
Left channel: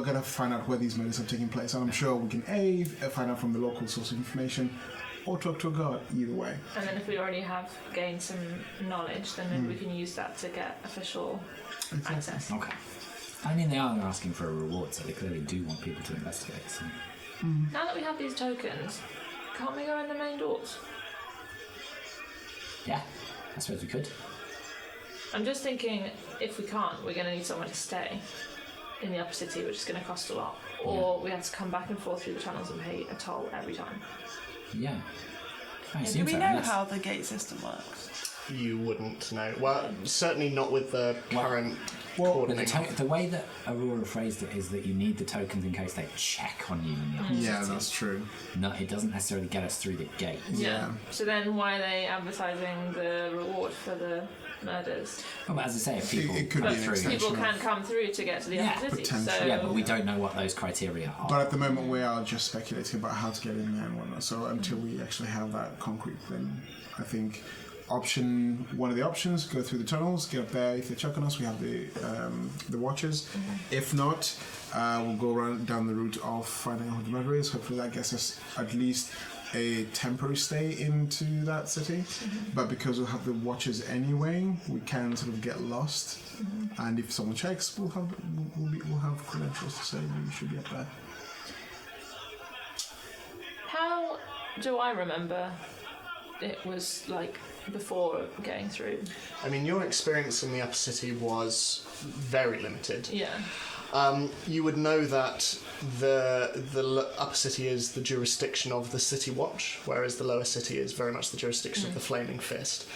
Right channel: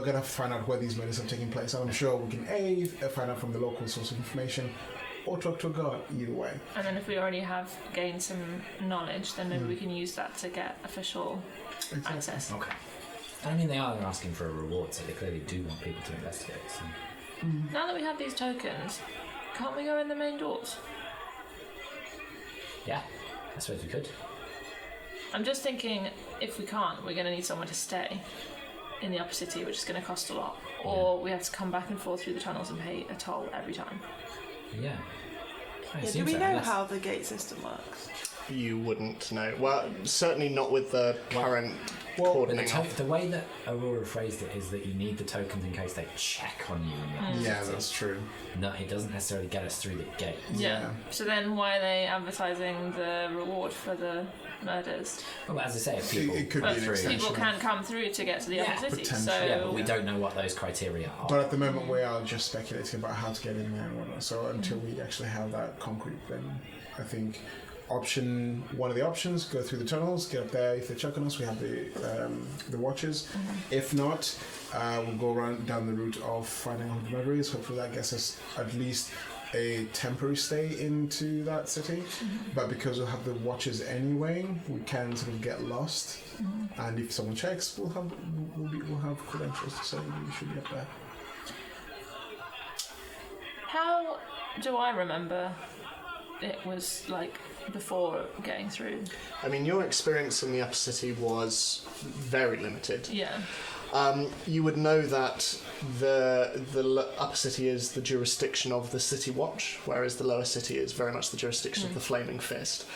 gonna have to find out where these murders are taking place, and I'm sure we can find out from the local source of information, or talk to a guard. Either way. And then if we already have gained some knowledge, then maybe we can use that to get official access. Okay. I mean, they are asking for a reward, so they clearly do want people to investigate. So. Now that we have these tokens, can't we go in the main doors? Yeah, I suppose we could. I'm just thinking, if we can't, we're going to need somewhere to stay in the upper city, which is going to cost a lot. Or we have to come back and forth through the tunnels and pay a toll every time. Yeah. I Do assume we so, know unless- how the gate system works? You wouldn't know. Well, certainly not with the current But cordoning. the way that Aurora phrased it is that you need the tokens in case they check on you in the Yeah, city. that's true. No, it doesn't necessarily get us through the gate. Yeah. So then why are they advertising the reward for the murders? Well, as I say, if people It could come be through, extension. People can come through to get to the Yeah, other city. So potentially. yeah, but we don't know what those criteria are. But at the moment, we are just speculating about how to get in there and whatnot. So until we actually have that concrete, then I think one of the options, go through the tunnels, get up there. If they check on us, we have the watchers. If not, we'll go down the route of finding out who the murderer is. Hopefully that gets us at least a temporary stay into that city. But because we'll have the watchers anyway, we can sort of get lost. And if someone checks, we'll have credentials to say we should be up there. how do I remember it was like before getting through? I mean, your experience in the upper city was very limited. Yeah. You would know that the upper city is the jurisdiction of the City Watch, whereas the lower city is very much the jurisdiction of the Flaming Fist.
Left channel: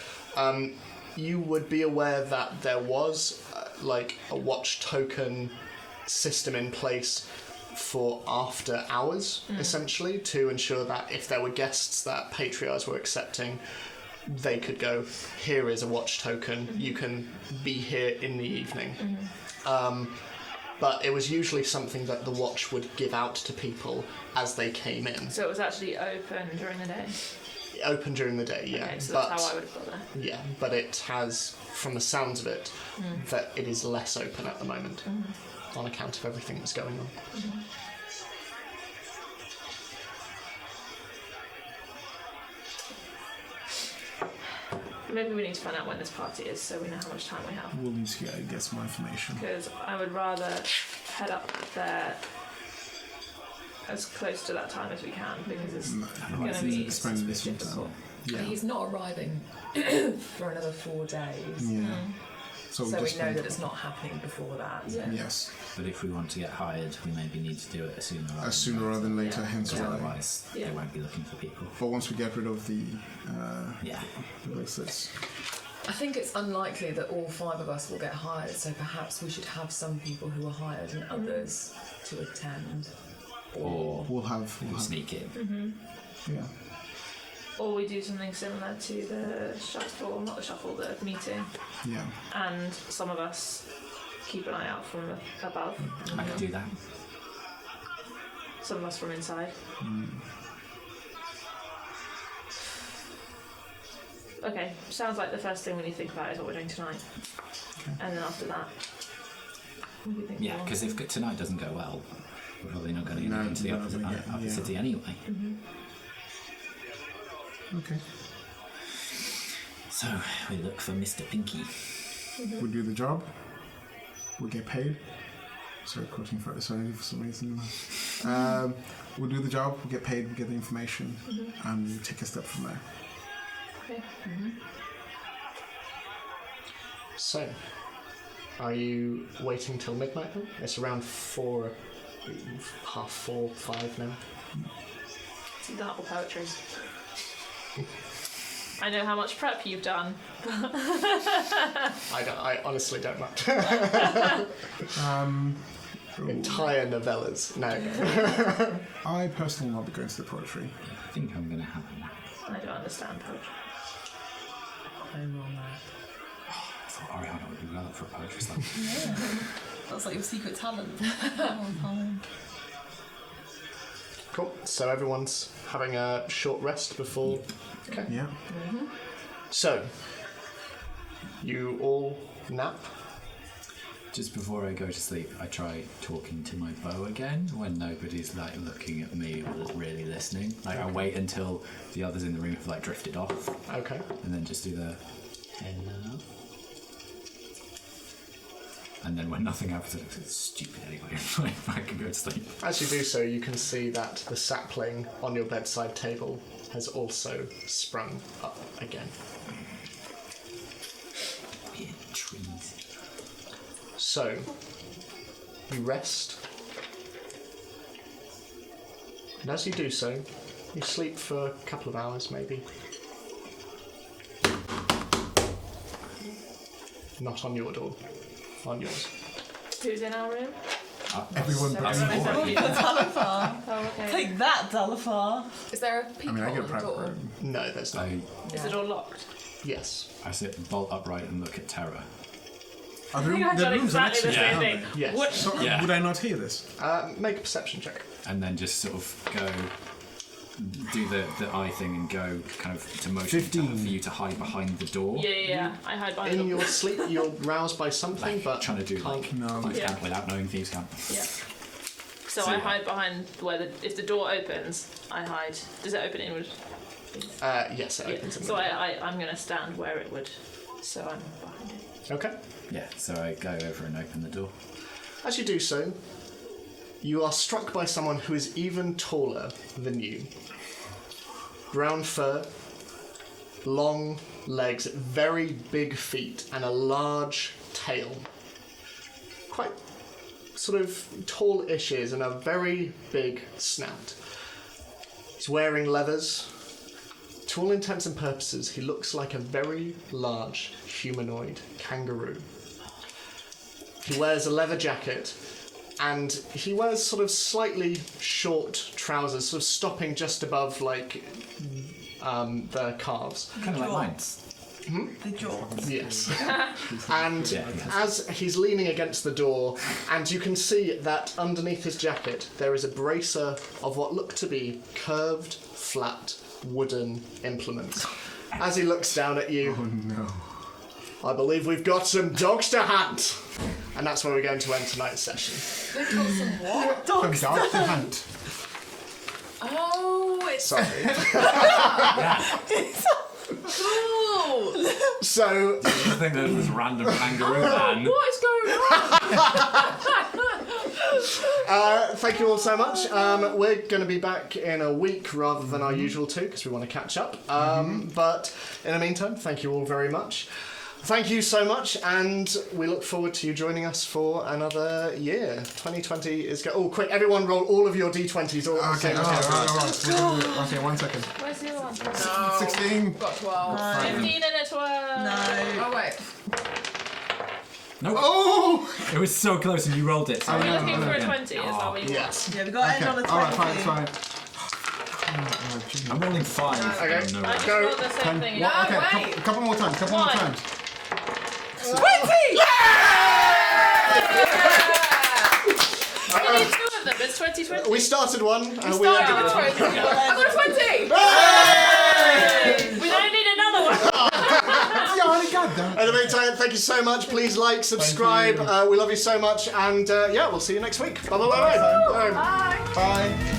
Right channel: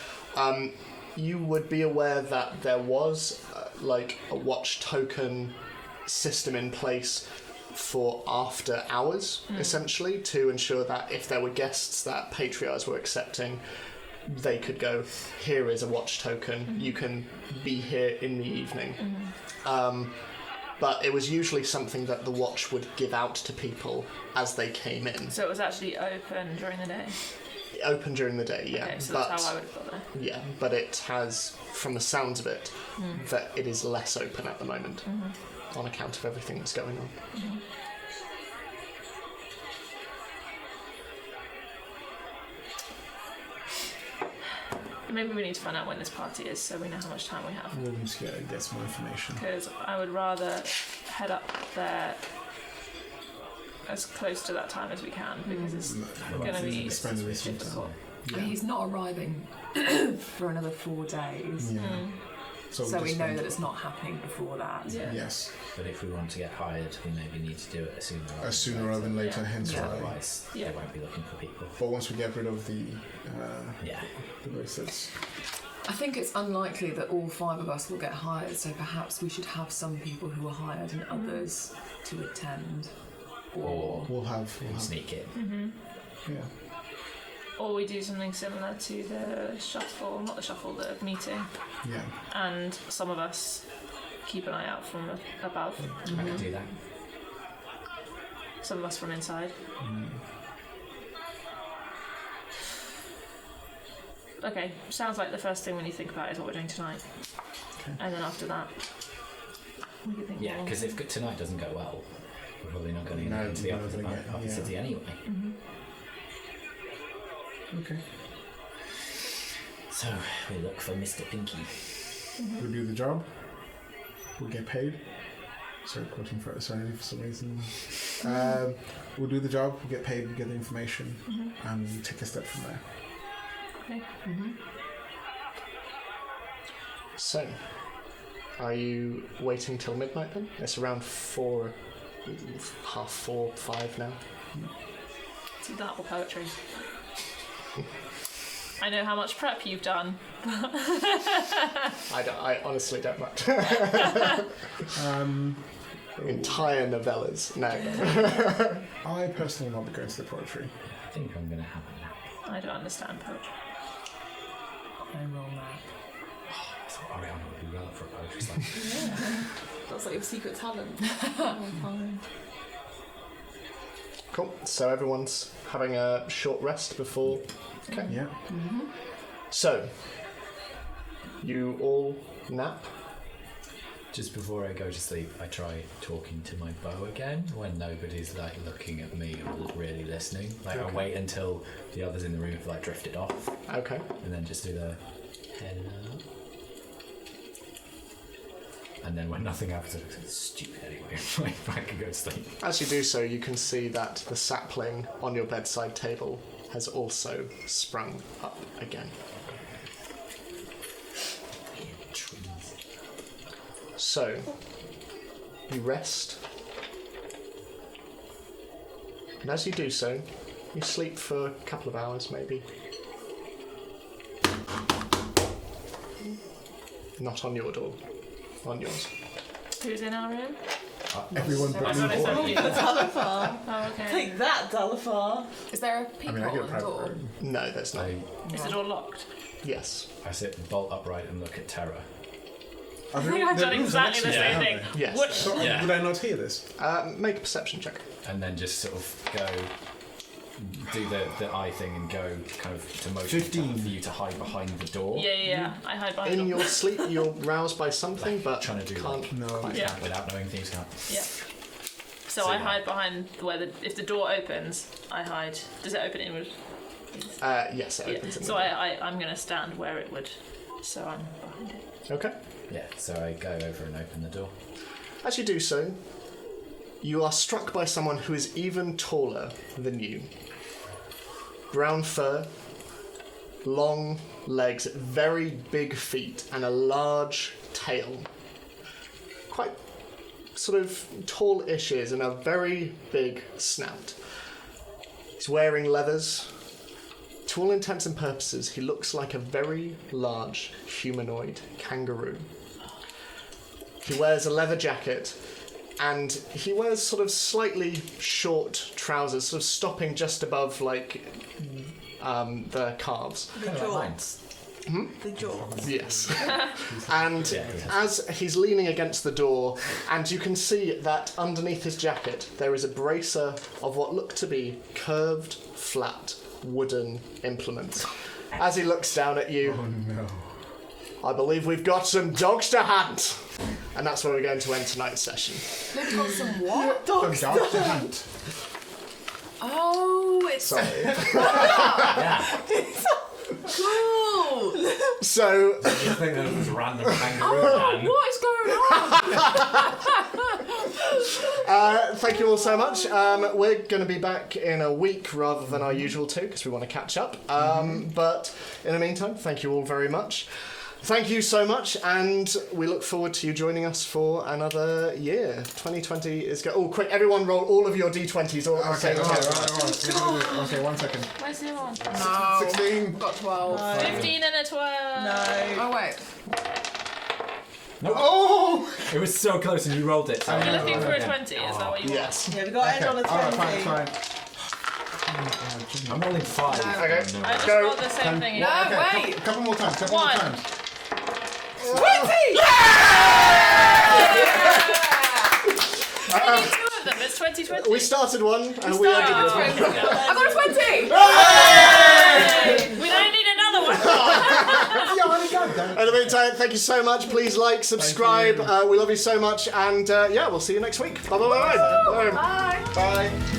You would be aware that there was like a watch token system in place for after hours, essentially, to ensure that if there were guests that patriarchs were accepting, they could go, here is a watch token, you can be here in the evening. But it was usually something that the watch would give out to people as they came in. So it was actually open during the day. Open during the day, yeah. Okay, so but that's how I would have got there. yeah, but it has, from the sounds of it, that it is less open at the moment on account of everything that's going on. Maybe we need to find out when this party is so we know how much time we have. We'll need to get some more information. Because I would rather head up there as close to that time as we can because it's going to be Spending this week time. He's not arriving for another 4 days. Yeah. So So we just know wait. that it's not happening before that. Yeah. Yes, But if we want to get hired, we maybe need to do it sooner rather than later. rather than later. Hence Yeah. why. Otherwise, Yeah. they won't be looking for people. But once we get rid of the Yeah. list, that's I think it's unlikely that all 5 of us will get hired, so perhaps we should have some people who are hired and others to attend. Or we'll have sneak in. yeah. Or we do something similar to the shuffle, not the shuffle, the meeting, Yeah. and some of us keep an eye out from above, I could do that. some of us from inside. Okay, sounds like the first thing we need to think about is what we're doing tonight. Okay. And then after that, we can think Yeah, more. because if tonight doesn't go well, we're probably not going to get No, into the no, upper yeah. city anyway. Okay. So we look for Mr. Pinky. We do the job. We get paid. Sorry, quoting for some reason. We'll do the job. We get paid. We get the information, and we take a step from there. Okay. So, are you waiting till midnight then? It's around 4, half 4, 5 now. It's that or poetry. I know how much prep you've done. I honestly don't mind. Entire novellas. No. I personally want to go to the poetry. I think I'm going to have a nap. I don't understand poetry. I'm on that. I thought Ariana would be well up for a poetry slam. That's like your secret talent. Cool. So everyone's having a short rest before. Okay. Yeah. So, you all nap. Just before I go to sleep, I try talking to my bow again when nobody's like looking at me or really listening. Like I wait until the others in the room have like drifted off, Okay. and then just do the hello. And then when nothing happens, it's stupid anyway. I can go to sleep. As you do so, you can see that the sapling on your bedside table has also sprung up again. Weird trees. So, you rest. And as you do so, you sleep for a couple of hours maybe. Not on your door. On yours. Who's in our room? Everyone but Everyone Aurora. except me. Dalifar. Oh, okay. Take that, Dalifar. Is there a I peephole mean, I get a on the private door? room. No, there's not. Is the door locked? Yes. I sit bolt upright and look at Terra. Are I think I've done exactly the same thing. Yes. What? So, Yeah. would I not hear this? Make a perception check. And then just sort of go, do the eye thing and go kind of to motion 15. for you to hide behind the door. Yeah. I hide behind In them. your sleep, you're roused by something, Like, but trying to do can't. like No. thieves' Yeah. count without knowing thieves' count. Yeah. So So, I yeah. hide behind where if the door opens, I hide. Does it open inward? Yes, it opens. in So the I'm gonna stand where it would. So I'm behind it. Okay. Yeah, so I go over and open the door. As you do so, you are struck by someone who is even taller than you. Brown fur, long legs, very big feet, and a large tail. Quite sort of tall-ish ears and a very big snout. He's wearing leathers. To all intents and purposes, he looks like a very large humanoid kangaroo. He wears a leather jacket, and he wears sort of slightly short trousers, sort of stopping just above, like, the calves. Kind of like mine. The jaw. Yes. And Yeah, yes. as he's leaning against the door, and you can see that underneath his jacket there is a bracer of what look to be curved, flat, wooden implements. As he looks down at you, Oh no. I believe we've got some dogs to hunt. And that's where we're going to end tonight's session. We've got some what? Dog to hunt. Oh, it's Sorry. Yeah, cool. So, I think there's this random kangaroo man. What is going on? thank you all so much. We're going to be back in a week rather than our usual 2 because we want to catch up. But in the meantime, thank you all very much. Thank you so much, and we look forward to you joining us for another year. 2020 is go. Oh, quick! Everyone, roll all of your d20s all at the Okay, same alright, time. okay, 1 second. Where's the other one? No. 16. Got 12. 15 and a 12. No. Oh wait. Nope. Oh! It was so close and you rolled it. So Are you I looking rolled for a again. 20? Is that what you want? Yes. Yeah, we got Okay, Ed on a 20. alright, fine. I'm rolling 5. Okay. No, I just Go. rolled the same thing. No, Okay, wait. couple more times, couple more One. times. 20! Only 2 of them. It's 2020. We started one, and we ended Oh, with one. okay. I got a 20! We don't need another one. Yeah, I already got that. In the meantime, thank you so much. Please like, subscribe. you. We love you so much, and yeah, we'll see you next week. Bye bye bye. Bye. Bye. Bye.